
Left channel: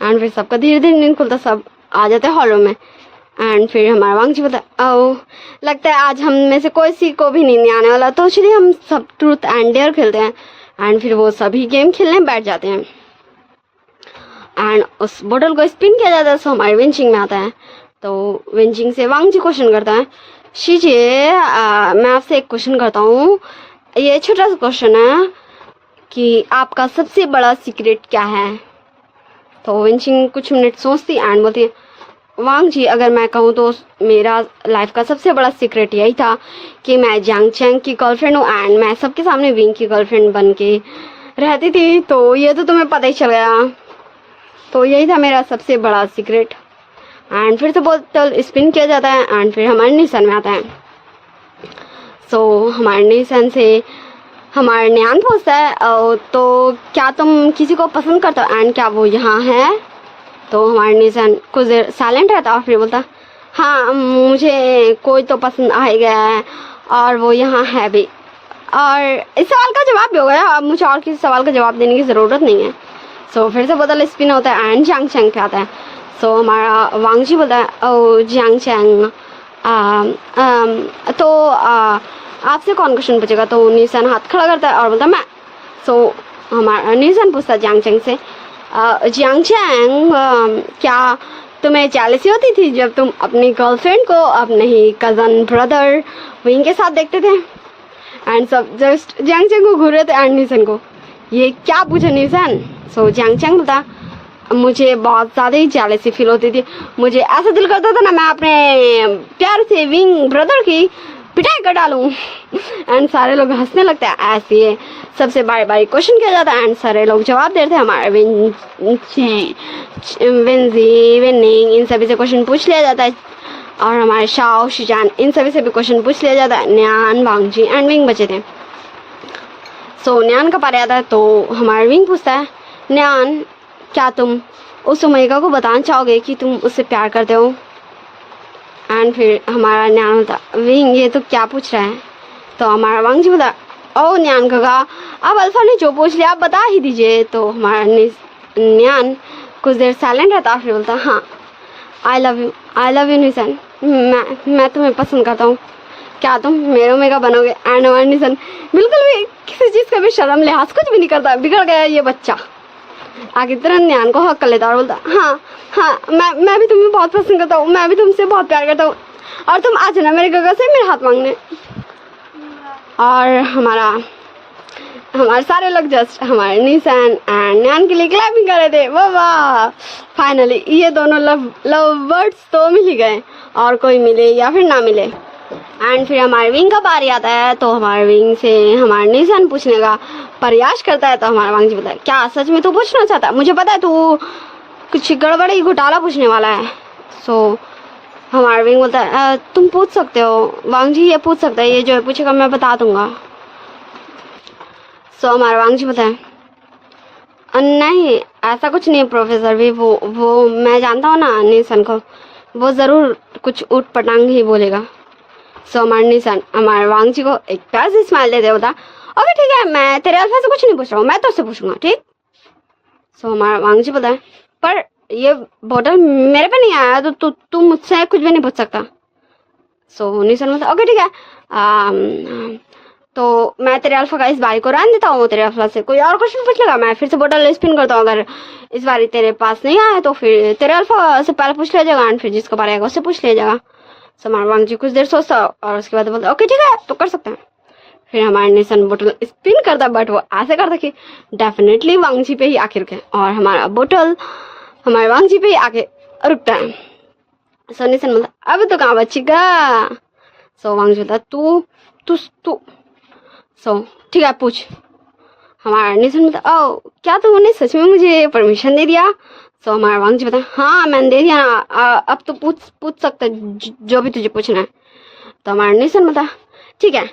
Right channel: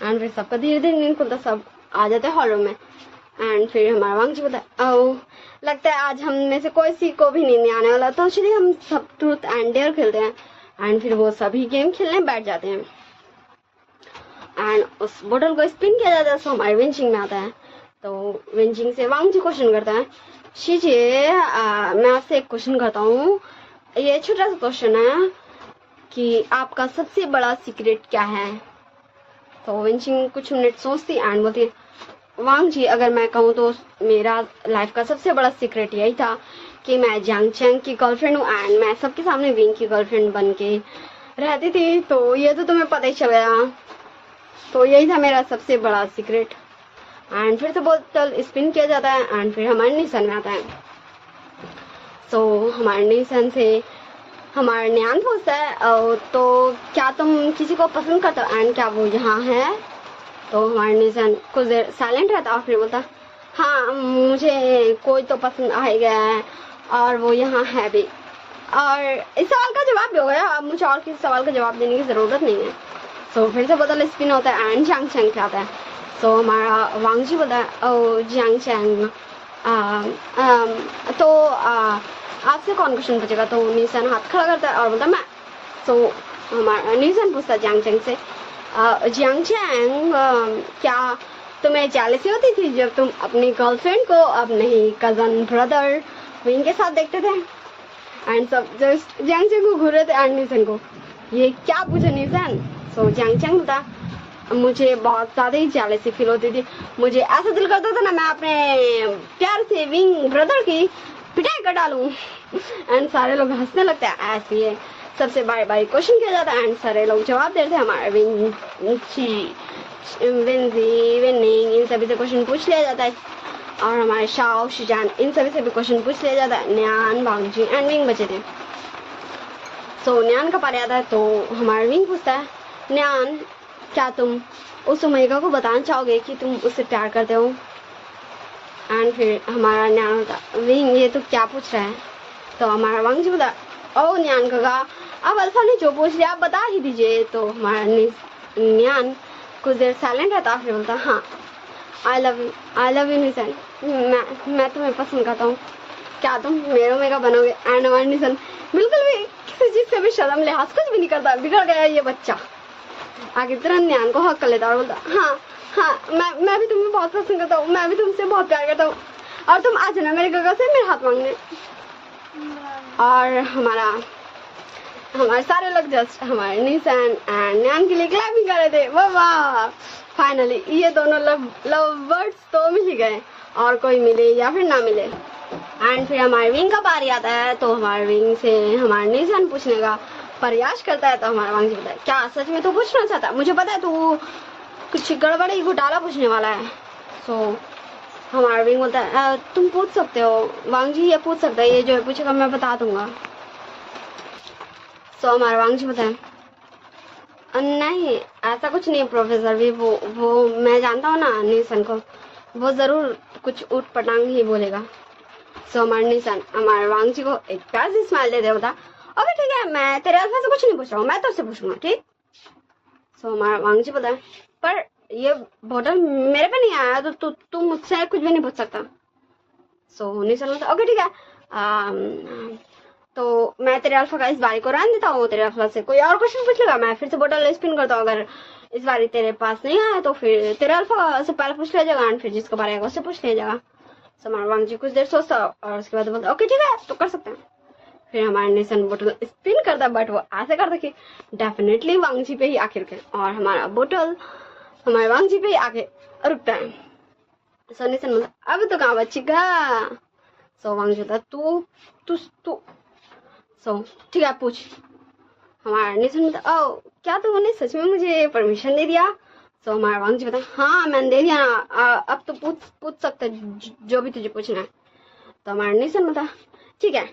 एंड फिर सबका धीरे धीरे नींद खुलता, सब आ जाते हैं हॉलों में। एंड फिर हमारा वांग जी बताया, ओ लगता है आज हम में से कोई सी को भी नींद नहीं आने वाला, तो चलिए हम सब ट्रूथ एंड डेयर खेलते हैं। एंड फिर वो सभी गेम खेलने बैठ जाते हैं एंड उस बोतल को स्पिन किया जाता है। सो हमारे विंचिंग में आता है, तो विंचिंग से वांग जी क्वेश्चन करता है, शीजिए मैं आपसे एक क्वेश्चन करता हूँ, ये छोटा सा क्वेश्चन है कि आपका सबसे बड़ा सीक्रेट क्या है? तो विंचिंग कुछ मिनट सोचती एंड बोलती है, वांग जी अगर मैं कहूँ तो मेरा लाइफ का सबसे बड़ा सीक्रेट यही था कि मैं जियांगचैंग की गर्लफ्रेंड हूँ एंड मैं सबके सामने विंग की गर्लफ्रेंड बन के रहती थी। तो ये तो तुम्हें पता ही चल गया, तो यही था मेरा सबसे बड़ा सीक्रेट। एंड फिर तो बोतल स्पिन किया जाता है एंड फिर हमारे निशान में आता है। सो हमारे निशान से हमारा न्यान पूछता है, तो क्या तुम किसी को पसंद करते हो एंड क्या वो यहाँ है? तो हमारे निशान कुछ देर साइलेंट रहता और फिर बोलता, हाँ मुझे कोई तो पसंद आ ही गया है और वो यहाँ है भी। और इस सवाल का जवाब भी हो गया, अब मुझे और किसी सवाल का जवाब देने की ज़रूरत नहीं है। सो फिर से बोतल स्पिन होता है एंड जियांगचैंग पे आता है। सो हमारा वांग जी बोलता है, ओ जियांगचैंग तो आपसे कौन क्वेश्चन पूछेगा? तो निशान हाथ खड़ा करता है और बोलता है मैं। सो हमारा निशान पूछता है जियांगचैंग से, जियांगचैंग क्या तुम्हें जेलसी होती थी जब तुम अपनी गर्लफ्रेंड को अपने ही कज़न ब्रदर विंग के साथ देखते थे? एंड सब जस्ट जियांगचैंग को घूर रहे थे एंड निशान को ये क्या पूछा निशान? सो जियांगचैंग बोलता, मुझे बहुत ज़्यादा ही जेलसी फील होती थी, मुझे ऐसा दिल करता था ना मैं अपने प्यार से विंग ब्रदर की पिटाई कर डालूं। एंड सारे लोग हंसने लगते हैं। ऐसे सबसे बारी बारी क्वेश्चन किया जाता है एंड सारे लोग जवाब देते हैं। हमारे विंजी विनिंग इन सभी से क्वेश्चन पूछ लिया जाता है और हमारे शाओ शिजान इन सभी से भी क्वेश्चन पूछ लिया जाता है। न्यान, वांगजी एंड विंग बचे थे। सो न्यान का पारी आता है तो हमारा विंग पूछता है, न्यान क्या तुम उस ओमेगा को बताना चाहोगे कि तुम उससे प्यार करते हो? एंड फिर हमारा न्यान होता, विंग ये तो क्या पूछ रहा है? तो हमारा वांगजी बोला, ओ न्यान काका, अब अल्फा ने जो पूछ लिया आप बता ही दीजिए। तो हमारा न्यान कुछ देर साइलेंट रहता, फिर बोलता, हाँ आई लव यू निशन, मैं तुम्हें पसंद करता हूँ, क्या तुम मेरे ओमेगा बनोगे? एंड हमारा निशन बिल्कुल भी किसी चीज़ का भी शर्म लिहाज कुछ भी नहीं करता, बिगड़ गया ये बच्चा। आगे तुरंत न्यान को हक कर लेता और बोलता, हाँ हाँ मैं भी तुम्हें बहुत पसंद करता हूँ, मैं भी तुमसे बहुत प्यार करता हूँ, और तुम आ जाना मेरे गगा से मेरे हाथ मांगने। और हमारे सारे लोग जस्ट हमारे निशान एंड न्यान के लिए क्लैपिंग कर रहे थे। वाह, फाइनली ये दोनों लव बर्ड्स तो मिल ही गए, और कोई मिले या फिर ना मिले। एंड फिर हमारे विंग का बारी आता है तो हमारे विंग से हमारे निशान पूछने का प्रयास करता है। तो हमारा वांगजी बताया, क्या सच में तू पूछना चाहता है? मुझे पता है तू कुछ गड़बड़ी घोटाला पूछने वाला है। सो हमारा विंग बोलता है, तुम पूछ सकते हो वांगजी, ये पूछ सकता है, ये जो है पूछेगा मैं बता दूंगा। सो हमारा वांगजी बताए, नहीं ऐसा कुछ नहीं है प्रोफेसर भी, वो मैं जानता हूँ ना निशान को, वो ज़रूर कुछ ऊट पटांग ही बोलेगा। सो हमारे निशान हमारे वांगजी को एक प्यार से स्माइल देते होता, ओके ठीक है, मैं तेरे अल्फा से कुछ नहीं पूछ रहा हूँ, मैं तो उससे पूछूंगा, ठीक? सो हमारा वांगजी बताए, पर ये बोतल मेरे पे नहीं आया तो तू मुझसे कुछ भी नहीं पूछ सकता। सो निशान बताया, ओके ठीक है, तो मैं तेरे अल्फा का इस बारी को रहने देता हूँ, तेरे अल्फा से कोई और क्वेश्चन पूछ लेगा, मैं फिर से बोतल स्पिन करता हूँ, अगर इस बारी तेरे पास नहीं आया तो फिर तेरे अल्फा से पहले पूछ लिया जाएगा, एंड फिर जिसको बारी आएगा उससे पूछ लिया जाएगा। सो हमारा वांगजी कुछ देर सोचता और उसके बाद बोलता, ओके ठीक है तो कर सकते हैं। फिर हमारे निशान बोतल स्पिन करता, बट वो ऐसे करता कि डेफिनेटली वांगजी पे ही आखिर के, और हमारा बोतल हमारे वांगजी पे ही आके रुकता है। सो निशान बोलता, अब तो कहाँ बचेगा? सो वांगजी बोलता, तू सो ठीक है पूछ। हमारा निशान बोलता, ओ क्या तुमने सच में मुझे परमिशन दे दिया? सो हमारा वांगजी बोलता, हाँ मैंने दे दिया ना, अब तो पूछ सकते जो भी तुझे पूछना है। तो हमारा निशान बोलता, ठीक है,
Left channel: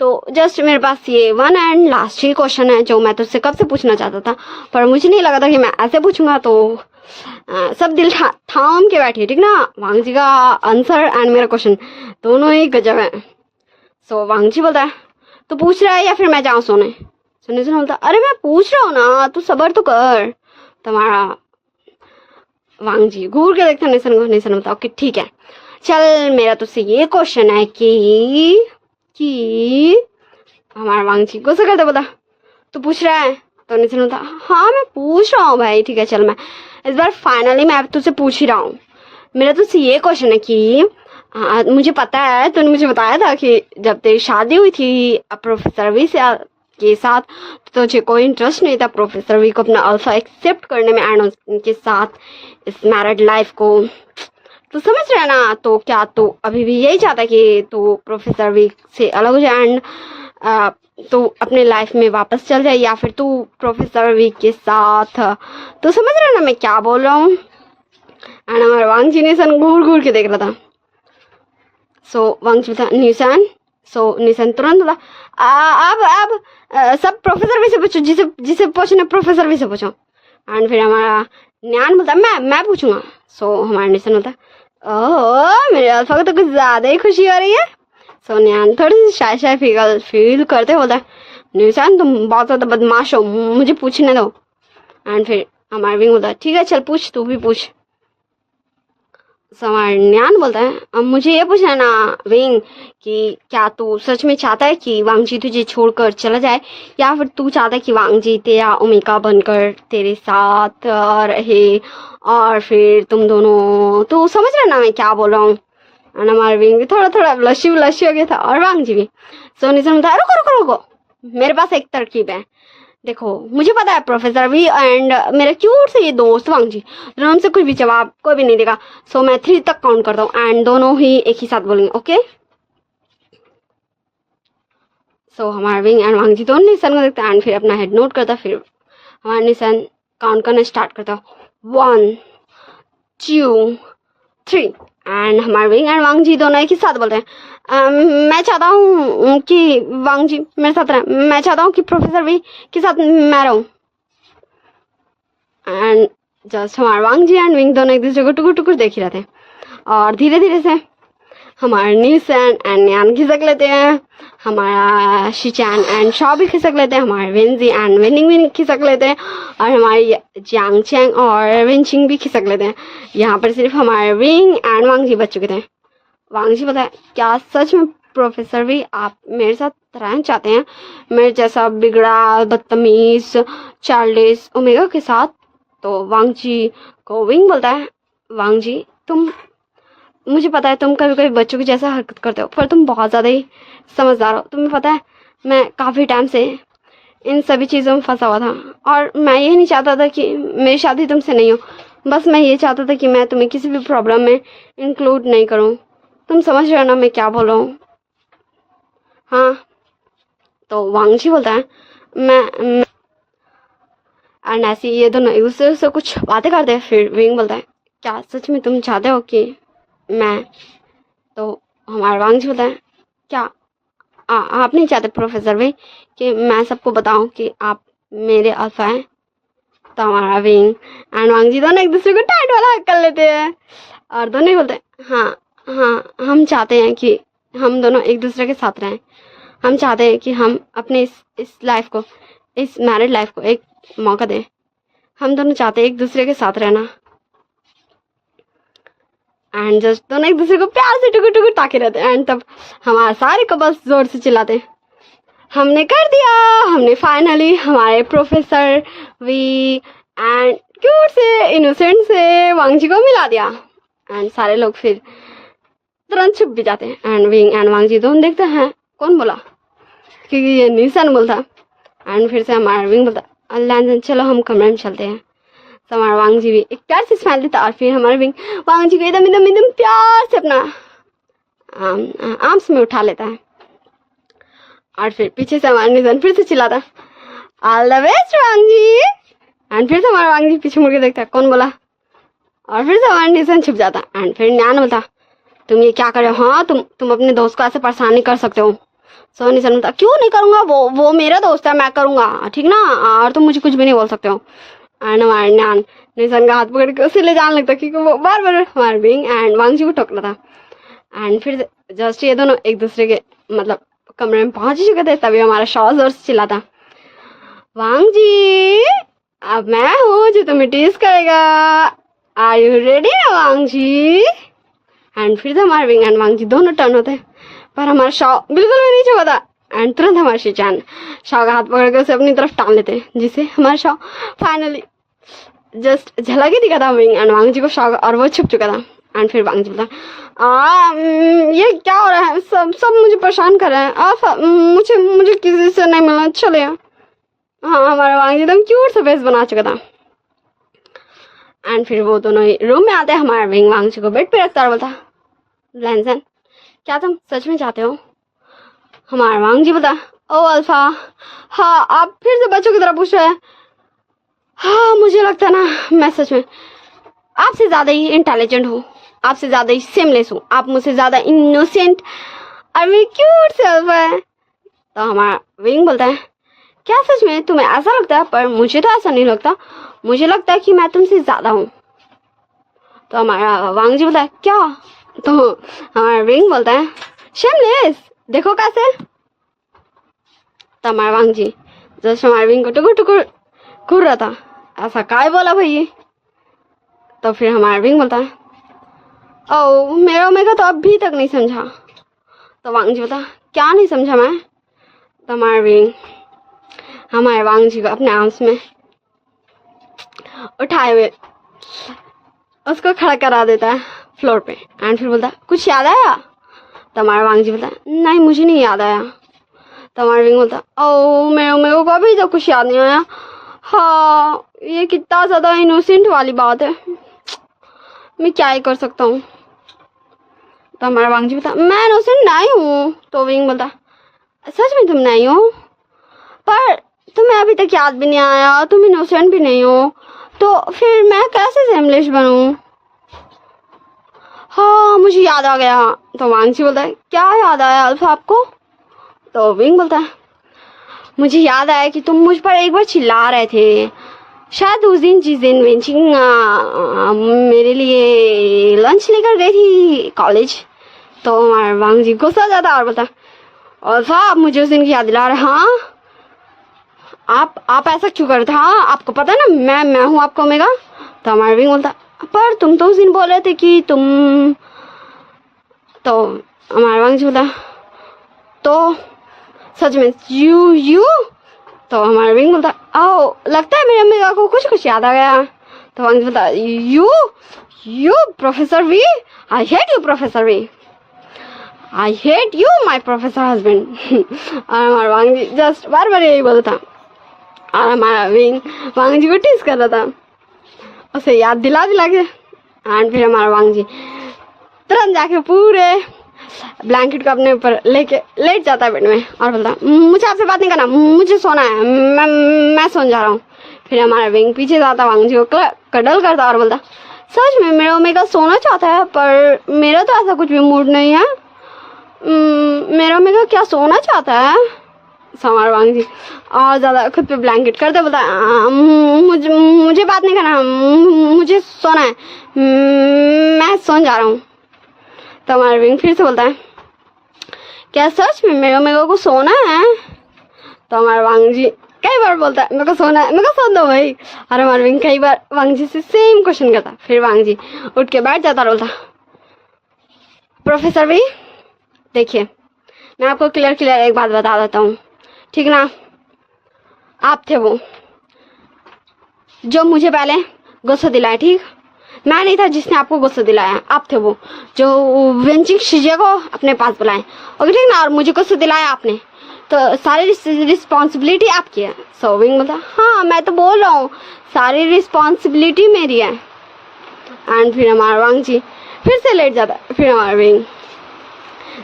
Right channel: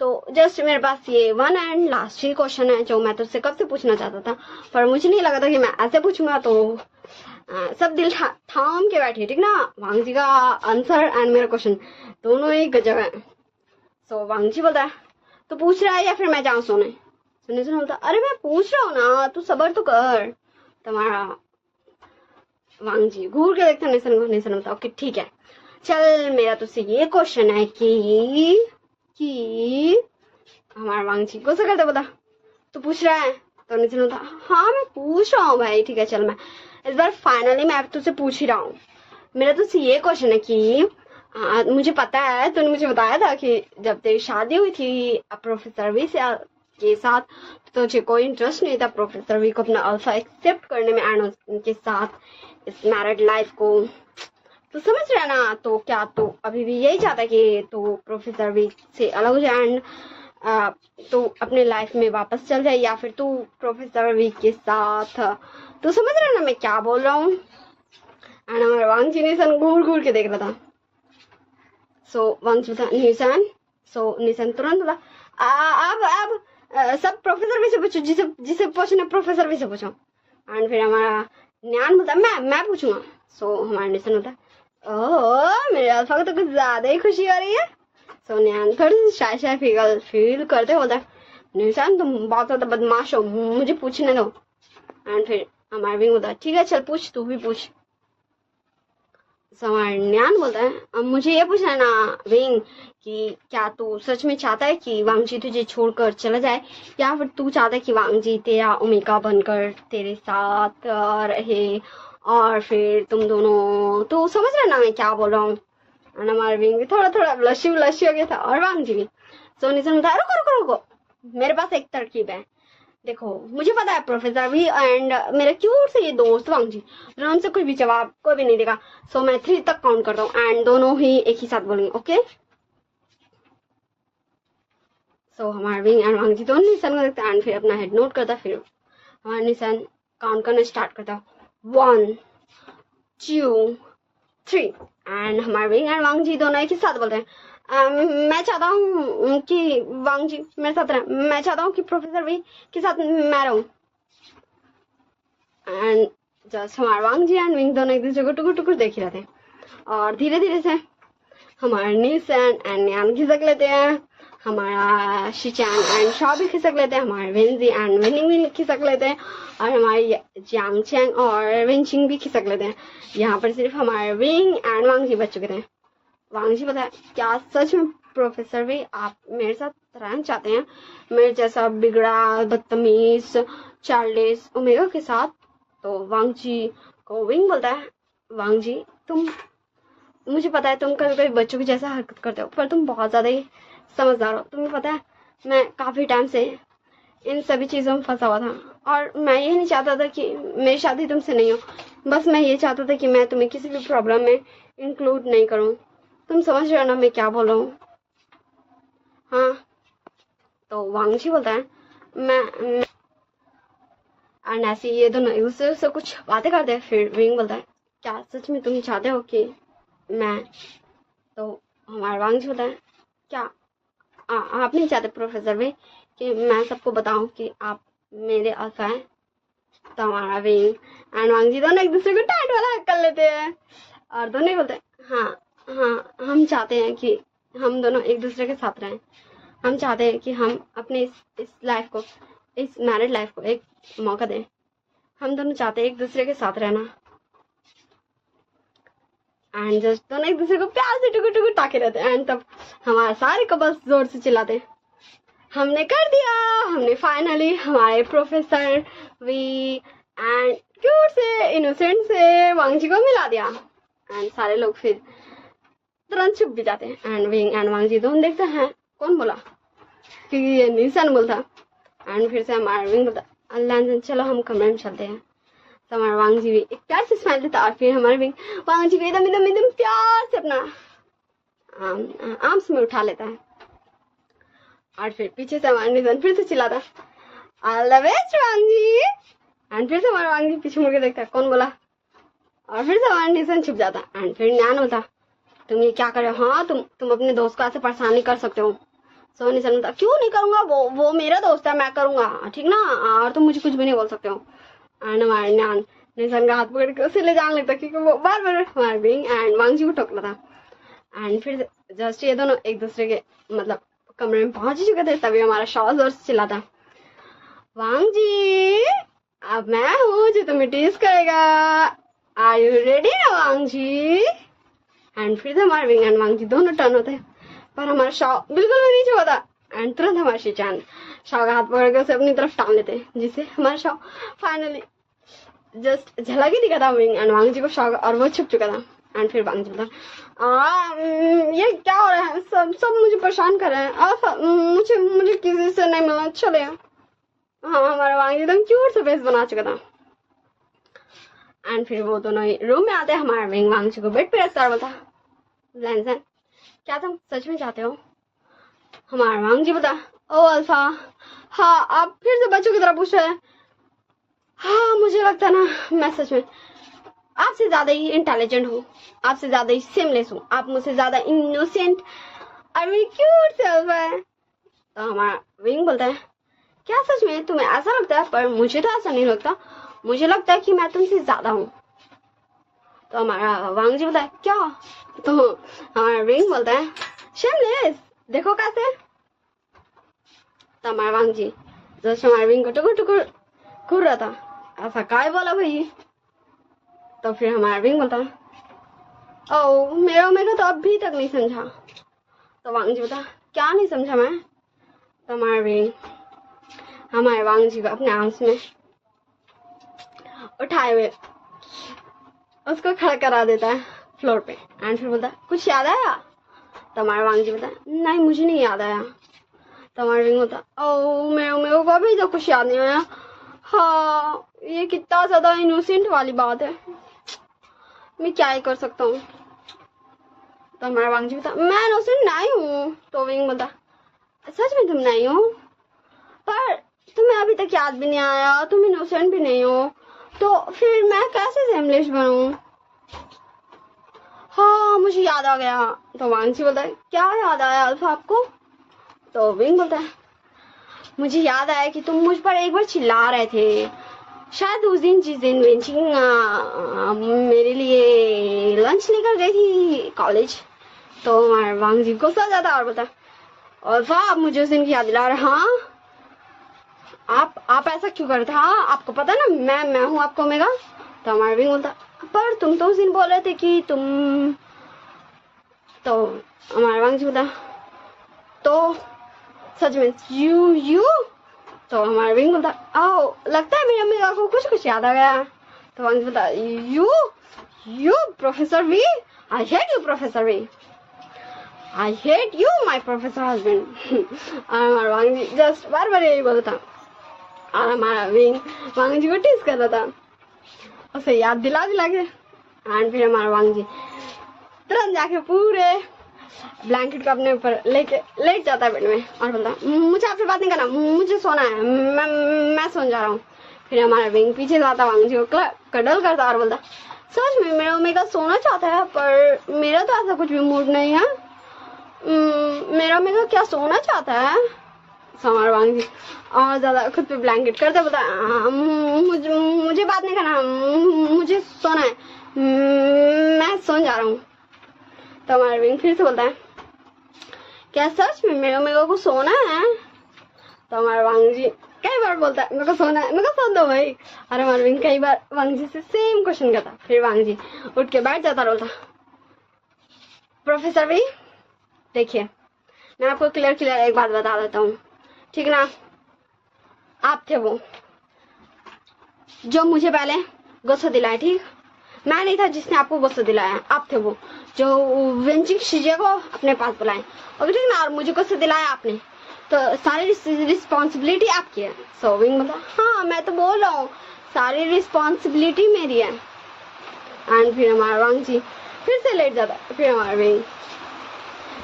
तो जस्ट मेरे पास ये one and last he question है जो मैं तुझसे कब से पूछना चाहता था, पर मुझे नहीं लगा था कि मैं ऐसे पूछूंगा, तो सब दिल थाम के बैठिए, ठीक ना? वांगजी का आंसर एंड मेरा क्वेश्चन दोनों ही गजब है। सो वांगजी बोलता है, तू पूछ रहा है या फिर मैं जाऊँ सोने? सो निशान बोलता, अरे मैं पूछ रहा हूँ ना, तू सबर तो कर। तुम्हारा वांगजी घूर के देखता निशान को। निशान बोलता, ओके ठीक है, चल मेरा तुझसे ये क्वेश्चन है कि हमारा वांगजी गुस्सा करता बोला, तू पूछ रहा है? तो निशान बोलता, हाँ मैं पूछ रहा हूँ भाई, ठीक है चल, मैं इस बार फाइनली मैं तुझसे पूछ ही रहा हूँ। मेरा तुझसे ये क्वेश्चन है कि मुझे पता है तूने मुझे बताया था कि जब तेरी शादी हुई थी प्रोफेसर वी के साथ तो तुझे कोई इंटरेस्ट नहीं था प्रोफेसर वी को अपना अल्फा एक्सेप्ट करने में एंड उनके साथ इस मैरिड लाइफ को। तो समझ रहा है ना? तो क्या तू अभी भी यही चाहता है कि तू प्रोफेसर वी से अलग हो जाए एंड तू अपने लाइफ में वापस चल जाए, या फिर तू प्रोफेसर वी के साथ? तो समझ रहा है ना मैं क्या बोल रहा हूँ? एंड हमारे वांगजी निशान घूर घूर के देख रहा था। सो वांगजी था निशान। सो निशान तुरंत बोला, अब सब प्रोफेसर वी से पूछो, जिसे पूछना प्रोफेसर वी से पूछो। एंड फिर हमारा न्यान बोलता, मैं पूछूंगा। सो हमारा निशान होता, ओह मेरे अल्फा को तो कुछ ज्यादा ही खुशी हो रही है। सो न्यान थोड़ी सी शाय फील करते बोलता, निशान तुम बहुत ज्यादा बदमाश हो, मुझे पूछने दो। एंड फिर हमारा विंग बोलता, ठीक है चल पूछ, तू भी पूछ। हमारा न्यान बोलता है, अब मुझे ये पूछना है ना विंग कि क्या तू सच में चाहता है कि वांगजी तुझे छोड़कर चला जाए, या फिर तू चाहता है कि वांगजी तेरा ओमेगा बनकर तेरे साथ रहे और फिर तुम दोनों? तो समझ रहे ना मैं क्या बोल रहा हूँ? हमारा विंग भी थोड़ा ब्लशी हो गया था, और वांगजी भी। सो निशान बोलता है, रुको, मेरे पास एक तरकीब है। देखो मुझे पता है प्रोफेसर भी एंड मेरा क्यूट से ये दोस्त वांगजी दोनों से कुछ भी जवाब कोई भी नहीं देगा। सो मैं 3 तक काउंट करता हूँ एंड दोनों ही एक ही साथ बोलेंगे, ओके? सो हमारा विंग एंड वांगजी दोनों निशान को देखता है एंड फिर अपना हेड नोट करता। फिर हमारा निशान काउंट करना स्टार्ट करता, 1 2 3 एंड हमारे विंग एंड वांग जी दोनों एक ही साथ बोलते हैं मैं चाहता हूँ कि वांग जी मेरे साथ रहें, मैं चाहता हूँ कि प्रोफेसर वी के साथ मैं रहूँ। एंड जस्ट हमारे वांग जी एंड विंग दोनों एक दूसरे को टुकुर टुकुर देख ही रहते हैं और धीरे धीरे से हमारे नीसन एंड न्यान खिसक लेते हैं, हमारा शिचैन एंड शॉ भी खिसक लेते हैं, हमारे विंजी एंड विनिंग भी खिसक लेते हैं और हमारे जियांग चैंग और विंचिंग भी खिसक लेते हैं। यहाँ पर सिर्फ हमारे विंग एंड वांग जी बच चुके थे। वांग जी बताए क्या सच में प्रोफेसर भी आप मेरे साथ रहना चाहते हैं, मेरे जैसा बिगड़ा बदतमीज चार्लिस ओमेगा के साथ? तो वांग जी को विंग बोलता है वांग जी तुम, मुझे पता है तुम कभी कभी बच्चों की जैसा हरकत करते हो पर तुम बहुत ज़्यादा ही समझदार हो। तुम्हें पता है मैं काफ़ी टाइम से इन सभी चीज़ों में फंसा हुआ था और मैं ये नहीं चाहता था कि मेरी शादी तुमसे नहीं हो, बस मैं ये चाहता था कि मैं तुम्हें किसी भी प्रॉब्लम में इंक्लूड नहीं करूँ। तुम समझ रहे हो ना मैं क्या बोल रहा हूँ? हाँ। तो वांग जी बोलता है मैं एंड ऐसे ये दोनों एक दूसरे से कुछ बातें करते हैं। फिर विंग बोलता है क्या सच में तुम चाहते हो कि मैं? तो हमारा वांग जी बोलता है क्या आप नहीं चाहते प्रोफेसर भाई कि मैं सबको बताऊं कि आप मेरे अल्फा हैं? तो हमारा विंग एंड वांग जी दोनों एक दूसरे को टाइट वाला हक कर लेते हैं और दोनों ही बोलते हैं हाँ हाँ हम चाहते हैं कि हम दोनों एक दूसरे के साथ रहें, हम चाहते हैं कि हम अपने इस लाइफ को, इस मैरिड लाइफ को एक मौका दें, हम दोनों चाहते हैं एक दूसरे के साथ रहना। एंड जस्ट दोनों एक दूसरे को प्यार से टुकुर टुकुर ताके रहते हैं एंड तब हमारे सारे कपल्स जोर से चिल्लाते हैं हमने कर दिया, हमने फाइनली हमारे प्रोफेसर वी एंड क्यूट से इनोसेंट से वांग जी को मिला दिया। एंड सारे लोग फिर तुरंत छुप भी जाते हैं एंड विंग एंड वांग जी दोनों देखते हैं कौन बोला, क्योंकि ये नीसन बोलता। एंड फिर से हमारा विंग बोलता अल्लाह चलो हम कमरे में चलते हैं। तो हमारा वांग जी भी एक प्यार से स्माइल देता और फिर हमारे विंग वांग जी को एकदम एकदम एकदम प्यार से अपना आर्म्स में उठा लेता है और फिर पीछे से हमारा निधन फिर से चिल्लाता all the best Wang ji. And फिर से हमारा वांग जी पीछे मुड़ के देखता कौन बोला और फिर से हमारा निधन छुप जाता। एंड फिर न्यान बोलता तुम ये क्या कर रहे हो? हाँ तुम अपने दोस्त को ऐसे परेशान नहीं कर सकते हो। सो निधन बोलता क्यों नहीं करूँगा, वो मेरा दोस्त है, मैं करूँगा ठीक ना, और तुम मुझे कुछ भी नहीं बोल सकते हो। एंड हमारे न्यान निधन का हाथ पकड़ के उसे ले जाने लगता क्योंकि वो बार बार हमारे विंग एंड वांग जी को टोक रहा था। एंड फिर जस्ट ये दोनों एक दूसरे के मतलब कमरे में पहुंच ही चुके थे तभी हमारा शॉ जोर से चिल्लाता वांग जी अब मैं हूँ जो तुम्हें टीज करेगा, आर यू रेडी ना वांग जी? एंड फिर से हमारे विंग एंड वांग जी दोनों टर्न होते हैं पर हमारा शॉ बिल्कुल भी नहीं छुपा था। एंड तुरंत हमारे शिचान शॉ का हाथ पकड़ के उसे अपनी तरफ टान लेते हैं जिससे हमारा शॉ फाइनली जस्ट झलक ही दिखा था विंग एंड वांग जी को शॉ और वो छुप चुका था। एंड फिर वांग जी बोला ये क्या हो रहा है, सब मुझे परेशान कर रहे हैं, आप मुझे किसी से नहीं मिलना, चले। हाँ हमारा वांग जी एकदम क्यूट सा फेस बना चुका था। एंड फिर वो दोनों ही रूम में आते हैं, हमारा विंग वांग जी को बेड पे रखता और बोलता लैंसन क्या तुम सच में चाहते हो? हमारा वांग जी बोलता ओ अल्फा हाँ आप फिर से बच्चों की तरह पूछ रहे हैं। हाँ मुझे लगता है ना मैं सच में आपसे ज़्यादा ही इंटेलिजेंट हूँ, आपसे ज़्यादा ही सेमलेस हूँ, आप मुझसे ज़्यादा इनोसेंट और मेरी क्यूट से अल्फा है। तो हमारा विंग बोलता है क्या सच में तुम्हें ऐसा लगता है? पर मुझे तो ऐसा नहीं लगता, मुझे लगता है कि मैं तुमसे ज़्यादा हूँ। तो हमारा वांग जी बोलता है क्या? तो हमारा विंग बोलता है शेमलेस देखो कैसे। तो हमारा वांग जी जस्ट हमारे विंग को टुकुर टुकुर घूर रहा था, ऐसा काय बोला भाई? तो फिर हमारा विंग बोलता है ओ मेरा ओमेगा तो अभी तक नहीं समझा। तो वांग जी बोलता क्या नहीं समझा मैं? तो हमारा विंग हमारे वांग जी को अपने आर्म्स में उठाए हुए उसको खड़ा करा देता है फ्लोर पे। एंड फिर बोलता कुछ याद आया? तो हमारा वांग जी बोलता नहीं मुझे नहीं याद आया। तो हमारा विंग बोलता ओ मेरे को अभी तो कुछ याद नहीं आया। हाँ ये कितना ज़्यादा इनोसेंट वाली बात है, मैं क्या ही कर सकता हूँ। तो हमारा वांग जी बोलता मैं इनोसेंट नहीं हूँ। तो विंग बोलता सच में तुम नहीं हो? पर तुम्हें अभी तक याद भी नहीं आया, तुम इनोसेंट भी नहीं हो, तो फिर मैं कैसे सेमलेस बनूं? हाँ मुझे याद आ गया। तो वांगजी बोलता है क्या याद आया अल्फा आपको? तो विंग बोलता है मुझे याद आया कि तुम मुझ पर एक बार चिल्ला रहे थे, शायद उस दिन जिस दिन वेंचिंग मेरे लिए लंच लेकर गई थी कॉलेज। तो हमारा वांगजी गुस्सा हो जाता और बोलता अल्फा आप मुझे उस दिन की याद दिला रहे। हाँ आप ऐसा क्यों करते? हाँ आपको पता है ना मैं हूँ आपका ओमेगा। तो हमारा विंग बोलता पर तुम तो उस दिन बोल रहे थे कि तुम। तो हमारा वांगजी बोलता तो सच में यू। तो हमारा विंग बोलता ओ लगता है मेरे ओमेगा को कुछ याद आ गया। तो वांगजी बोलता you professor V, I hate you professor V, I hate you my professor husband. और हमारा वांगजी जस्ट बार बार यही बोलता और हमारा विंग वांगजी को टीज कर रहा था, उसे याद दिला के। एंड फिर हमारा वांगजी तुरंत जाके पूरे ब्लैंकेट को अपने ऊपर लेके लेट जाता है बेड में और बोलता मुझे आपसे बात नहीं करना, मुझे सोना है, मैं सोने जा रहा हूँ। फिर हमारा विंग पीछे जाता वांगजी को कडल करता और बोलता सच में मेरा ओमेगा सोना चाहता है पर मेरा तो ऐसा कुछ भी मूड नहीं है। मेरा ओमेगा क्या सोना चाहता है? हमारा वांगजी और ज्यादा खुद पे ब्लैंकेट करते बोलता मुझे बात नहीं करना, मुझे सोना है, मैं सोने जा रहा हूँ। तो हमारा विंग फिर से बोलता है क्या सच में मेरे ओमेगा को सोना है? तो हमारा वांगजी कई बार बोलता है मेरे को सोना है, मेरे को सोन दो भाई। और हमारा विंग कई बार वांगजी से सेम क्वेश्चन करता। फिर वांगजी उठ के बैठ जाता और बोलता प्रोफेसर वी देखिए मैं आपको क्लियर एक बात बता देता हूँ, ठीक ना? आप थे वो जो मुझे पहले गुस्सा दिलाया, ठीक? मैं नहीं था जिसने आपको गुस्सा दिलाया, आप थे वो जो वेंचिंग शिजे को अपने पास बुलाए, ओके ठीक ना? और मुझे गुस्सा दिलाया आपने, तो सारी रिस्पॉन्सिबिलिटी आपकी है। सो विंग बोलता हाँ मैं तो बोल रहा हूँ सारी रिस्पॉन्सिबिलिटी मेरी है। एंड फिर हमारा वांगजी फिर से लेट जाता। फिर हमारा विंग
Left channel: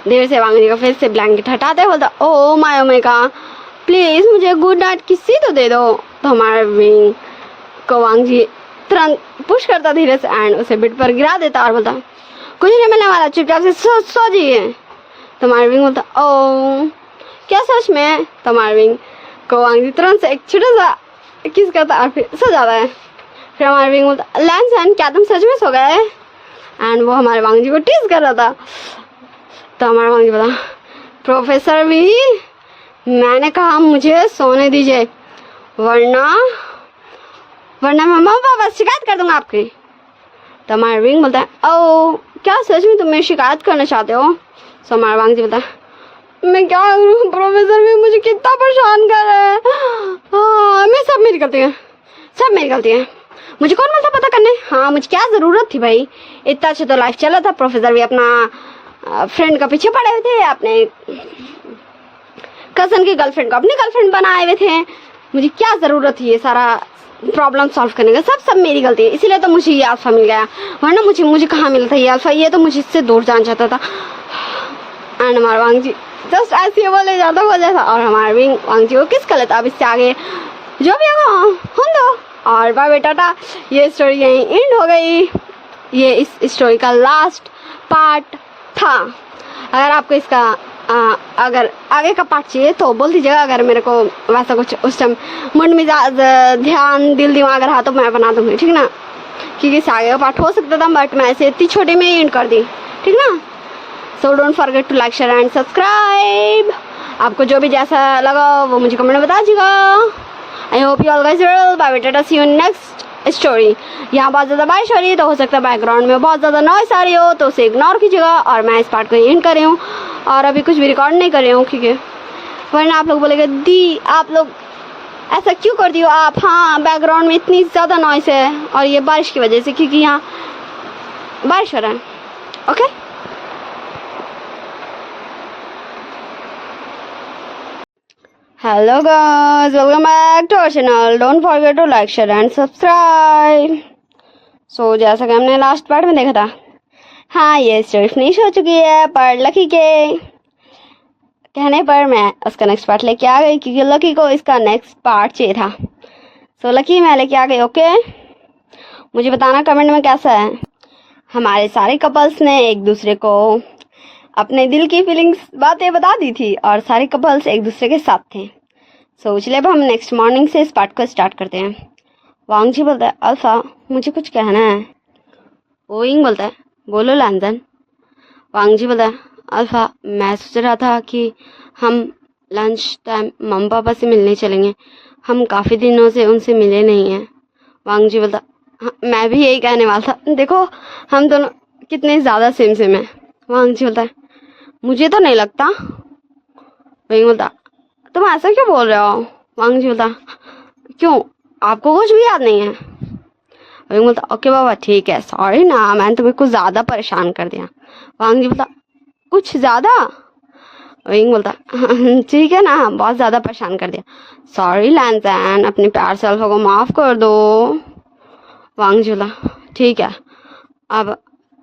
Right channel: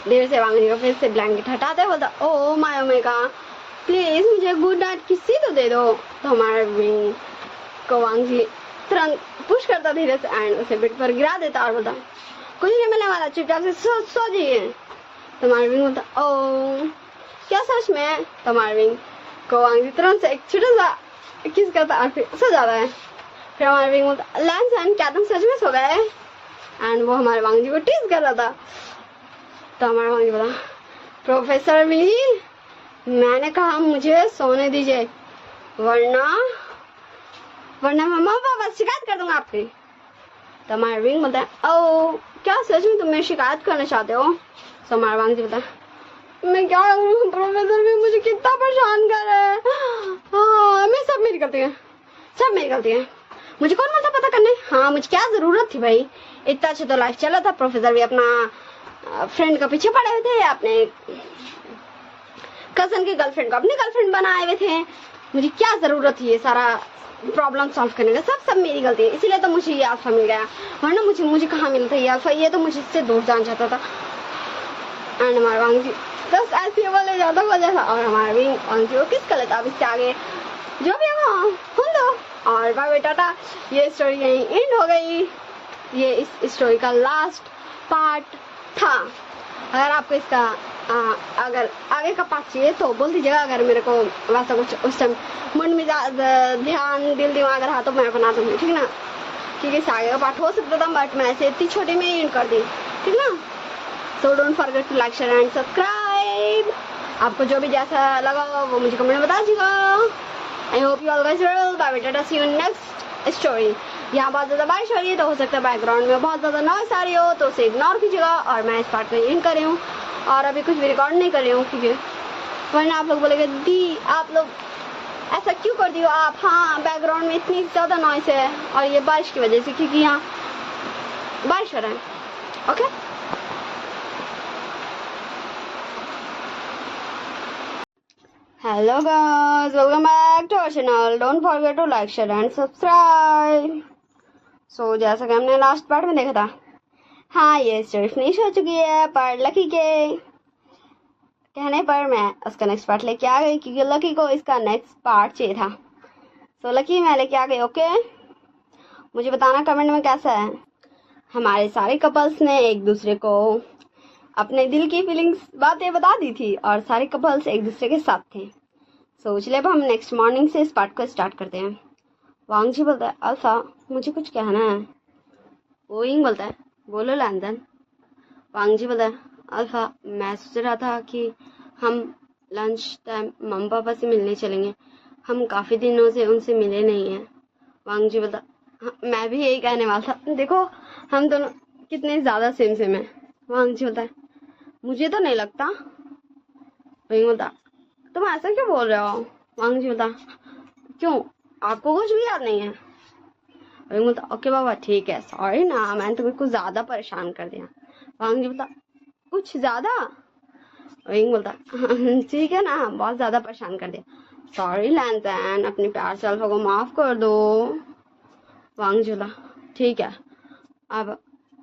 देर से वांगजी का फिर से ब्लैंकेट हटाते बोलता ओ माय ओमेगा प्लीज मुझे गुड नाइट किसी तो दे दो। तो हमारा विंग को वांगजी तुरंत पुश करता धीरे से एंड उसे बेड पर गिरा देता और बोलता कुछ नहीं मिलने वाला, चुपचाप से सो जाइए। तो हमारा विंग बोलता ओ क्या सच में? तो हमारा विंग को वांगजी तुरंत से एक छोटा सा किस करता और फिर सो जाता है। फिर हमारा विंग बोलता लैंसन क्या तुम सच में सो गए? एंड वो हमारे वांगजी को टीज कर रहा था। तो हमारा वांगजी बोला प्रोफेसर वी मैंने कहा मुझे सोने दीजिए वरना मैं मम्मा पापा शिकायत कर दूंगा आपकी। तो हमारा विंग बोलता है ओ क्या सच में तुम मेरी शिकायत करना चाहते हो? तो हमारा वांगजी बोलता है मैं क्या करूँ प्रोफेसर भी मुझे कितना परेशान कर रहा है। हाँ मैं सब मेरी गलती है, मुझे कौन मिलता पता करने? हाँ मुझे क्या जरूरत थी भाई, इतना अच्छा तो लाइफ चला था। प्रोफेसर भी अपना फ्रेंड का पीछे पड़े हुए थे, अपने कजन की गर्लफ्रेंड को अपनी गर्लफ्रेंड बनाए हुए थे, मुझे क्या जरूरत थी ये सारा प्रॉब्लम सॉल्व करने का? सब मेरी गलती है, इसीलिए तो मुझे ये अल्फा मिल गया, वरना मुझे कहाँ मिलता ये अल्फा, ये तो मुझे इससे दूर जाना चाहता था। एंड हमारा वांगजी जस्ट ऐसे बोले जाता हो जैसा और हमारा विंग वांगजी को किस कर लेता। अब इससे आगे जो भी होगा हम दो और बाय बाय टाटा। ये स्टोरी यहीं एंड हो गई, ये इस स्टोरी का लास्ट पार्ट था। अगर आपको इसका अगर आगे का पार्ट चाहिए तो बोल दीजिएगा, अगर मेरे को वैसा कुछ उस टाइम मन मिजाज ध्यान दिल दिमाग रहा तो मैं बना दूंगी, ठीक ना? क्योंकि इससे आगे का पार्ट हो सकता था बट मैं ऐसे इतनी छोटे में ही एंड कर दी, ठीक ना? So don't forget to like share and subscribe. आपको जो भी जैसा लगा वो मुझे कमेंट में बता दीजिएगा। I hope you all guys well, bye bye tata, see you next story. यहाँ बहुत ज़्यादा बारिश हो रही है तो हो सकता है बैकग्राउंड में बहुत ज़्यादा नॉइस आ रही हो, तो उसे इग्नोर कीजिएगा। और मैं इस पार्ट को एंड कर रही हूँ और अभी कुछ भी रिकॉर्ड नहीं कर रही हूँ, ठीक है? वरना आप लोग बोलेंगे दी आप लोग ऐसा क्यों कर दियो आप? हाँ बैकग्राउंड में इतनी ज़्यादा नॉइस है और ये बारिश की वजह से, क्योंकि यहाँ बारिश हो रहा है। Okay hello guys, welcome back to our channel. Don't forget to like share and subscribe. So जैसा कि हमने लास्ट पार्ट में देखा था, हाँ ये स्टोरी फिनिश हो चुकी है, पर लकी के कहने पर मैं उसका नेक्स्ट पार्ट लेके आ गई, क्योंकि लकी को इसका नेक्स्ट पार्ट चाहिए था। सो लकी मैं लेके आ गई। ओके मुझे बताना कमेंट में कैसा है। हमारे सारे कपल्स ने एक दूसरे को अपने दिल की फीलिंग्स बातें बता दी थी और सारे कपल्स एक दूसरे के साथ थे। सो चलिए अब हम नेक्स्ट मॉर्निंग से इस पार्ट को स्टार्ट करते हैं। वांग जी बोलता है, अल्फा मुझे कुछ कहना है। ओइंग बोलता है, बोलो लैंजन। वांग जी बोलता है, अल्फा मैं सोच रहा था कि हम लंच टाइम मम्मी पापा से मिलने चलेंगे, हम काफ़ी दिनों से उनसे मिले नहीं हैं। वांग जी बोलता, हाँ मैं भी यही कहने वाला था, देखो हम दोनों कितने ज़्यादा सेम सेम हैं। वांग जी बोलता है, मुझे तो नहीं लगता। वही बोलता, तुम ऐसा क्यों बोल रहे हो। वांग जी बोलता, क्यों आपको कुछ भी याद नहीं है। वही बोलता, ओके बाबा ठीक है, सॉरी ना मैंने तुम्हें कुछ ज़्यादा परेशान कर दिया। वांग जी बोलता, कुछ ज़्यादा। वही बोलता, ठीक है ना बहुत ज़्यादा परेशान कर दिया, सॉरी लैंजन अपने प्यार से अल्फा को माफ़ कर दो। वांग जी बोला, ठीक है अब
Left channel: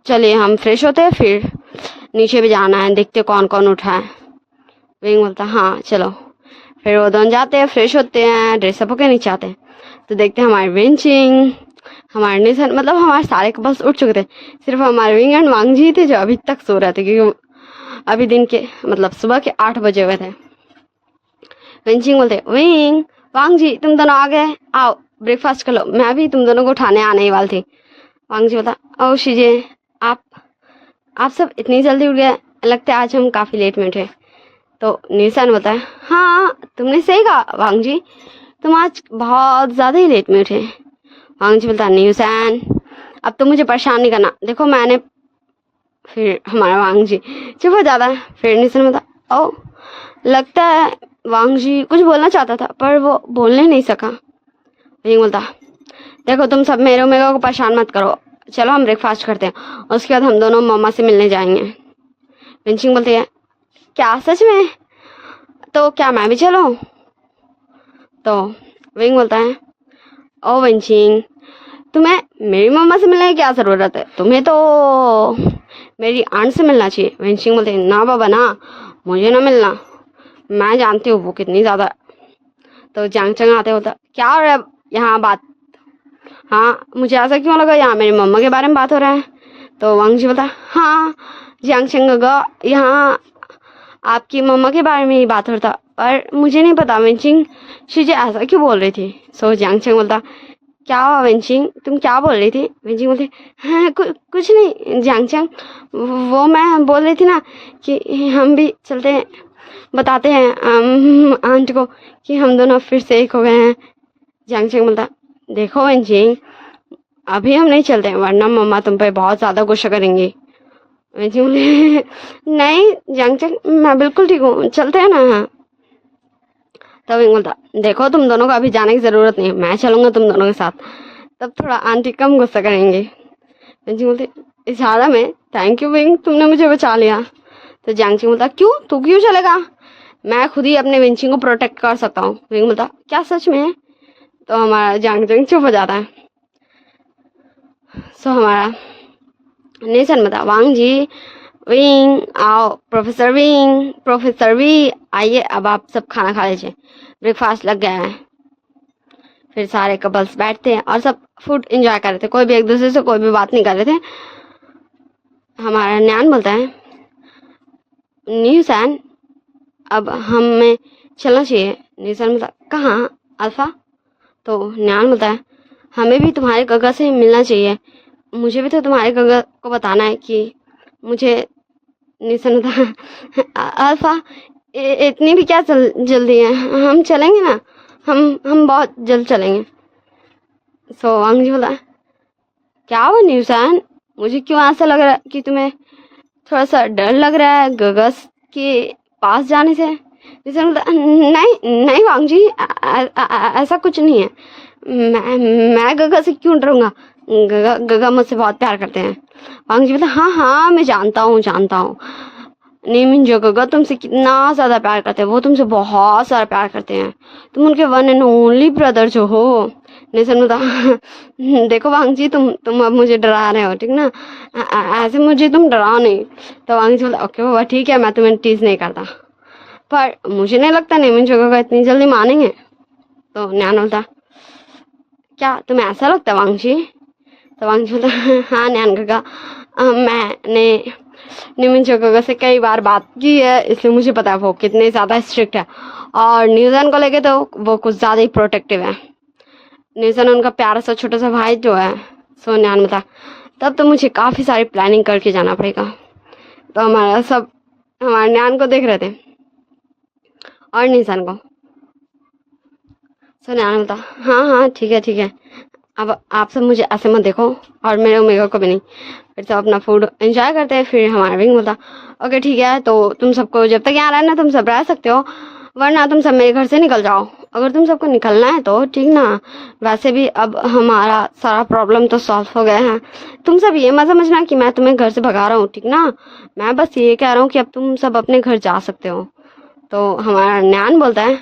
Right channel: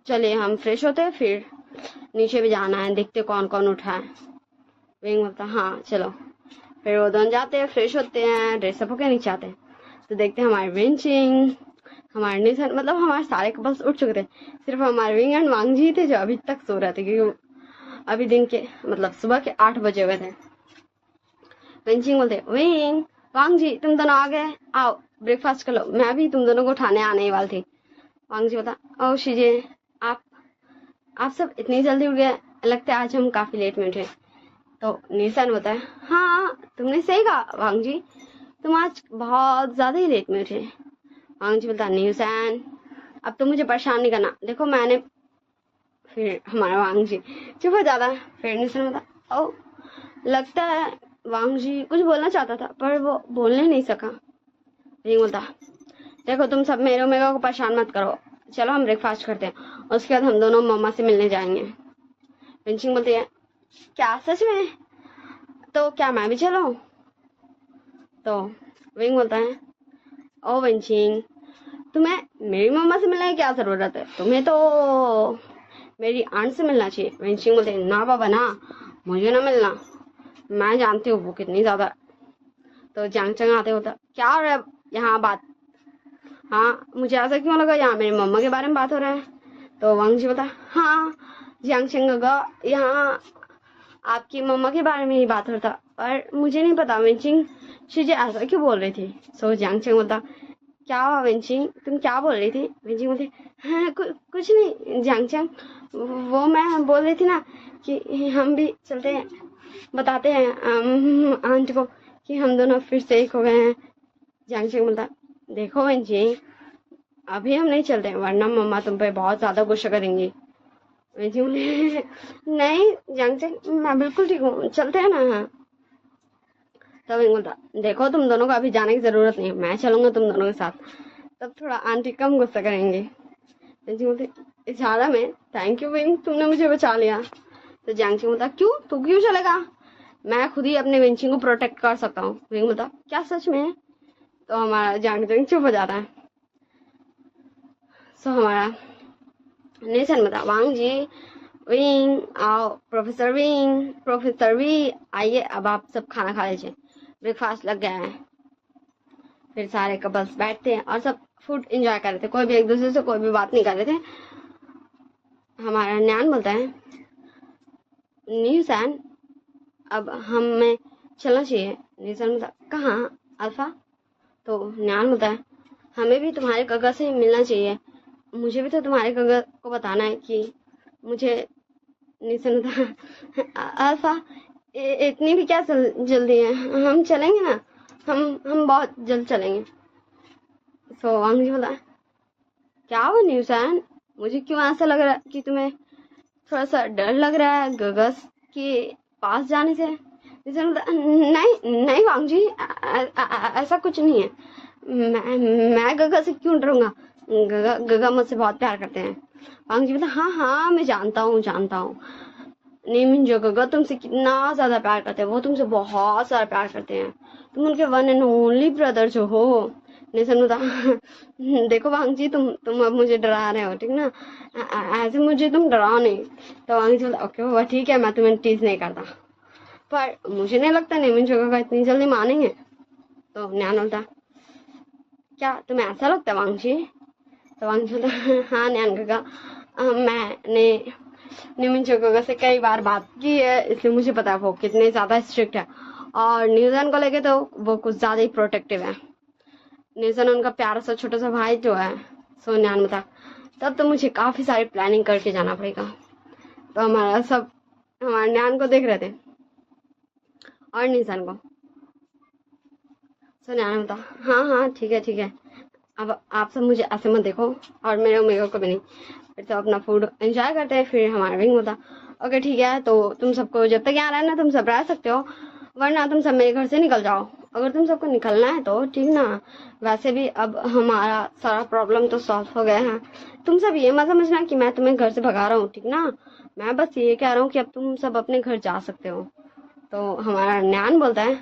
चलिए हम फ्रेश होते हैं, फिर नीचे भी जाना है, देखते कौन कौन उठा है। विंग बोलता, हाँ चलो। फिर वो दोनों जाते हैं, फ्रेश होते हैं, ड्रेसअप होकर नीचे आते हैं तो देखते हैं हमारे विंचिंग, हमारे निशन, मतलब हमारे सारे कपल्स उठ चुके थे, सिर्फ हमारे विंग एंड वांग जी थे जो अभी तक सो रहे थे, क्योंकि अभी दिन के मतलब सुबह के 8 बजे हुए थे। विंचिंग बोलते, विंग वांग जी तुम दोनों आ गए, आओ ब्रेकफास्ट कर लो, मैं भी तुम दोनों को उठाने आने ही वाली थी। वांग जी बोलता, ओ शीजे आप सब इतनी जल्दी उठ गए, लगता है आज हम काफ़ी लेट में उठे। तो निशान बोलता है, हाँ तुमने सही कहा वांग जी, तुम आज बहुत ज़्यादा ही लेट में उठे। वांग जी बोलता है, निशान अब तो मुझे परेशान नहीं करना, देखो मैंने। फिर हमारा वांग जी चुप हो जाता है। फिर निशान बोलता, ओ लगता है वांग जी कुछ बोलना चाहता था पर वो बोलने नहीं सका। वही बोलता, देखो तुम सब मेरे मेरे को परेशान मत करो, चलो हम ब्रेकफास्ट करते हैं, उसके बाद हम दोनों मम्मा से मिलने जाएंगे। विंचिंग बोलती है, क्या सच में, तो क्या मैं भी चलूं। तो विंग बोलता है, ओ विंचिंग तुम्हें मेरी मम्मा से मिलने की क्या ज़रूरत है, तुम्हें तो मेरी आंट से मिलना चाहिए। विंचिंग बोलती है, ना बाबा ना, मुझे ना मिलना, मैं जानती हूँ वो कितनी ज़्यादा। तो जांग चंग आते होता, क्या हो रहा है यहाँ बात, हाँ मुझे ऐसा क्यों लगा यहाँ मेरी मम्मा के बारे में बात हो रहा है। तो वांग जी बोलता, हाँ जियांग चंग यहाँ आपकी मम्मा के बारे में ही बात हो रहा था, पर मुझे नहीं पता वेंचिंग शीजे ऐसा क्यों बोल रही थी। सो जियांग चंग बोलता, क्या हुआ वेंचिंग तुम क्या बोल रही थी। वेंचिंग बोलती, हाँ कुछ नहीं जियांग चंग, वो मैं बोल रही थी ना कि हम भी चलते हैं, बताते हैं आंट को कि हम दोनों फिर से एक हो गए हैं। जियांग चंग बोलता, देखो वेंचिंग अभी हम नहीं चलते हैं वरना मम्मा तुम पे बहुत ज़्यादा गुस्सा करेंगी। जी बोले, नहीं जंग मैं बिल्कुल ठीक हूँ, चलते हैं ना। तब विंग बोलता, देखो तुम दोनों को अभी जाने की ज़रूरत नहीं है, मैं चलूँगा तुम दोनों के साथ, तब थोड़ा आंटी कम गुस्सा करेंगे। जी बोलते, इशारा में थैंक यू विंग तुमने मुझे बचा लिया। तो जैंग बोलता, क्यों तू क्यों चलेगा, मैं खुद ही अपने विंचिंग को प्रोटेक्ट कर सकता हूँ। विंग बोलता, क्या सच में। तो हमारा जंग चुप हो जाता है। सो हमारा नेशन बता, वांग जी विंग आओ, प्रोफेसर वी आइए, अब आप सब खाना खा लीजिए, ब्रेकफास्ट लग गया है। फिर सारे कपल्स बैठते हैं और सब फूड एंजॉय कर रहे थे, कोई भी एक दूसरे से कोई भी बात नहीं कर रहे थे। हमारा न्यान बोलता है, न्यूसन अब हमें चलना चाहिए। न्यूसन बोलता, कहाँ अल्फा। तो न्यान बोलता है, हमें भी तुम्हारे गगा से मिलना चाहिए, मुझे भी तो तुम्हारे गगा को बताना है कि मुझे। निशन था, अल्फा इतनी भी क्या जल्दी है, हम चलेंगे ना, हम बहुत जल्द चलेंगे। सो अंग बोला, क्या हो न्यूसान, मुझे क्यों ऐसा लग रहा है कि तुम्हें थोड़ा सा डर लग रहा है गगस के पास जाने से। निशन बोला, नहीं नहीं वांग जी ऐसा कुछ नहीं है, मैं गगा से क्यों डरूंगा, गगा मुझसे बहुत प्यार करते हैं। वांग जी बोला, हाँ हाँ मैं जानता हूँ नीमिन जो गगा तुमसे कितना ज़्यादा प्यार करते हैं, वो तुमसे बहुत सारा प्यार करते हैं, तुम उनके वन एंड ओनली ब्रदर जो हो। निशन बोला, देखो वांग जी तुम अब मुझे डरा रहे हो, ठीक ना, ऐसे मुझे तुम डराओ नहीं। तो वांग जी बोला, ओके बाबा ठीक है, मैं तुम्हें टीज नहीं करता, पर मुझे नहीं लगता नीमिन जो गगा इतनी जल्दी मानेंगे। तो न्यान बोलता, क्या तुम्हें ऐसा लगता है वांग जी। तो वांगजी बोलता हाँ नैन काका, मैंने निमिंचो काका से कई बार बात की है, इसलिए मुझे पता है वो कितने ज़्यादा स्ट्रिक्ट है, और न्यूजन को लेके तो वो कुछ ज़्यादा ही प्रोटेक्टिव है। न्यूजन उनका प्यारा सा छोटा सा भाई जो है। सो न्यान बता तब तो मुझे काफ़ी सारी प्लानिंग करके जाना पड़ेगा। तो हमारे न्यान को देख रहे थे और निशान को। सो न्यान बता हाँ हाँ ठीक है ठीक है, अब आप सब मुझे ऐसे मत देखो और मेरे ओमेगा को भी नहीं। फिर सब अपना फूड एंजॉय करते हैं। फिर हमारा विंग बोलता ओके ठीक है, तो तुम सबको जब तक यहाँ रहना तुम सब रह सकते हो, वरना तुम सब मेरे घर से निकल जाओ। अगर तुम सबको निकलना है तो ठीक ना, वैसे भी अब हमारा सारा प्रॉब्लम तो सॉल्व हो गया है। तुम सब ये मत समझना कि मैं तुम्हें घर से भगा रहा हूँ, ठीक ना। मैं बस ये कह रहा हूँ कि अब तुम सब अपने घर जा सकते हो। तो हमारा न्यान बोलता है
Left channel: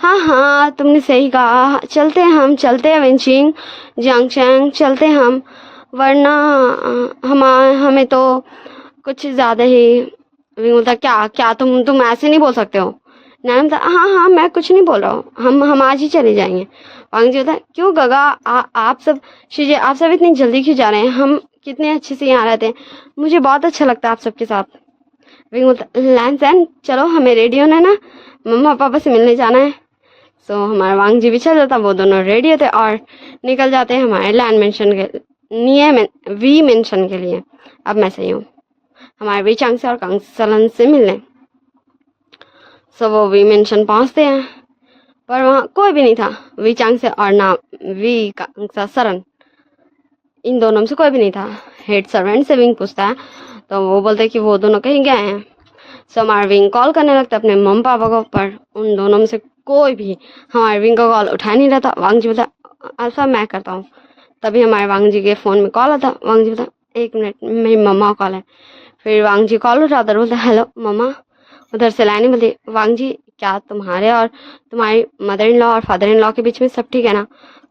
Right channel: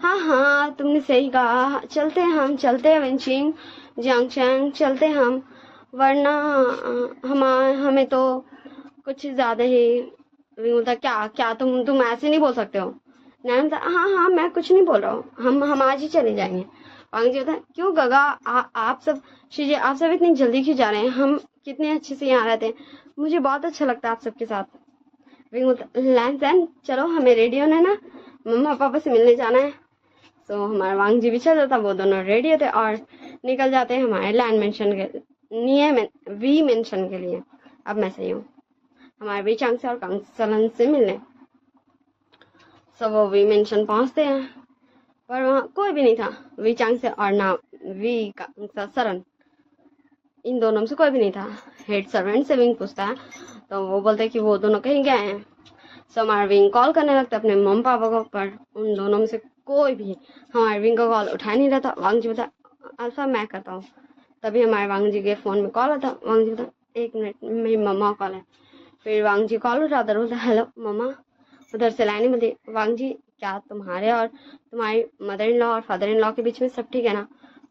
हाँ हाँ तुमने सही कहा, चलते हैं हम, चलते हैं विंचिंग जंगचैंग, चलते हैं हम, वरना हमें तो कुछ ज़्यादा ही। विंग बोलता क्या क्या तुम ऐसे नहीं बोल सकते हो। नैना बोलता हाँ हाँ मैं कुछ नहीं बोल रहा हूँ, हम आज ही चले जाएंगे। वांगजी बोलता क्यों गगा, आप सब शीजिए, आप सब इतनी जल्दी क्यों जा रहे हैं, हम कितने अच्छे से यहाँ रहते हैं, मुझे बहुत अच्छा लगता है आप सबके साथ। विंग बोलता लैन चलो हमें रेडी होना है ना, मम्मा पापा से मिलने जाना है। सो हमारा वांगजी भी चल जाता, वो दोनों रेडी होते और निकल जाते हैं हमारे लैंड मेंशन के वी मेंशन के लिए। अब मैं सही हूँ, हमारे वी चांग से और कांग सलन से मिलने। सो वो वी मेंशन पहुँचते हैं, पर वहाँ कोई भी नहीं था वी चांग से और ना वी कांग सरन, इन दोनों में से कोई भी नहीं था। हेड सर्वेंट से विंग पूछता है तो वो बोलते कि वो दोनों कहीं गए हैं। सो हमारा विंग कॉल करने लगता है अपने मम्मी पापा को, पर उन दोनों में से कोई भी हमारे विंग का कॉल उठा नहीं रहा था। वांगजी बोलता ऐसा मैं करता हूँ। तभी हमारे वांगजी के फ़ोन में कॉल आता। वांगजी बोलता 1 मिनट मेरी मम्मा का कॉल है। फिर वांगजी कॉल उठाता और बोलता हेलो मम्मा। उधर से लाइन बोलती वांगजी क्या तुम्हारे और तुम्हारी मदर इन लॉ और फादर इन लॉ के बीच में सब ठीक है ना।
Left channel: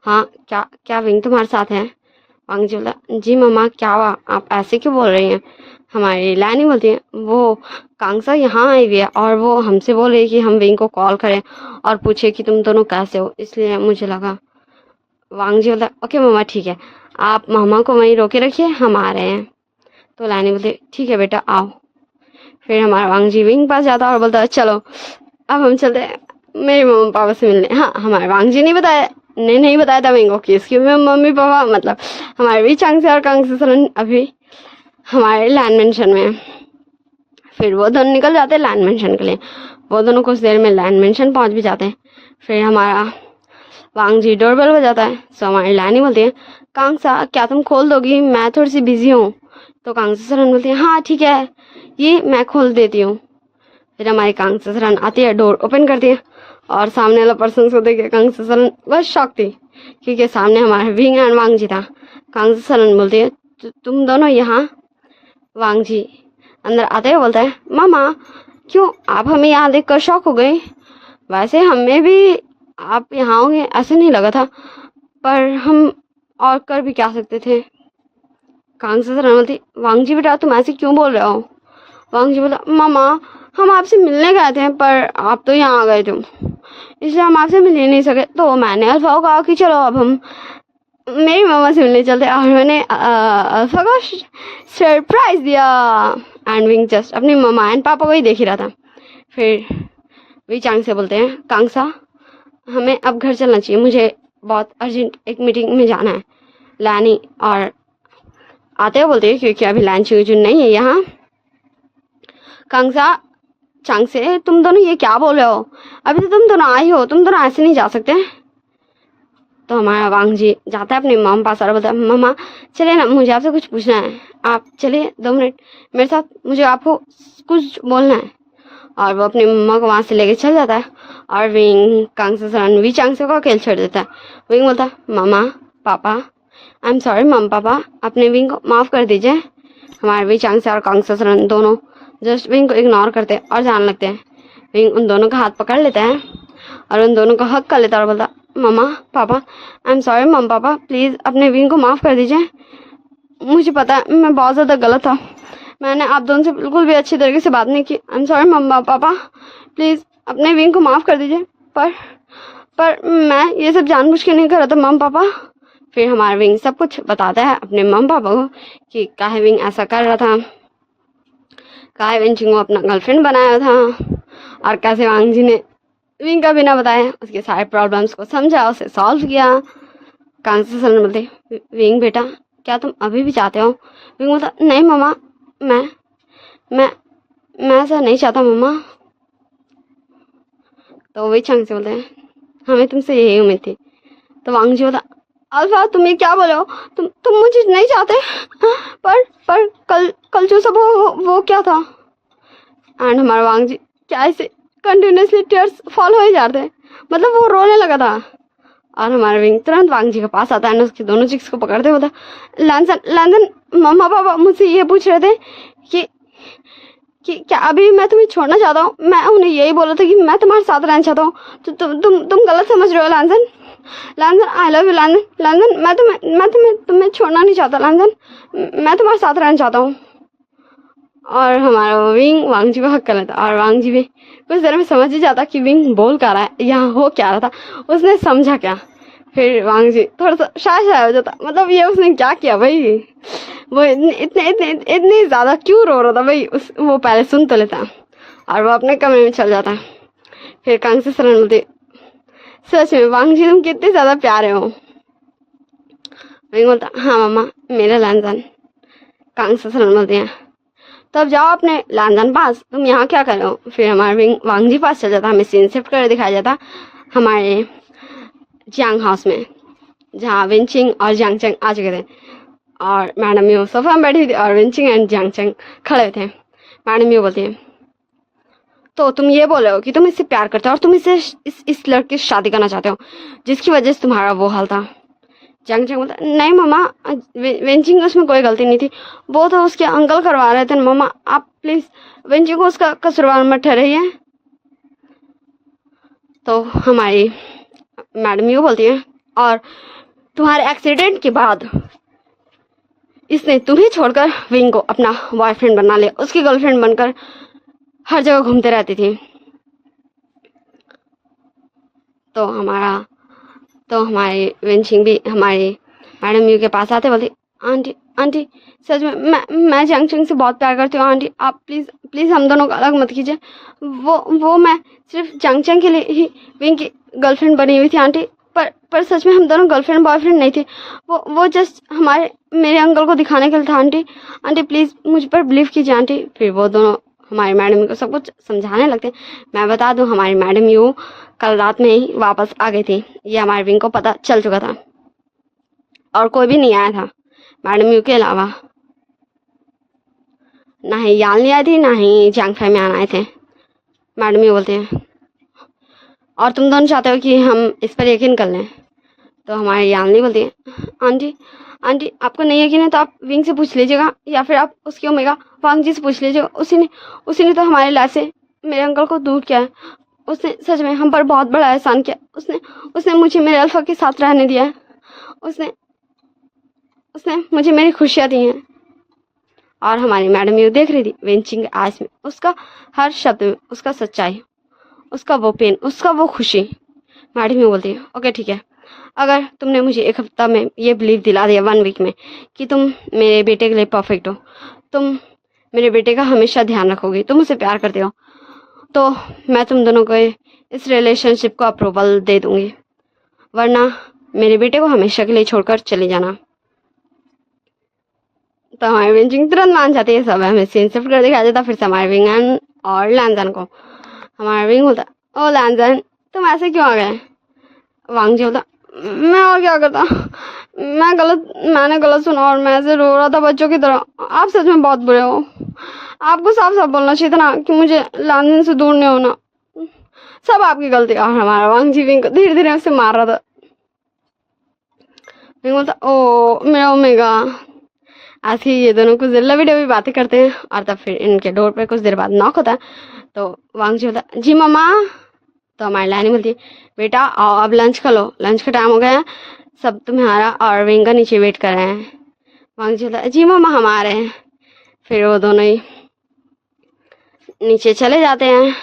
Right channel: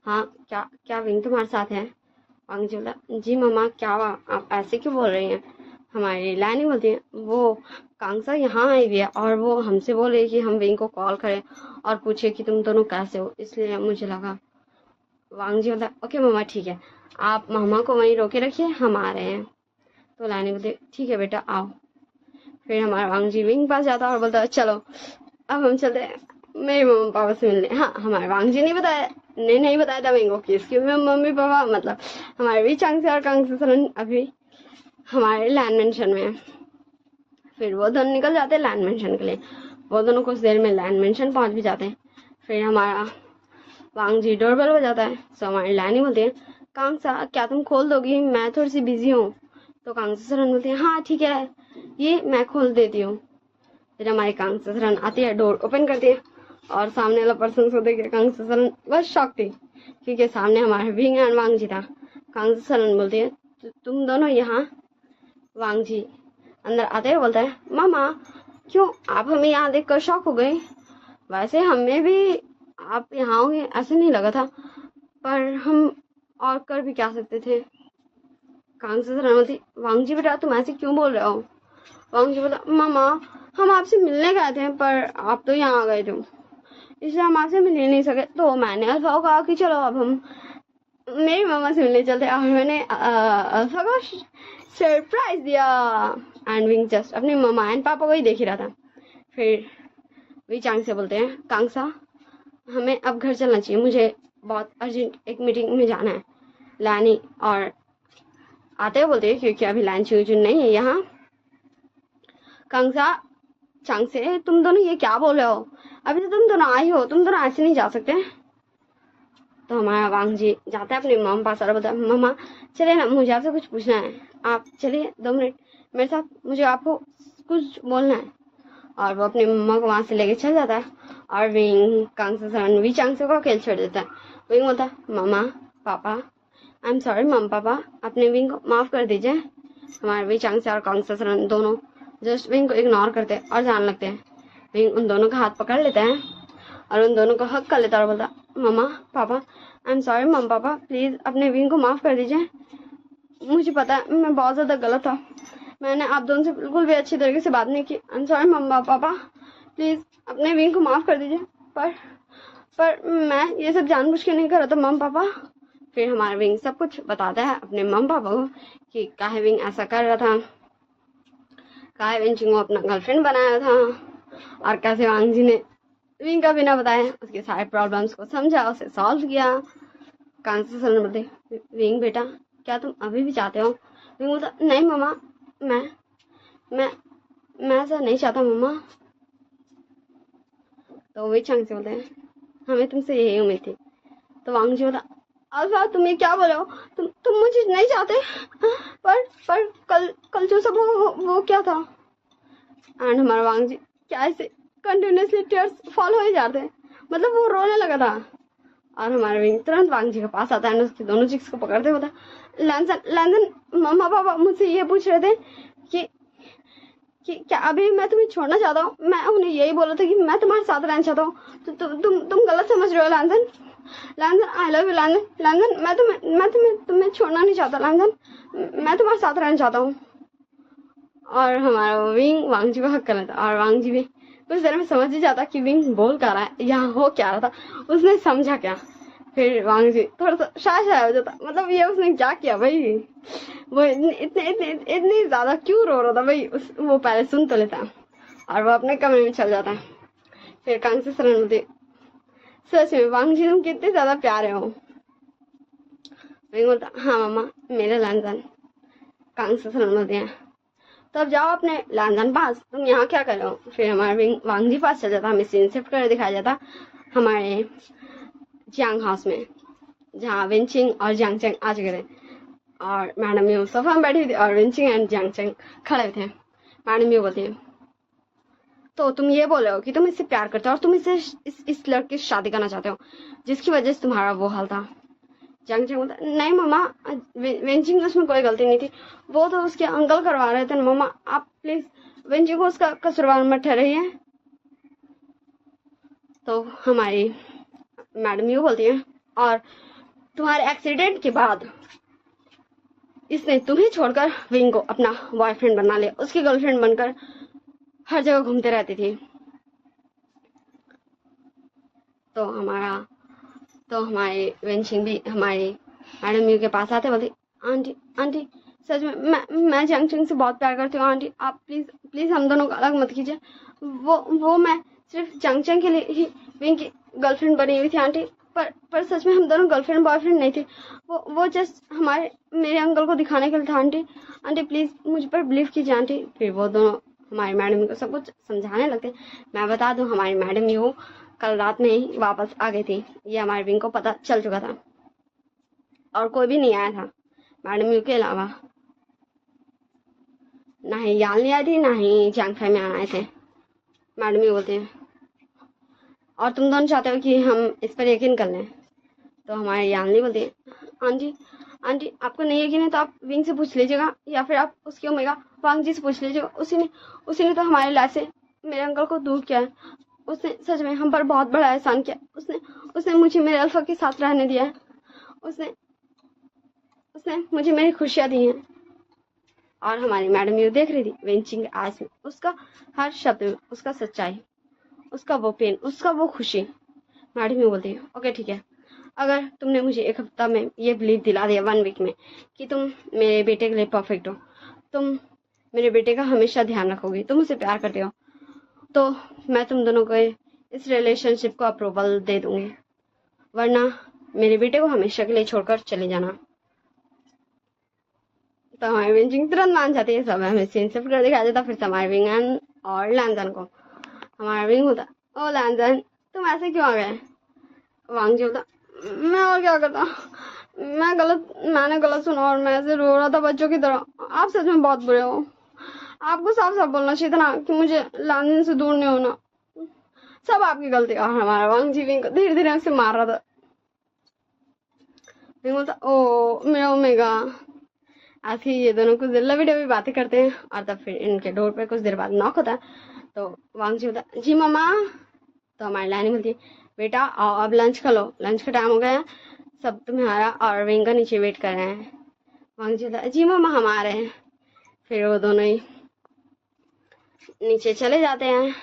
हाँ क्या क्या विंग तुम्हारे साथ है। वांगजी बोलता जी मम्मा क्या हुआ, आप ऐसे क्यों बोल रही हैं। हमारी लानी बोलती है वो कांगसा यहाँ आई हुई है और वो हमसे बोल रही है कि हम विंग को कॉल करें और पूछे कि तुम दोनों कैसे हो, इसलिए मुझे लगा। वांगजी बोलता ओके मम्मा ठीक है, आप मामा को वहीं रोके रखिए, हम आ रहे हैं। तो लानी बोलती ठीक है बेटा आओ। फिर हमारा वांगजी विंग पास जाता और बोलता चलो अब हम चलते हैं मेरे मम्मी पापा से मिलने। हाँ हमारे वांगजी नहीं बताया था विंग को कि इसके मम्मी पापा मतलब हमारे भी चांग से और कांग से सलन अभी हमारे लैंड मेंशन में। फिर वो दोनों निकल जाते हैं लैंड मेंशन के लिए। वो दोनों कुछ देर में लैंड मेंशन पहुंच भी जाते हैं। फिर हमारा वांगजी डोरबेल हो जाता है। सो हमारी लानी बोलती है कांगसा क्या तुम खोल दोगी, मैं थोड़ी सी बिजी हूँ। तो कांगसा सरन बोलती है हाँ ठीक है ये मैं खोल देती हूँ। फिर हमारी कांगसा सरन आती है, डोर ओपन करती है और सामने वाला पर्सन को देख के कांगसा सरन बस शॉक थी क्योंकि सामने हमारे विंग एंड वांगजी था। कांगसा सरन बोलती है तुम दोनों यहाँ। वांगजी अंदर आते हुए बोलता है मामा क्यों आप हमें यहाँ देख कर शॉक हो गए, वैसे हमें भी आप यहाँ होंगे ऐसे नहीं लगा था, पर हम और कर भी क्या सकते थे। कांगसा सरन बोलती वांगजी बेटा तुम ऐसे क्यों बोल रहे हो। वांगजी बोला मामा हम आपसे मिलने गए थे पर आप तो यहाँ आ गए थे, इसलिए हम आपसे मिल ही नहीं सके। तो मैंने अल्फा को कहा कि चलो अब हम मेरी मामा से मिलने चलते, और मैंने अल्फा को सरप्राइज दिया। एंड विंग जस्ट अपनी मामा एंड पापा को ही देख ही रहा था। फिर वी चांग से बोलते हैं कांगसा हमें अब घर चलना चाहिए, मुझे बहुत अर्जेंट एक मीटिंग में जाना है। लानी और आते हुए बोलते हैं क्योंकि अभी लैन चुन नहीं है यहाँ। कांगसा चांग से तुम दोनों ये क्या बोल रहे हो, अभी तो तुम दोनों आई हो, तुम दोनों ऐसे नहीं जा सकते। तो हमारा वांगजी जाता है अपने मम पास और बोलता है मम्मा चलिए ना मुझे आपसे कुछ पूछना है, आप चलिए 2 मिनट मेरे साथ, मुझे आपको कुछ बोलना है। और वो अपनी मम्मा को वहाँ से लेके चल जाता है और विंग कांगसा सरन वी चांगसे को अकेले छोड़ देता है। विंग बोलता है मामा पापा आई एम सॉरी मम पापा अपने विंग को माफ़ कर दीजिए। हमारे वी चांगसे और कांगसा सरन दोनों जस्ट विंग को इग्नोर करते और जाने लगते हैं। विंग उन दोनों का हाथ पकड़ लेता है और उन दोनों को हक कर लेता और बोलता मम्मा पापा आई एम सॉरी मम पापा प्लीज़ अपने विंग को माफ़ कर दीजिए, मुझे पता है मैं बहुत ज़्यादा गलत था, मैंने आप दोनों से बिल्कुल भी अच्छी तरीके से बात नहीं की। आई एम सॉरी मम्मा पापा प्लीज़ अपने विंग को माफ़ कर दीजिए। पर मैं ये सब जानबूझ के नहीं कर रहा था मम पापा, फिर हमारा विंग सब कुछ बताता है अपने मम्मी पापा को कि काहे विंग ऐसा कर रहा था, काहे वेंचिंग को अपना गर्लफ्रेंड बनाया था, और कैसे वांग जी ने विंग का बिना बताए उसके सारे प्रॉब्लम्स को समझा, उसे सॉल्व किया। कांग से सर बोलते, विंग बेटा क्या तुम अभी भी चाहते हो? विंग बोलता, नहीं मम्मा, मैं मैं मैं ऐसा नहीं चाहता मम्मा। तो वही चंग से बोलते हैं, हमें तुमसे यही उम्मीद थी। तो वांग जी बोला, अल्फा तुम ये क्या बोले हो? तुम मुझे नहीं चाहते? पर कल कल जो सब वो क्या था? एंड हमारा वांग जी क्या ऐसे कंटिन्यूसली टीयर्स फॉल हो ही जाते हैं, मतलब वो रोने लगा था। और हमारा विंग तुरंत वांग जी के पास आता है, उसके दोनों चिक्स को पकड़ते होता, लैंसन लैंसन मम्मा पापा मुझसे ये पूछ रहे थे कि क्या अभी मैं तुम्हें छोड़ना चाहता हूँ? मैं उन्हें यही बोला था कि मैं तुम्हारे साथ रहना चाहता हूँ। तो तुम गलत समझ रहे हो लैंसन। लैंसन आई लव यू लैंसन। लैंसन मैं तुम्हें छोड़ना नहीं चाहता लैंसन, मैं तुम्हारे साथ रहना चाहता हूँ। और हमारा विंग वांग जी को हक कर लेता, और वांग जी भी कुछ देर में समझ ही जाता कि विंग बोल क्या रहा है, यहाँ हो क्या रहा था, उसने समझा क्या। फिर वांग जी थोड़ा सा शाय हो जाता, मतलब ये उसने क्या किया भाई, वो इतनी ज्यादा क्यों रो रहा था भाई, वो पहले सुन तो लेता और वो अपने कमरे में चल जाता। फिर कांग से सरन बोलते, सच में वांग जी तुम कितने ज्यादा प्यारे हो। विंग बोलता, हाँ मम्मा मेरा लैंसन। कांग से सरन बोलते हैं, तब जाओ अपने लैंसन पास, तुम यहाँ क्या कर रहे हो? फिर हमारे विंग वांग जी पास चल जाता, हमें सीन शिफ्ट कर दिखाया जाता हमारे जियांग हाउस में, जहाँ विंचिंग और जियांग चंग आ चुके थे, और मैडम यू सोफा में बैठी थी और विंचिंग एंड जियांग चंग खड़े थे। मैडम यू बोलती है, तो तुम ये बोल रहे हो कि तुम इससे प्यार करते हो और तुम इससे इस लड़के से शादी करना चाहते हो जिसकी वजह से तुम्हारा वो हाल था। जियांग चंग बोलता, नहीं मम्मा विंचिंग उसमें कोई गलती नहीं थी, वो तो उसके अंकल करवा रहे थे मम्मा, आप प्लीज विंचिंग को उसका कसूरवार मत ठहराइए। तो हमारी मैडम यू बोलती है, और तुम्हारे एक्सीडेंट के बाद इसने तुम्हें छोड़कर विंग को अपना बॉयफ्रेंड बना लिया, उसकी गर्लफ्रेंड बनकर हर जगह घूमते रहती थी। तो हमारी विंचिंग भी हमारी मैडम यू के पास आते बोलती, आंटी आंटी सच में मैं जियांग चंग से बहुत प्यार करती हूँ आंटी, आप प्लीज हम दोनों को अलग मत कीजिए। वो मैं सिर्फ जियांग चंग के लिए ही विंग की गर्लफ्रेंड बनी हुई थी आंटी, पर सच में हम दोनों गर्लफ्रेंड बॉयफ्रेंड नहीं थे, वो जस्ट मेरे अंकल को दिखाने के लिए था आंटी प्लीज मुझ पर बिलीव कीजिए आंटी। फिर वो दोनों हमारी मैडम को सब कुछ समझाने लगते। मैं बता दूं हमारी मैडम यू कल रात में ही वापस आ गई थी, ये हमारे विंग को पता चल चुका था, और कोई भी नहीं आया था मैडम यू के अलावा, ना ही याल नहीं आई थी, ना ही जियांग फैमिली आए थे। मैडम यू बोलते हैं, और तुम दोनों चाहते हो कि हम इस पर यकीन कर लें? तो हमारी यालनी बोलती है, आंटी आपको नहीं यकीन है तो आप विंग से पूछ लीजिएगा, या फिर आप उसके ओमेगा वांग जी से पूछ लीजिएगा, उसी ने तो हमारे लाइफ से मेरे अंकल को दूर किया है, उसने सच में हम पर बहुत बड़ा एहसान किया, उसने मुझे मेरे अल्फा के साथ रहने दिया है, उसने मुझे मेरी खुशियाँ दी हैं। और हमारी मैडम ये देख रही थी वेंचिंग आइज में, उसका हर शब्द में उसका सच्चाई, उसका वो पेन, उसका वो खुशी। मैडम ये बोलती है, ओके ठीक है, अगर तुमने मुझे एक हफ्ता में ये बिलीव दिला दिया, 1 वीक में, कि तुम मेरे बेटे के लिए परफेक्ट हो, तुम मेरे बेटे का हमेशा ध्यान रखोगे, तुम उसे प्यार करते हो, तो मैं तुम दोनों को इस रिलेशनशिप को अप्रूवल दे दूंगी, वरना मेरे बेटे को हमेशा के लिए छोड़कर चले जाना। तो हमारे विंचिंग तुरंत मान जाती है, सब हमें सीन शिफ्ट कर दिखाया जाता। फिर से हमारे विंग और लैंजन को, हमारा विंग होता, ओ लैंजन तुम ऐसे क्यों आ गए? वांग जी होता, मैं और क्या करता, मैंने गलत सुना और मैं ऐसे रो रहा था बच्चों की तरह, आप सच में बहुत बुरे हो, आपको साफ साफ बोलना चाहिए था ना कि मुझे लैंजन से दूर नहीं होना, सब आपकी गलती। और हमारा वांग जी विंग को धीरे धीरे उसे मार रहा था। विंग बोलता, ओ मेरा ओमेगा। ऐसे ही ये दोनों कुछ देर लवी डवी बातें करते हैं, और तब फिर इनके डोर पे कुछ देर बाद नॉक होता है। तो वांग जी होता, जी मम्मा। तो हमारी लानी बोलती है, बेटा आओ अब लंच कर लो, लंच का टाइम हो गया है, सब तुम्हारा और विंग का नीचे वेट कर रहे हैं। वांग जी होता, जी मम्मा हम आ रहे हैं। फिर वो दोनों ही नीचे चले जाते हैं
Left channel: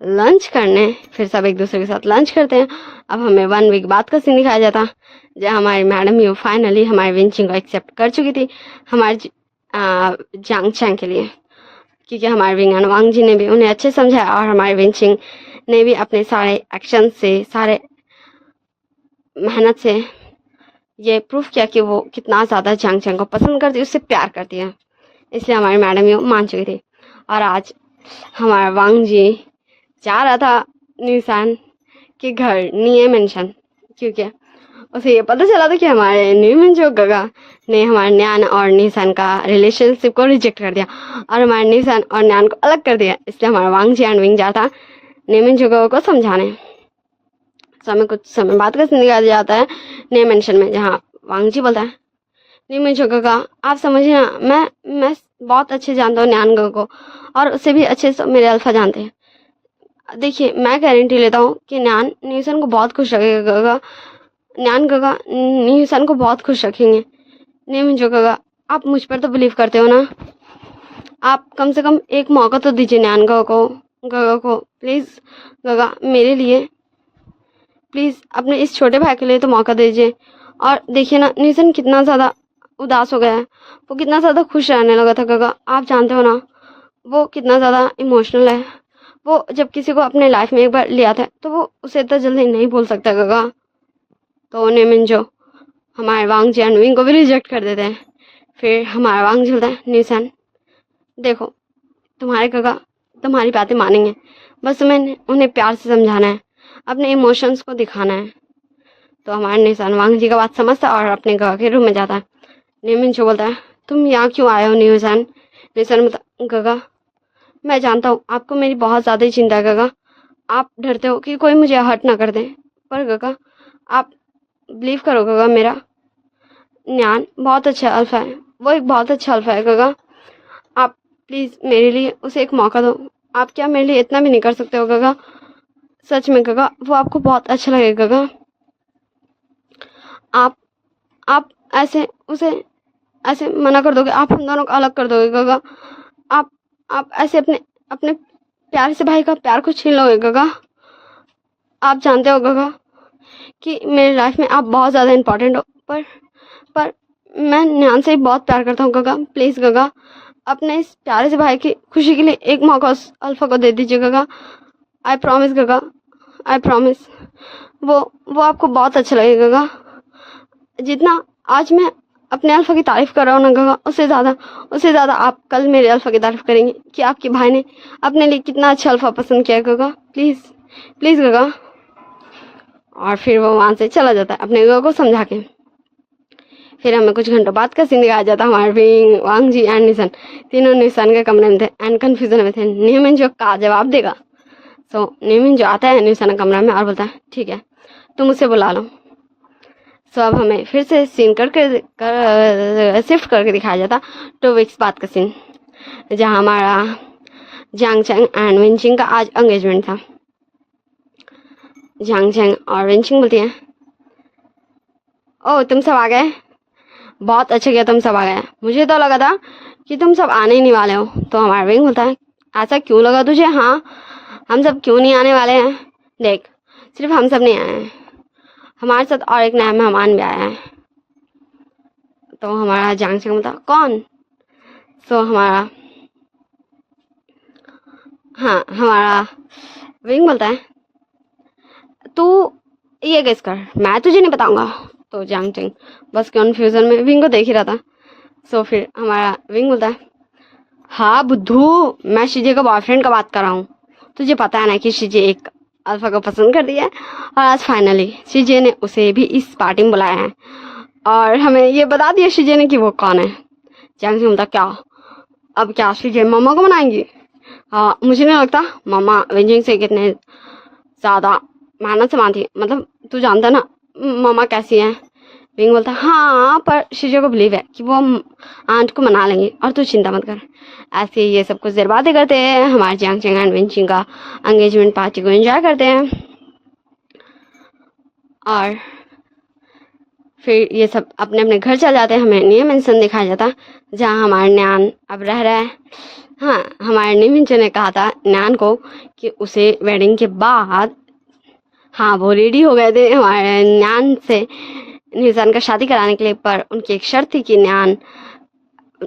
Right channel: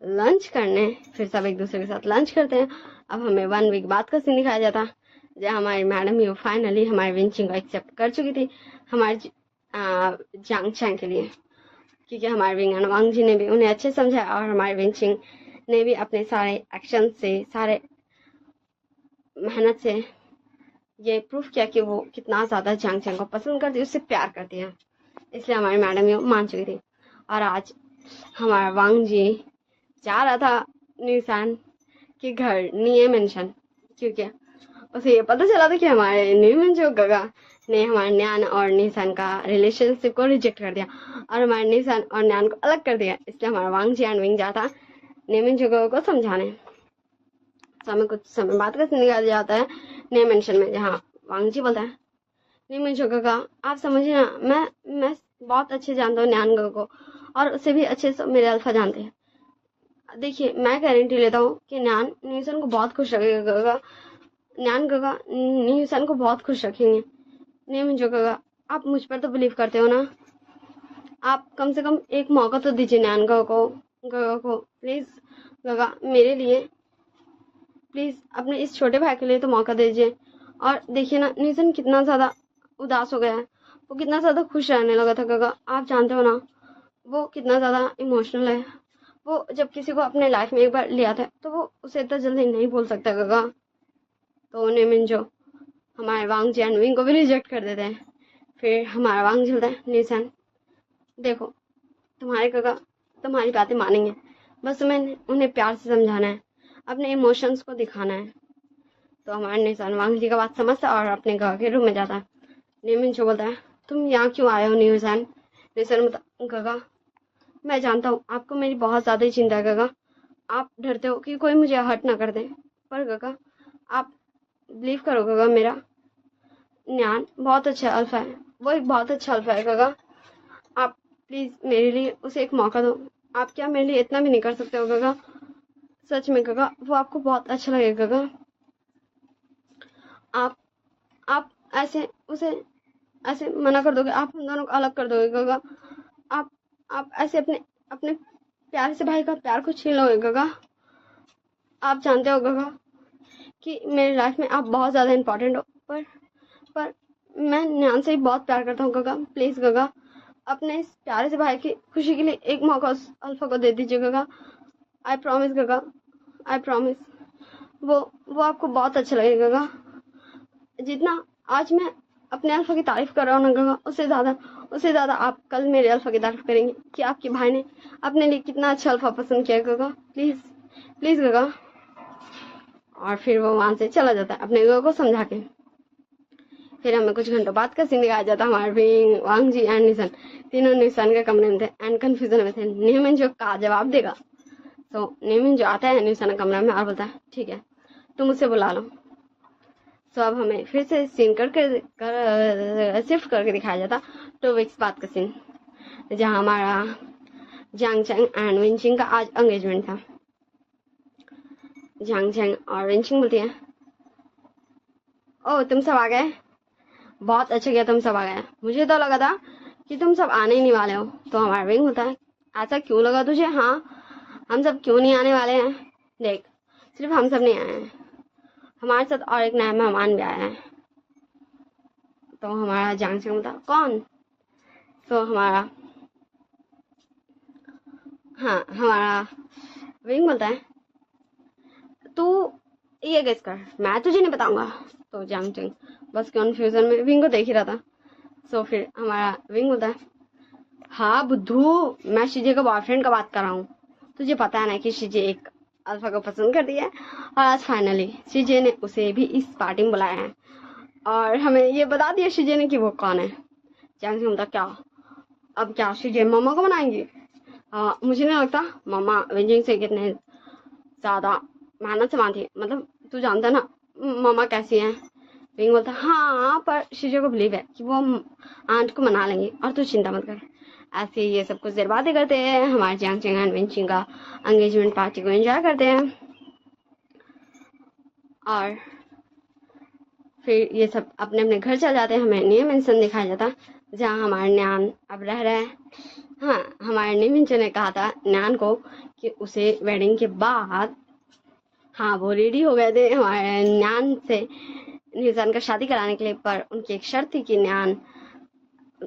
लंच करने। फिर सब एक दूसरे के साथ लंच करते हैं, अब हमें 1 वीक बाद का सीन दिखाया जाता, जहाँ हमारी मैडम यू फाइनली हमारे विंचिंग को एक्सेप्ट कर चुकी थी हमारे जांग चैंग के लिए, क्योंकि हमारे विंग एंड वांग जी ने भी उन्हें अच्छे समझाया और हमारे विंचिंग ने भी अपने सारे एक्शन से, सारे मेहनत से ये प्रूफ किया कि वो कितना ज़्यादा जांग चैंग को पसंद करती है, उससे प्यार करती है। इसलिए हमारी मैडम यू मान चुकी थी। और आज हमारा वांग जी जा रहा था न्यूसान के घर निये मेंशन, क्योंकि उसे ये पता चला था कि हमारे न्यूमन जो गगा ने हमारे न्यान और निशान का रिलेशनशिप को रिजेक्ट कर दिया और हमारे निशान और न्यान को अलग कर दिया। इसलिए हमारा वांग जी एंड विंग जाता न्यूमन जो गगा को समझाने। समय कुछ समय बाद का सीन दिखाया जाता है निये मेंशन में, जहाँ वांग जी बोलता है न्यूमन जो गगा आप समझिए ना, मैं बहुत अच्छे जानता हूँ न्यान गगा को और उससे भी अच्छे से मेरे अल्फा जानते हैं। देखिए मैं गारंटी लेता हूँ कि न्यान न्यूसन को बहुत खुश रखेगा गगा, न्यान गगा न्यूसन को बहुत खुश रखेंगे। नहीं जो गगा आप मुझ पर तो बिलीव करते हो ना, आप कम से कम एक मौका तो दीजिए न्यान गगा को प्लीज़ गगा, मेरे लिए प्लीज़ अपने इस छोटे भाई के लिए तो मौका दीजिए। और देखिए ना न्यूसन कितना ज़्यादा उदास हो गया है, वो कितना ज़्यादा खुश रहने लगा था गगा, आप जानते हो ना वो कितना ज़्यादा इमोशनल है। वो जब किसी को अपने लाइफ में एक बार लिया था तो वो उसे इतना जल्दी नहीं भूल सकता गगा। तो नेमिन जो हमारे वांग जी एंड विंग को भी रिजेक्ट कर देते हैं। फिर हमारा वांग जी बोलता है न्यूसन देखो तुम्हारे गगा तुम्हारी बातें मानेंगे, बस तुम्हें उन्हें प्यार से समझाना है, अपने इमोशंस को दिखाना है। तो हमारे निशान वांग जी का बात समझता और अपने गगा के रूम में जाता है। नेमिन जो बोलता है तुम यहाँ क्यों आए हो निशान? निशान बोलता गगा मैं जानता हूँ आपको मेरी बहुत ज़्यादा ही चिंता है गगा, आप डरते हो कि कोई मुझे हर्ट ना कर दे, पर गगा आप बिलीव करो गगा, मेरा न्यान बहुत अच्छा अल्फा है, वो एक बहुत अच्छा अल्फा है गगा, आप प्लीज़ मेरे लिए उसे एक मौका दो। आप क्या मेरे लिए इतना भी नहीं कर सकते हो गगा? सच में गगा वो आपको बहुत अच्छा लगेगा गगा, आप ऐसे उसे ऐसे मना कर दोगे, आप हम दोनों को अलग कर दोगे गगा, आप ऐसे अपने अपने प्यारे से भाई का प्यार को छीन लोगे गगा। आप जानते हो गगा कि मेरी लाइफ में आप बहुत ज़्यादा इम्पोर्टेंट हो, पर मैं न्यान से बहुत प्यार करता हूँ गगा, प्लीज़ गगा अपने इस प्यारे से भाई की खुशी के लिए एक मौका उस अल्फा को दे दीजिए गगा। आई प्रॉमिस गगा, आई प्रॉमिस वो आपको बहुत अच्छा लगेगा गगा। जितना आज मैं अपने अल्फा की तारीफ़ कर रहा हूँ ना गगा, उससे ज़्यादा आप कल मेरे अल्फा की तारीफ़ करेंगे कि आपके भाई ने अपने लिए कितना अच्छा अल्फा पसंद किया गगा, प्लीज़ प्लीज़ गगा। और फिर वो वहाँ से चला जाता है अपने गगा को समझा के। फिर हमें कुछ घंटों बाद का सीन दिखाया जाता है, हमारे विंग वांग जी एंड निशान तीनों निशान के कमरे में थे एंड कन्फ्यूजन में थे न्यूमन जो का जवाब देगा। सो न्यूमन जो आता है निशान के कमरे में और बोलता है ठीक है तुम उसे बुला लो। सो अब हमें फिर से सीन शिफ्ट करके दिखाया जाता 2 वीक्स बाद का सीन, जहाँ हमारा जांग चैंग एंड विंचिंग का आज एंगेजमेंट था। जांग चैंग और विंचिंग बोलती है ओ तुम सब आ गए, बहुत अच्छा किया तुम सब आ गए, मुझे तो लगा था कि तुम सब आने ही नहीं वाले हो। तो हमारा विंग बोलता है ऐसा क्यों लगा तुझे? हाँ हम सब क्यों नहीं आने वाले हैं, देख सिर्फ हम सब नहीं आए हैं, हमारे साथ और एक नया मेहमान भी आया है। तो हमारा जांग चैंग बोलता कौन? तो हमारा विंग बोलता है तू ये गेस कर, मैं तुझे नहीं बताऊंगा। तो जांग चैंग बस कन्फ्यूजन में विंग को देख ही रहा था। सो फिर हमारा विंग बोलता है हाँ बुद्धू मैं शिजे का बॉयफ्रेंड का बात कर रहा हूँ, तुझे पता है ना कि शिजे एक अल्फा को पसंद कर दिया है और आज फाइनली शिजे ने उसे भी इस पार्टी में बुलाया है और हमें ये बता दिया शिजे ने कि वो कौन है। जांग चैंग बोलता क्या अब क्या शिजे मम्मा को मनाएंगी? हाँ मुझे नहीं लगता, मम्मा विंचिंग से कितने ज़्यादा मेहनत से मानती है, मतलब तू जानता ना मम्मा कैसी है। विंग बोलता हाँ पर शिजो को बिलीव है कि वो आंट को मना लेंगे और तू चिंता मत कर। ऐसे ये सब कुछ देर बातें करते हैं, हमारे जांग चैंग एंड विंचिंग का एंगेजमेंट पार्टी को एंजॉय करते हैं। और फिर ये सब अपने अपने घर चल जाते हैं। हमें निये मेंशन दिखाया जाता जहाँ हमारे न्यान अब रह रहा है। हाँ हमारे निये मेंशन ने कहा था न्यान को कि उसे वेडिंग के बाद हाँ वो रेडी हो गए थे हमारे न्यान से न्यूजान का शादी कराने के लिए, पर उनकी एक शर्त थी कि न्यान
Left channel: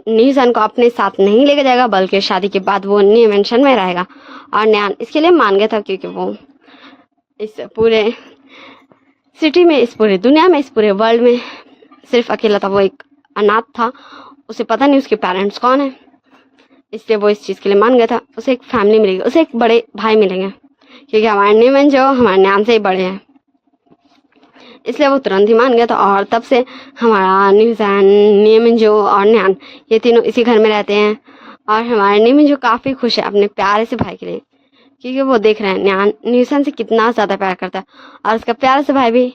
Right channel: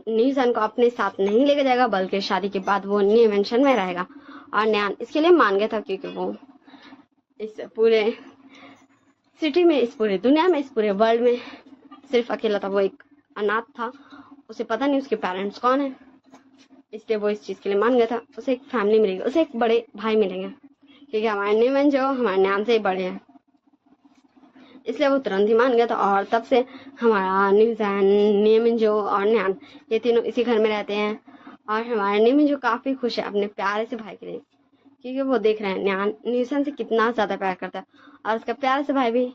न्यूजान को अपने साथ नहीं लेके जाएगा, बल्कि शादी के बाद वो न्यू मेंशन में रहेगा। और न्यान इसके लिए मान गया था, क्योंकि वो इस पूरे सिटी में, इस पूरे दुनिया में, इस पूरे वर्ल्ड में सिर्फ अकेला था। वो एक अनाथ था, उसे पता नहीं उसके पेरेंट्स कौन है, इसलिए वो इस चीज़ के लिए मान गया था। उसे एक फैमिली मिलेगी, उसे एक बड़े भाई मिलेंगे, क्योंकि हमारे न्यूमैन जो हमारे न्यान से ही बड़े हैं, इसलिए वो तुरंत ही मान गया था। और तब से हमारा न्यूजैन, न्यूमैन जो और न्यान ये तीनों इसी घर में रहते हैं। और हमारे न्यूमैन जो काफ़ी खुश है अपने प्यारे से भाई के लिए, क्योंकि वो देख रहे हैं न्यान न्यूजैन से कितना ज़्यादा प्यार करता है, और उसका प्यारे से भाई भी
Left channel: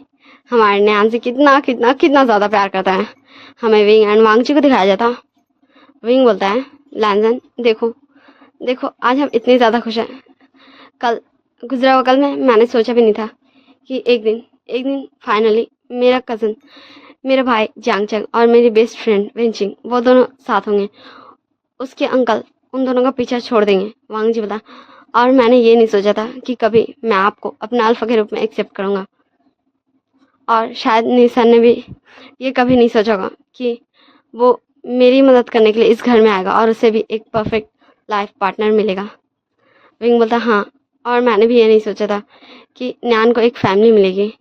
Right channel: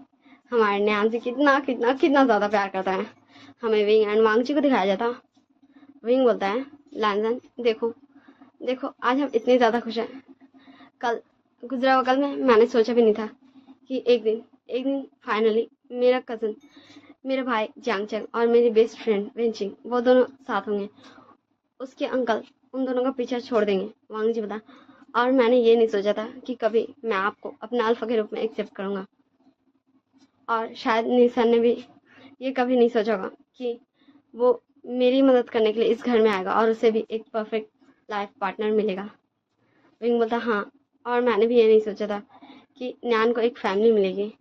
हमारे न्यान से कितना कितना कितना ज़्यादा प्यार करता है। हमें विंग एंड वांगची को दिखाया जाता। विंग बोलता है, लैंजन देखो देखो, आज हम इतने ज़्यादा खुश हैं। कल गुजरा हुआ कल में मैंने सोचा भी नहीं था कि एक दिन फाइनली मेरा कज़न, मेरा भाई जांगचंग और मेरी बेस्ट फ्रेंड वेंचिंग, वो दोनों साथ होंगे। उसके अंकल उन दोनों का पीछा छोड़ देंगे। वांग जी बता, और मैंने ये नहीं सोचा था कि कभी मैं आपको अपना अल्फा के रूप में एक्सेप्ट करूँगा। और शायद निसन ने भी ये कभी नहीं सोचा होगा कि वो मेरी मदद करने के लिए इस घर में आएगा और उसे भी एक परफेक्ट लाइफ पार्टनर मिलेगा। विंग बोलता, हाँ, और मैंने भी ये नहीं सोचा था कि न्यान को एक फैमिली मिलेगी।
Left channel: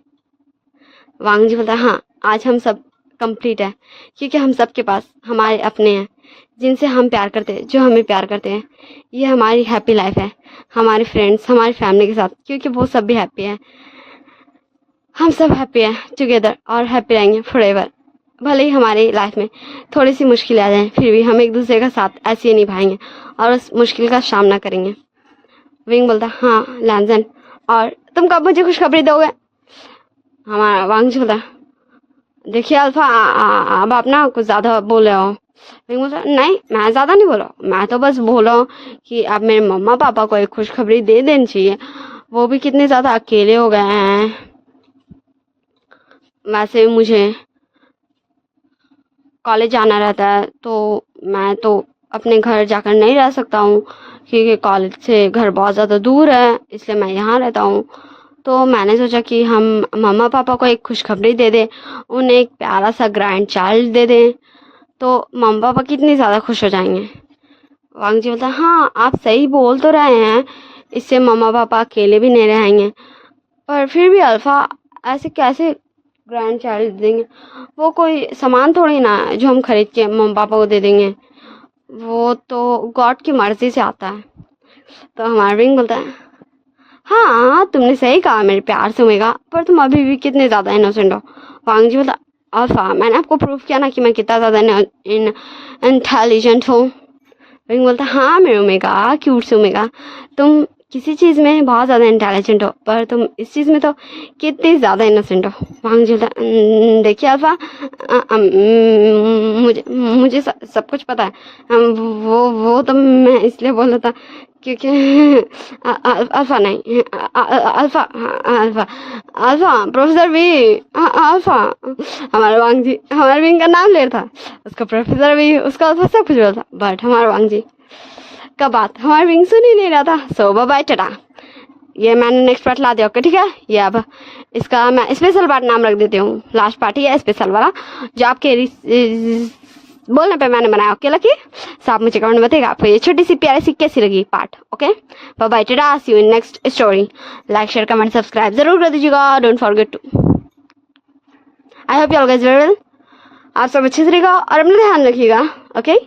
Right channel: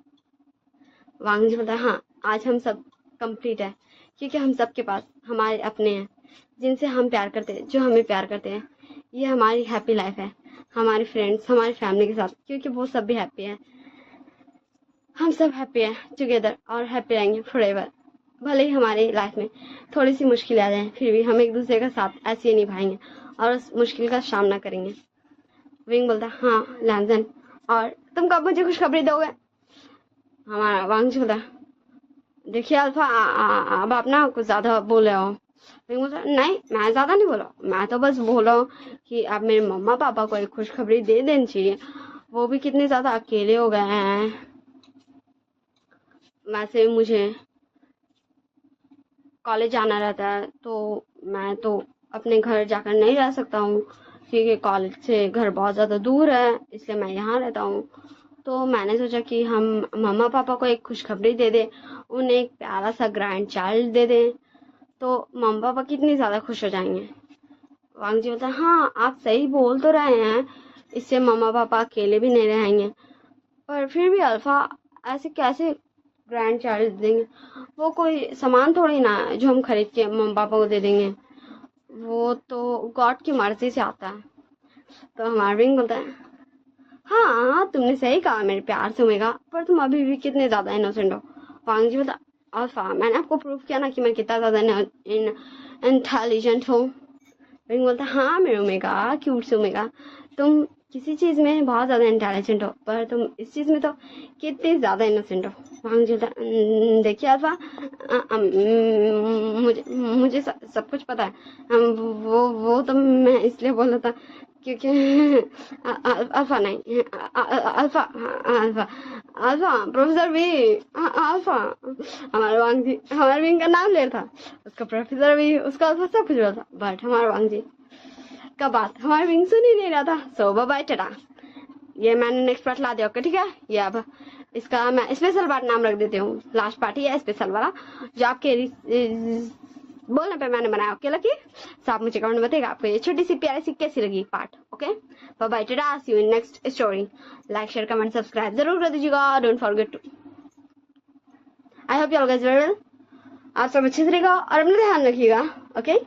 वांग जी बोलता, हाँ, आज हम सब कंप्लीट है, क्योंकि हम सब के पास हमारे अपने हैं जिनसे हम प्यार करते हैं, जो हमें प्यार करते हैं। ये हमारी हैप्पी लाइफ है, हमारे फ्रेंड्स, हमारी फैमिली के साथ, क्योंकि वो सब भी हैप्पी है। हम सब हैप्पी हैं टुगेदर और हैप्पी रहेंगे फॉरएवर। भले ही हमारी लाइफ में थोड़ी सी मुश्किलें आ जाएं, फिर भी हम एक दूसरे का साथ ऐसे ही निभाएंगे और उस मुश्किल का सामना करेंगे। विंग बोलता, हाँ लैंजन, और तुम कब मुझे खुशखबरी दोगे? हमारा वांग बोलता, देखिए अल्फा, अब आप ना कुछ ज़्यादा बोल रहे हो। विंग बोलता, नहीं, मैं ज़्यादा नहीं बोला, मैं तो बस बोला हूँ कि अब मेरे मम्मा पापा को एक खुशखबरी दे देनी चाहिए। वो भी कितने ज़्यादा अकेले हो गए हैं। वैसे मुझे कॉलेज जाना रहता है, तो मैं तो अपने घर जाकर नहीं रह सकता हूँ, क्योंकि कॉलेज से घर बहुत ज़्यादा दूर है, इसलिए मैं यहाँ रहता हूँ। तो मैंने सोचा कि हम मम्मा पापा को एक खुशखबरी दे दें, उन्हें एक प्यारा सा ग्रैंड चाइल्ड दे दें, तो मम्मा पापा कितने ज़्यादा खुश हो जाएंगे। वांग जी बोलता, हाँ आप सही बोल तो रहे हैं, इससे मम्मा पापा अकेले भी नहीं रहेंगे, पर फिर भी अल्फा ऐसे कैसे ग्रैंड चाइल्ड देंगे? वो कोई सामान थोड़ी ना है जो हम खरीद के मम्मी पापा को दे देंगे, वो तो गॉड की मर्जी से आता है। तो हमारा विंग बोलता है, हाँ तुमने सही कहा मेरे प्यार से होएगा, पर तुम अभी भी कितने ज़्यादा इनोसेंट हो। वांग जी बोलता, अल्फा मैंने आपको प्रूफ किया ना कि मैं कितना ज़्यादा इंटेलिजेंट हूँ। विंग बोलता, हाँ मेरे ओमेगा, क्यूट से ओमेगा, तुम किसी चीज़ में बहुत ज़्यादा इंटेलिजेंट हो, पर तुम इस चीज़ में तो कितनी ज़्यादा इनोसेंट हो। वांग जी बोलता, देखिए अल्फा, मुझे मुझे सब कुछ पता है। वो तो मैं इसलिए बोल रहा था क्योंकि अल्फा नहीं, अल्फा, अल्फा, अल्फा प्रोफेसर भी, अल्फा। हमारे वांग जी हमारे विंग का नाम ले रहा था, उसका प्रोफेसर भी, उसका अल्फा सब कुछ बोला था, बट हमारे वांग जी का बात हमारे विंग सुन ही नहीं रहा था। सो बाय टाटा। ये मैंने नेक्स्ट पार्ट ला दिया, ओके ठीक है। ये अब इसका मैं स्पेशल पार्ट नाम रख देती हूँ, लास्ट पार्ट ही है स्पेशल वाला, जो आपके बोलने पे मैंने बनाया। ओके लकी, सो आप मुझे कमेंट में बताइएगा आपको ये छोटी सी प्यारी सी कैसी लगी part. Okay bye tata, see you in next story. Like share comment subscribe जरूर कर दीजिएगा, don't forget to. I hope you all guys very well. आप सब अच्छे से रहिएगा और अपना ध्यान रखिएगा। ओके